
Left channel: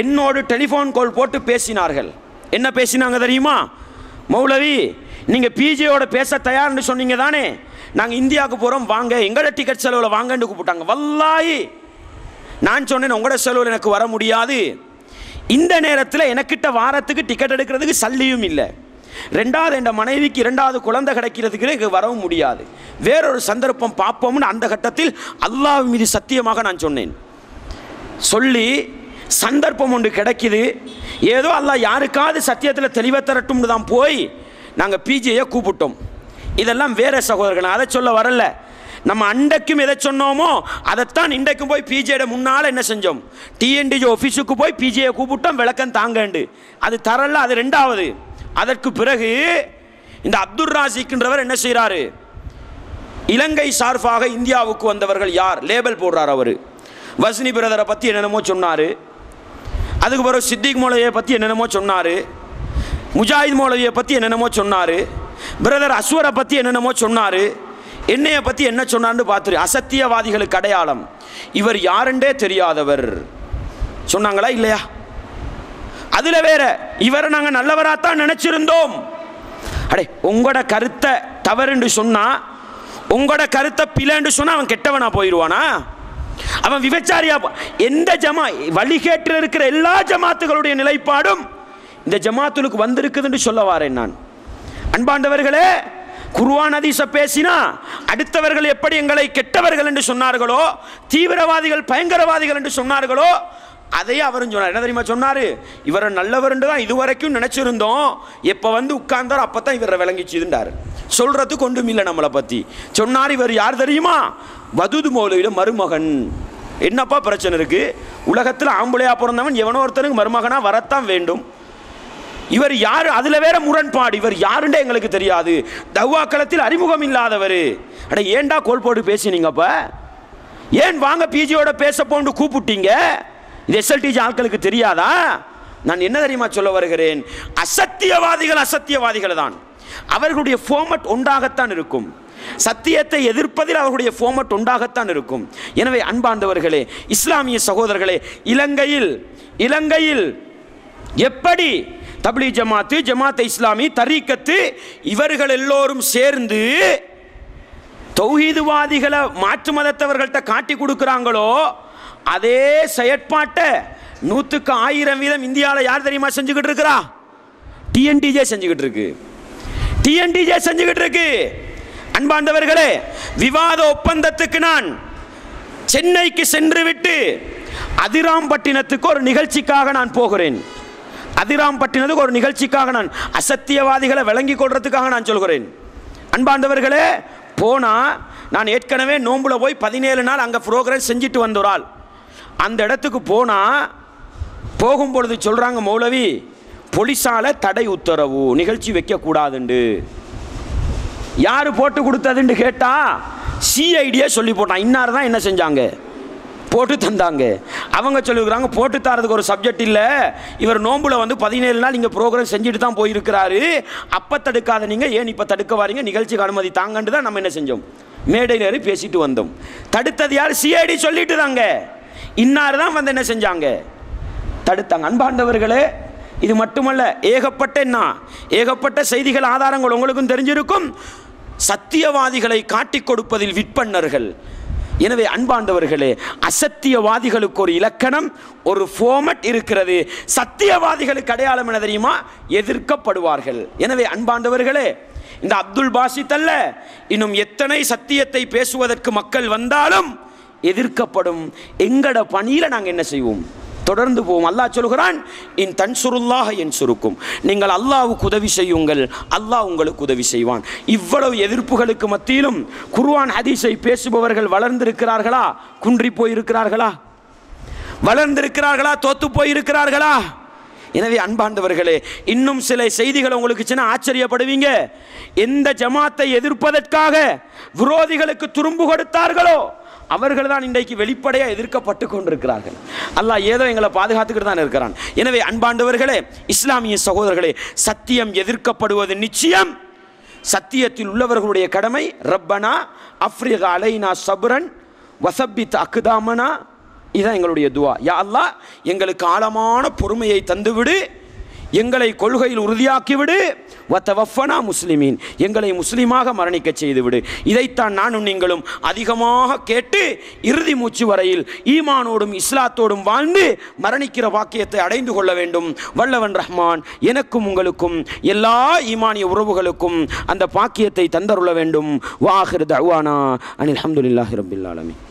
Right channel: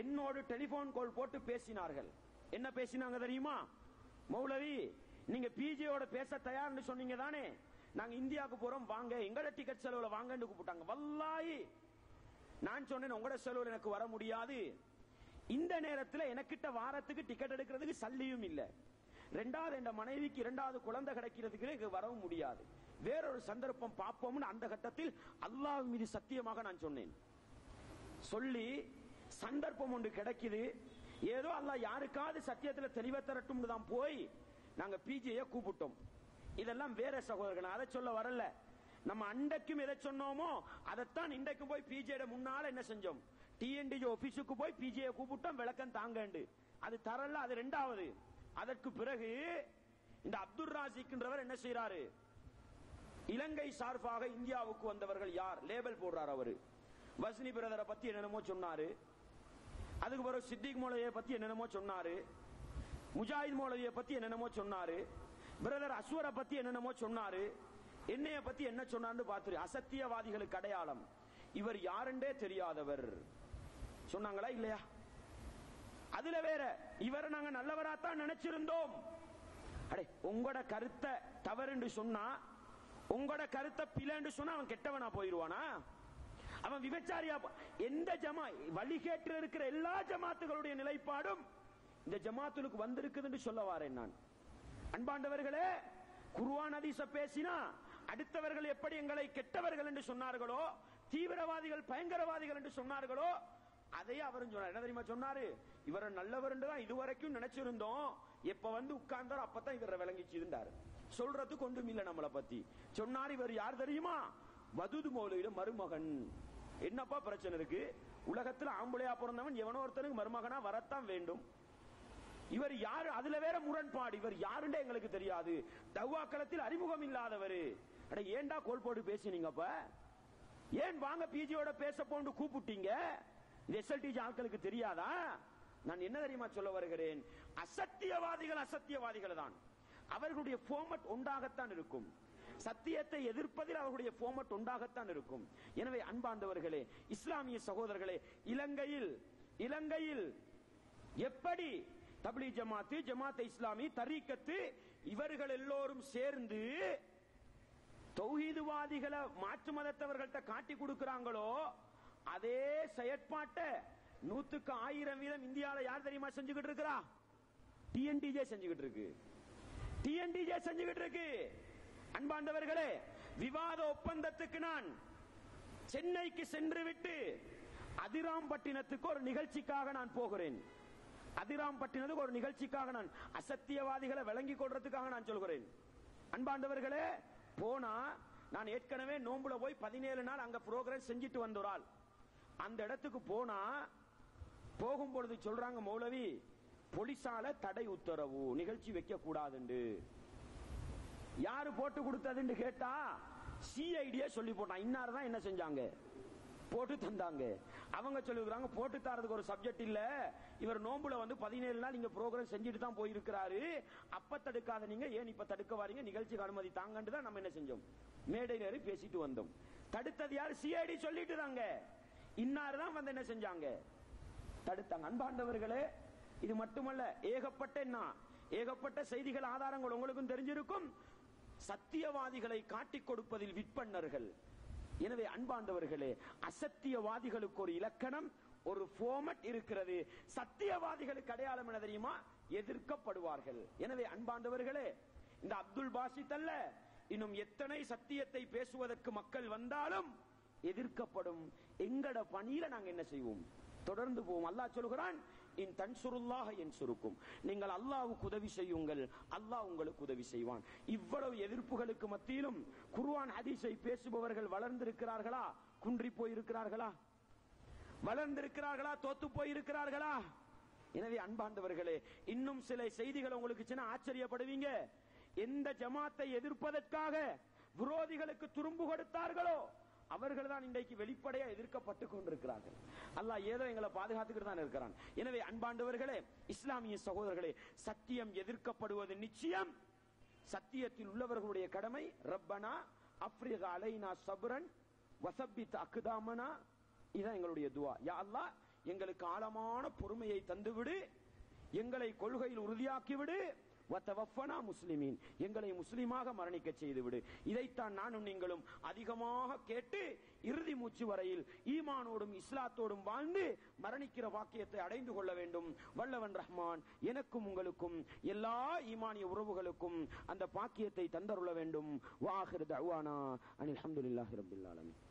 என்னோடு டெலிஃபோன் கால் போட்டு பேசினார்கள். என்ன பேசினாங்க தெரியுமா? மௌலவி, நீங்கள் பிஜேயோட பேச தயார்னு சொன்னீங்க தானே, நாங்கள் இந்தியாவுக்கு போகிறோம் வாங்க, எங்களோட டிக்கெட் செலவில் வாங்கன்னு கூப்பிட்டாங்க. வல்லாஹி நான் சொன்னேன், உங்களோட செலவில் எனக்கு வர முடியாது, இந்த நேரத்தில் எனக்கிட்ட வாரத்துக்கு டிக்கெட் எடுக்கிறதுக்கு சல்லியும் இல்லை, ரெண்டாவது என் மனைவிக்கு இரண்டாவது குழந்தை கிடைக்கிறதுக்கு எனக்கு வரவும் முடியாது, வேறொரு சந்தர்ப்பம் பார்ப்போம்னு அந்த கட்டத்தில் அல்லாஹ் மீது சத்தியமாக நான் சொன்னேன். சொல்லி சந்தர்ப்பம் ஒன்று கிடைக்குது, ஏதோ அல்லாஹ் யாருக்காவது சத்தியத்தில் தெளிவை தரட்டும்னு தான் போய் நாங்கள் பிஜேயை கூப்பிட்டோம். இதெல்லாம் வேற சகோதரர்கள், அதை சொல்ல வரல. நம்ம அண்டைக்கும் எதை சொன்னோமோ அதைத்தான் இன்றைக்கும் போய் பிஜேட முன்னால் என்ன செஞ்சோம், டிஎன்டிஜே ஆஃபீஸுக்கு போய் பிஜேயை கூப்பிட்டோம், விளக்கம் தாங்கண்டு. அது தரல, அது ரெண்டாவது. அதற்கு பிறகு இந்த அப்துல் ராசிக்ன்றவர் என்ன செய்கிறாரு, இலங்கை சார்பாக இந்தியாவுக்கு வந்தவர்கள் யார் லேபல் போடுறார். அவர் வஸ்னி பிரதரை பற்றி என்னென்னமோ சொன்னார், அதுக்கு பிறகு சித்திக் மௌலவியை பற்றி என்னென்னமோ சொன்னார், முஜாஹித் மௌலவியை பற்றி என்னென்னமோ சொன்னார், பிரதர் அஸ்வரை பற்றி என்னென்னமோ சொன்னார், என்னையை பற்றி என்ன சொன்னார்னு பார்த்துரு. அசத்தியவாதிகளுக்கு அடையாளம், இவர் யாருண்டே தெரியாதவர் சொன்னாங்களா இல்லையா? அதில் வேற இவரை நாங்கள் நல்லவராகத்தான் நினச்சிருந்தோம். அடே, உங்களோட கருத்தை தவறுன்னு சொன்னால், உங்களோட கருத்தை பிழைன்னு சொன்னால் அவன் கெட்டவனா போயிடுவானா? அவன் விபச்சாரியா? எந்த ஜமா வழிகேட்டில் இருக்கிற எல்லா ஜமாத்துகளுடைய நிலைப்பாடும் இந்த ஜமாத்துக்கு வந்திருக்குதுன்னு சொல்ல வாரேன் நான். அன்பாண்டவர்களே, குர்ஆன் ஹதீஸை பேசினா அடுத்தவர்கள் எப்படி எங்களை கெட்டவர்கள் என்று சொன்னார்களோ, தீவிரவாதிகள் பயங்கரவாதிகள் என்று சொன்னார்களோ, அதையே அவரும் சொன்னார். என்ன தெரியுமா சொன்னார்? இவரை நல்லவர் தான் இதுவரைக்கும் நினைச்சிருந்தோம், எப்போ வந்து உட்கார்ந்தார் அப்போ தான் இவரை விளங்கிச்சுதுண்டார். சொல்றதுக்கு ஒன்றும் இல்லை நம்மளை பற்றி. சொன்னார், இவர் யார் தெரியுமா? வதூது மௌலவியோட மருமகன். என்னப்பா பிரச்சனை இருக்கு? உலகத்தில் ஆம்பளையா பிறந்தவன் எவனோ ஒருத்தனுக்கு மருமகனா வரத்தான் வேண்டும். இவர் யார்? அதுல வேற முரண்பாடு. இவர் யாருண்டே எங்களுக்கு தெரியாது, தவ்வாக்களத்தில் அறிமுகம் இல்லாதவர். அட, ஏண்டா கோல் போட்டு பேசினீங்கப்ப? ஏன் வாங்க பிஜியோட பேச போன்னு கூப்பிட்டீங்க? இது எஸ்எல்டிஜி ஆட்களுக்கு தெரியாதா? நான் என்ன தெரியுமா சொல்ல வருகிறேன், அசத்தியவாதிகள் அசத்தியவாதிகள் தான். அவர்களுடைய ஃபார்மட் ஒன்றாகத்தான் இருக்கும். சத்தியத்தை எதிர்ப்பதில் அவர்களுடைய ஃபார்மட் ஒன்றாகத்தான் இருக்கும். எனவே அன்பார்ந்தவர்களே, இஸ்லாமிய சகோதரர்களே, இலங்கையில் எப்படி தப்லீக் ஜமாத்து, ஜமாத் இஸ்லாமி, தரீக்கத்து இவர்கள் எல்லோரும் சேர்ந்து தௌஹீதுவாதிகளை மாற்று மதத்தவர்கள்ட்ட காட்டி கொடுக்குறாங்களோ, அதே செயற்பாட்டை 100க்கு 1000% இந்தியாவில் யார் தெரியுமா செஞ்சுக்கிட்டு இருக்கிறா? டிஎன்டிஜே செஞ்சுக்கிட்டு இருக்கு. டிஎன்டிஜே செஞ்சுக்கிட்டு இருக்கு. அன்பாண்டவர்களே, விவாத ஒப்பந்தத்துக்கு நான் சென்னைக்கு சென்று விட்டு அதிராம்பட்டினத்துக்கு ஒரு நிகழ்ச்சிக்காக நான் போகிறேன். அதிராம்பட்டினத்துக்கு ஒரு நிகழ்ச்சிக்காக நான் அசத்தியவாதிகளை விளங்கி கொள்றதுக்காக நான் சொல்கிறேன். அன்பாண்டவர்களே, போனால் நான் ஏற்கனவே நோம்புல போய் 17 நாள் அங்கே ப்ரோக்ராம் செஞ்சுட்டு வந்த ஒரு ஆள். அந்த இடத்துக்கு போனால் போகும்பொழுது சொல்கிறாங்க, மௌலவி போலீஸால தடை உத்தரவு, நிகழ்ச்சி வைக்கக்கூடாதுண்டு. யார் போட்டு கொடுத்ததுன்னு கேட்டால் சிஐடியே சொல்லி போட்டான். இன்னார் தான் என்ன செஞ்சாங்க, போட்டு தந்தாங்க. அவங்க சொல்லிக்கிறாங்க, போட்டு தரதுக்கு ஒரு சப்ஜெக்ட் இல்லை, இவர் நோம்புல வந்து 17 நாள் இங்கே ப்ரோக்ராம் செஞ்சுட்டு தான் போயிருக்கிறாரு, அப்போ தடுக்காத நீங்கள் ஏன் இப்போ தடுக்க வாரீங்க, நிகழ்ச்சிக்கு அனுமதி தாங்கன்னு தான் நம்ம என்ன செஞ்சோம், மேடையில் ஏறி பேசிட்டு வந்தோம். தடுத்தது யார்? சிஐடி சொல்லிட்டு தாங்க. இன்னார் தான் வந்து என்ன செஞ்சாங்க, தடுத்தாங்க. அன்பாண்டவர்களே, இது மட்டுமல்ல, ஏகப்பட்ட செய்திகள் ஆதாரங்கள் உங்களுக்கும் தெரிஞ்சிருக்கும். சத்தியவாதிகளை காட்டிக் கொடுப்பதில் விற்பன்னர்கள். எனவே அன்பாண்டவர்களே, அசத்தியவாதிகளுக்கு ஒரு இலக்கணம், ஒரு ஃபார்மட் இருக்கிறது. சத்தியவாதிகளுக்கு அடையாளம் என்ன தெரியுமா? எதிர்க்கப்படுவார்கள். எனவே அன்பாண்டவர்களே, இந்த அப்துல் பாசித் அல்ல, இன்னும் எத்தனை சத்தியத்தை பேசுவதற்கு மக்கள் வந்தாலும் எதிர்க்கப்படும். எங்கட பணியில நாங்கள் என்ன செய்வோம்? தொடர்ந்து போவோம். அல்லாஹ் சொல்கிறான், இன் தன்சுருல்லாஹ யன்சுருக்கும், நீங்கள் அல்லாஹ்வுக்கு உதவி செய்யுங்கள், அல்லாஹ் உங்களுக்கு உதவி செய்வான். இவ்வளவு எதிர்ப்புகளுக்கு மத்தியிலும் குர்ஆன் ஹதீஸை பேசுபவர்கள் வளர்ந்திருக்கிறார்களா? குன்றி போயிருக்கிறார்களா? வளர்ந்திருக்கிறார்களா? தோத்து போயிருக்கிறார்களா? எனவே அன்பாண்டவர்களே, இன்னும் சில செய்திகள் உங்களுக்கு சின்ன ஆச்சரியப்படுவீங்க. எந்த ஜமாத்தை எதிர்ப்பதற்காக விரோதிகளுக்கு துரும்பு கொடுத்தார்களோ அவர்கள் தான் இன்றைக்கு வெளிப்படையாக எதிர்க்கப்பட்டு கொண்டிருக்கிறார்கள். அல்லாஹ் ஏதோ எங்களை பாதுகாத்துக்கிட்டு தான் இருக்கிறான். எனவே அன்பாண்டவர்களே, இஸ்லாமிய சகோதரர்களே, சத்தியம் எதிர்க்கப்படுவது நிச்சயம். சத்தியத்தில் உள்ளவர்களுடைய கடமை, ரப்பனா அஃப்ரிக் அலைனா சப்ரன் வசப்பித் அக்தாமனா, இதுதான் எங்களுடைய துவா. யா அல்லாஹ், எங்களுக்கு ஆழமான பொறுமையை தந்துவிடு, எங்களை கொள்கையில் உறுதியாக்கிவிடு, வத்தவஃபனா முஸ்லிமீன், எங்களை முஸ்லீமாக மரணிக்க செய்துவிடு. இதைத்தான் நானும் நீங்களும் அதிகமாக கேட்டு இறுதி மூச்சு வரையில் ஈமானோடும் இஸ்லாத்தோடும் வாழ்ந்து மரணிக்கிற வாக்கியத்தை அடைந்து கொள்ள வேண்டும். வல்லவன் ரஹ்மான் எனக்கும் உங்களுக்கும் எல்லா ஈமானிய உறவுகளுக்கும் அந்த பாக்கியத்தை தந்தருள வேண்டும். வாஹிர் தஅவானா அனில் ஹம்துலில்லாஹி ரப்பில் ஆலமீன்.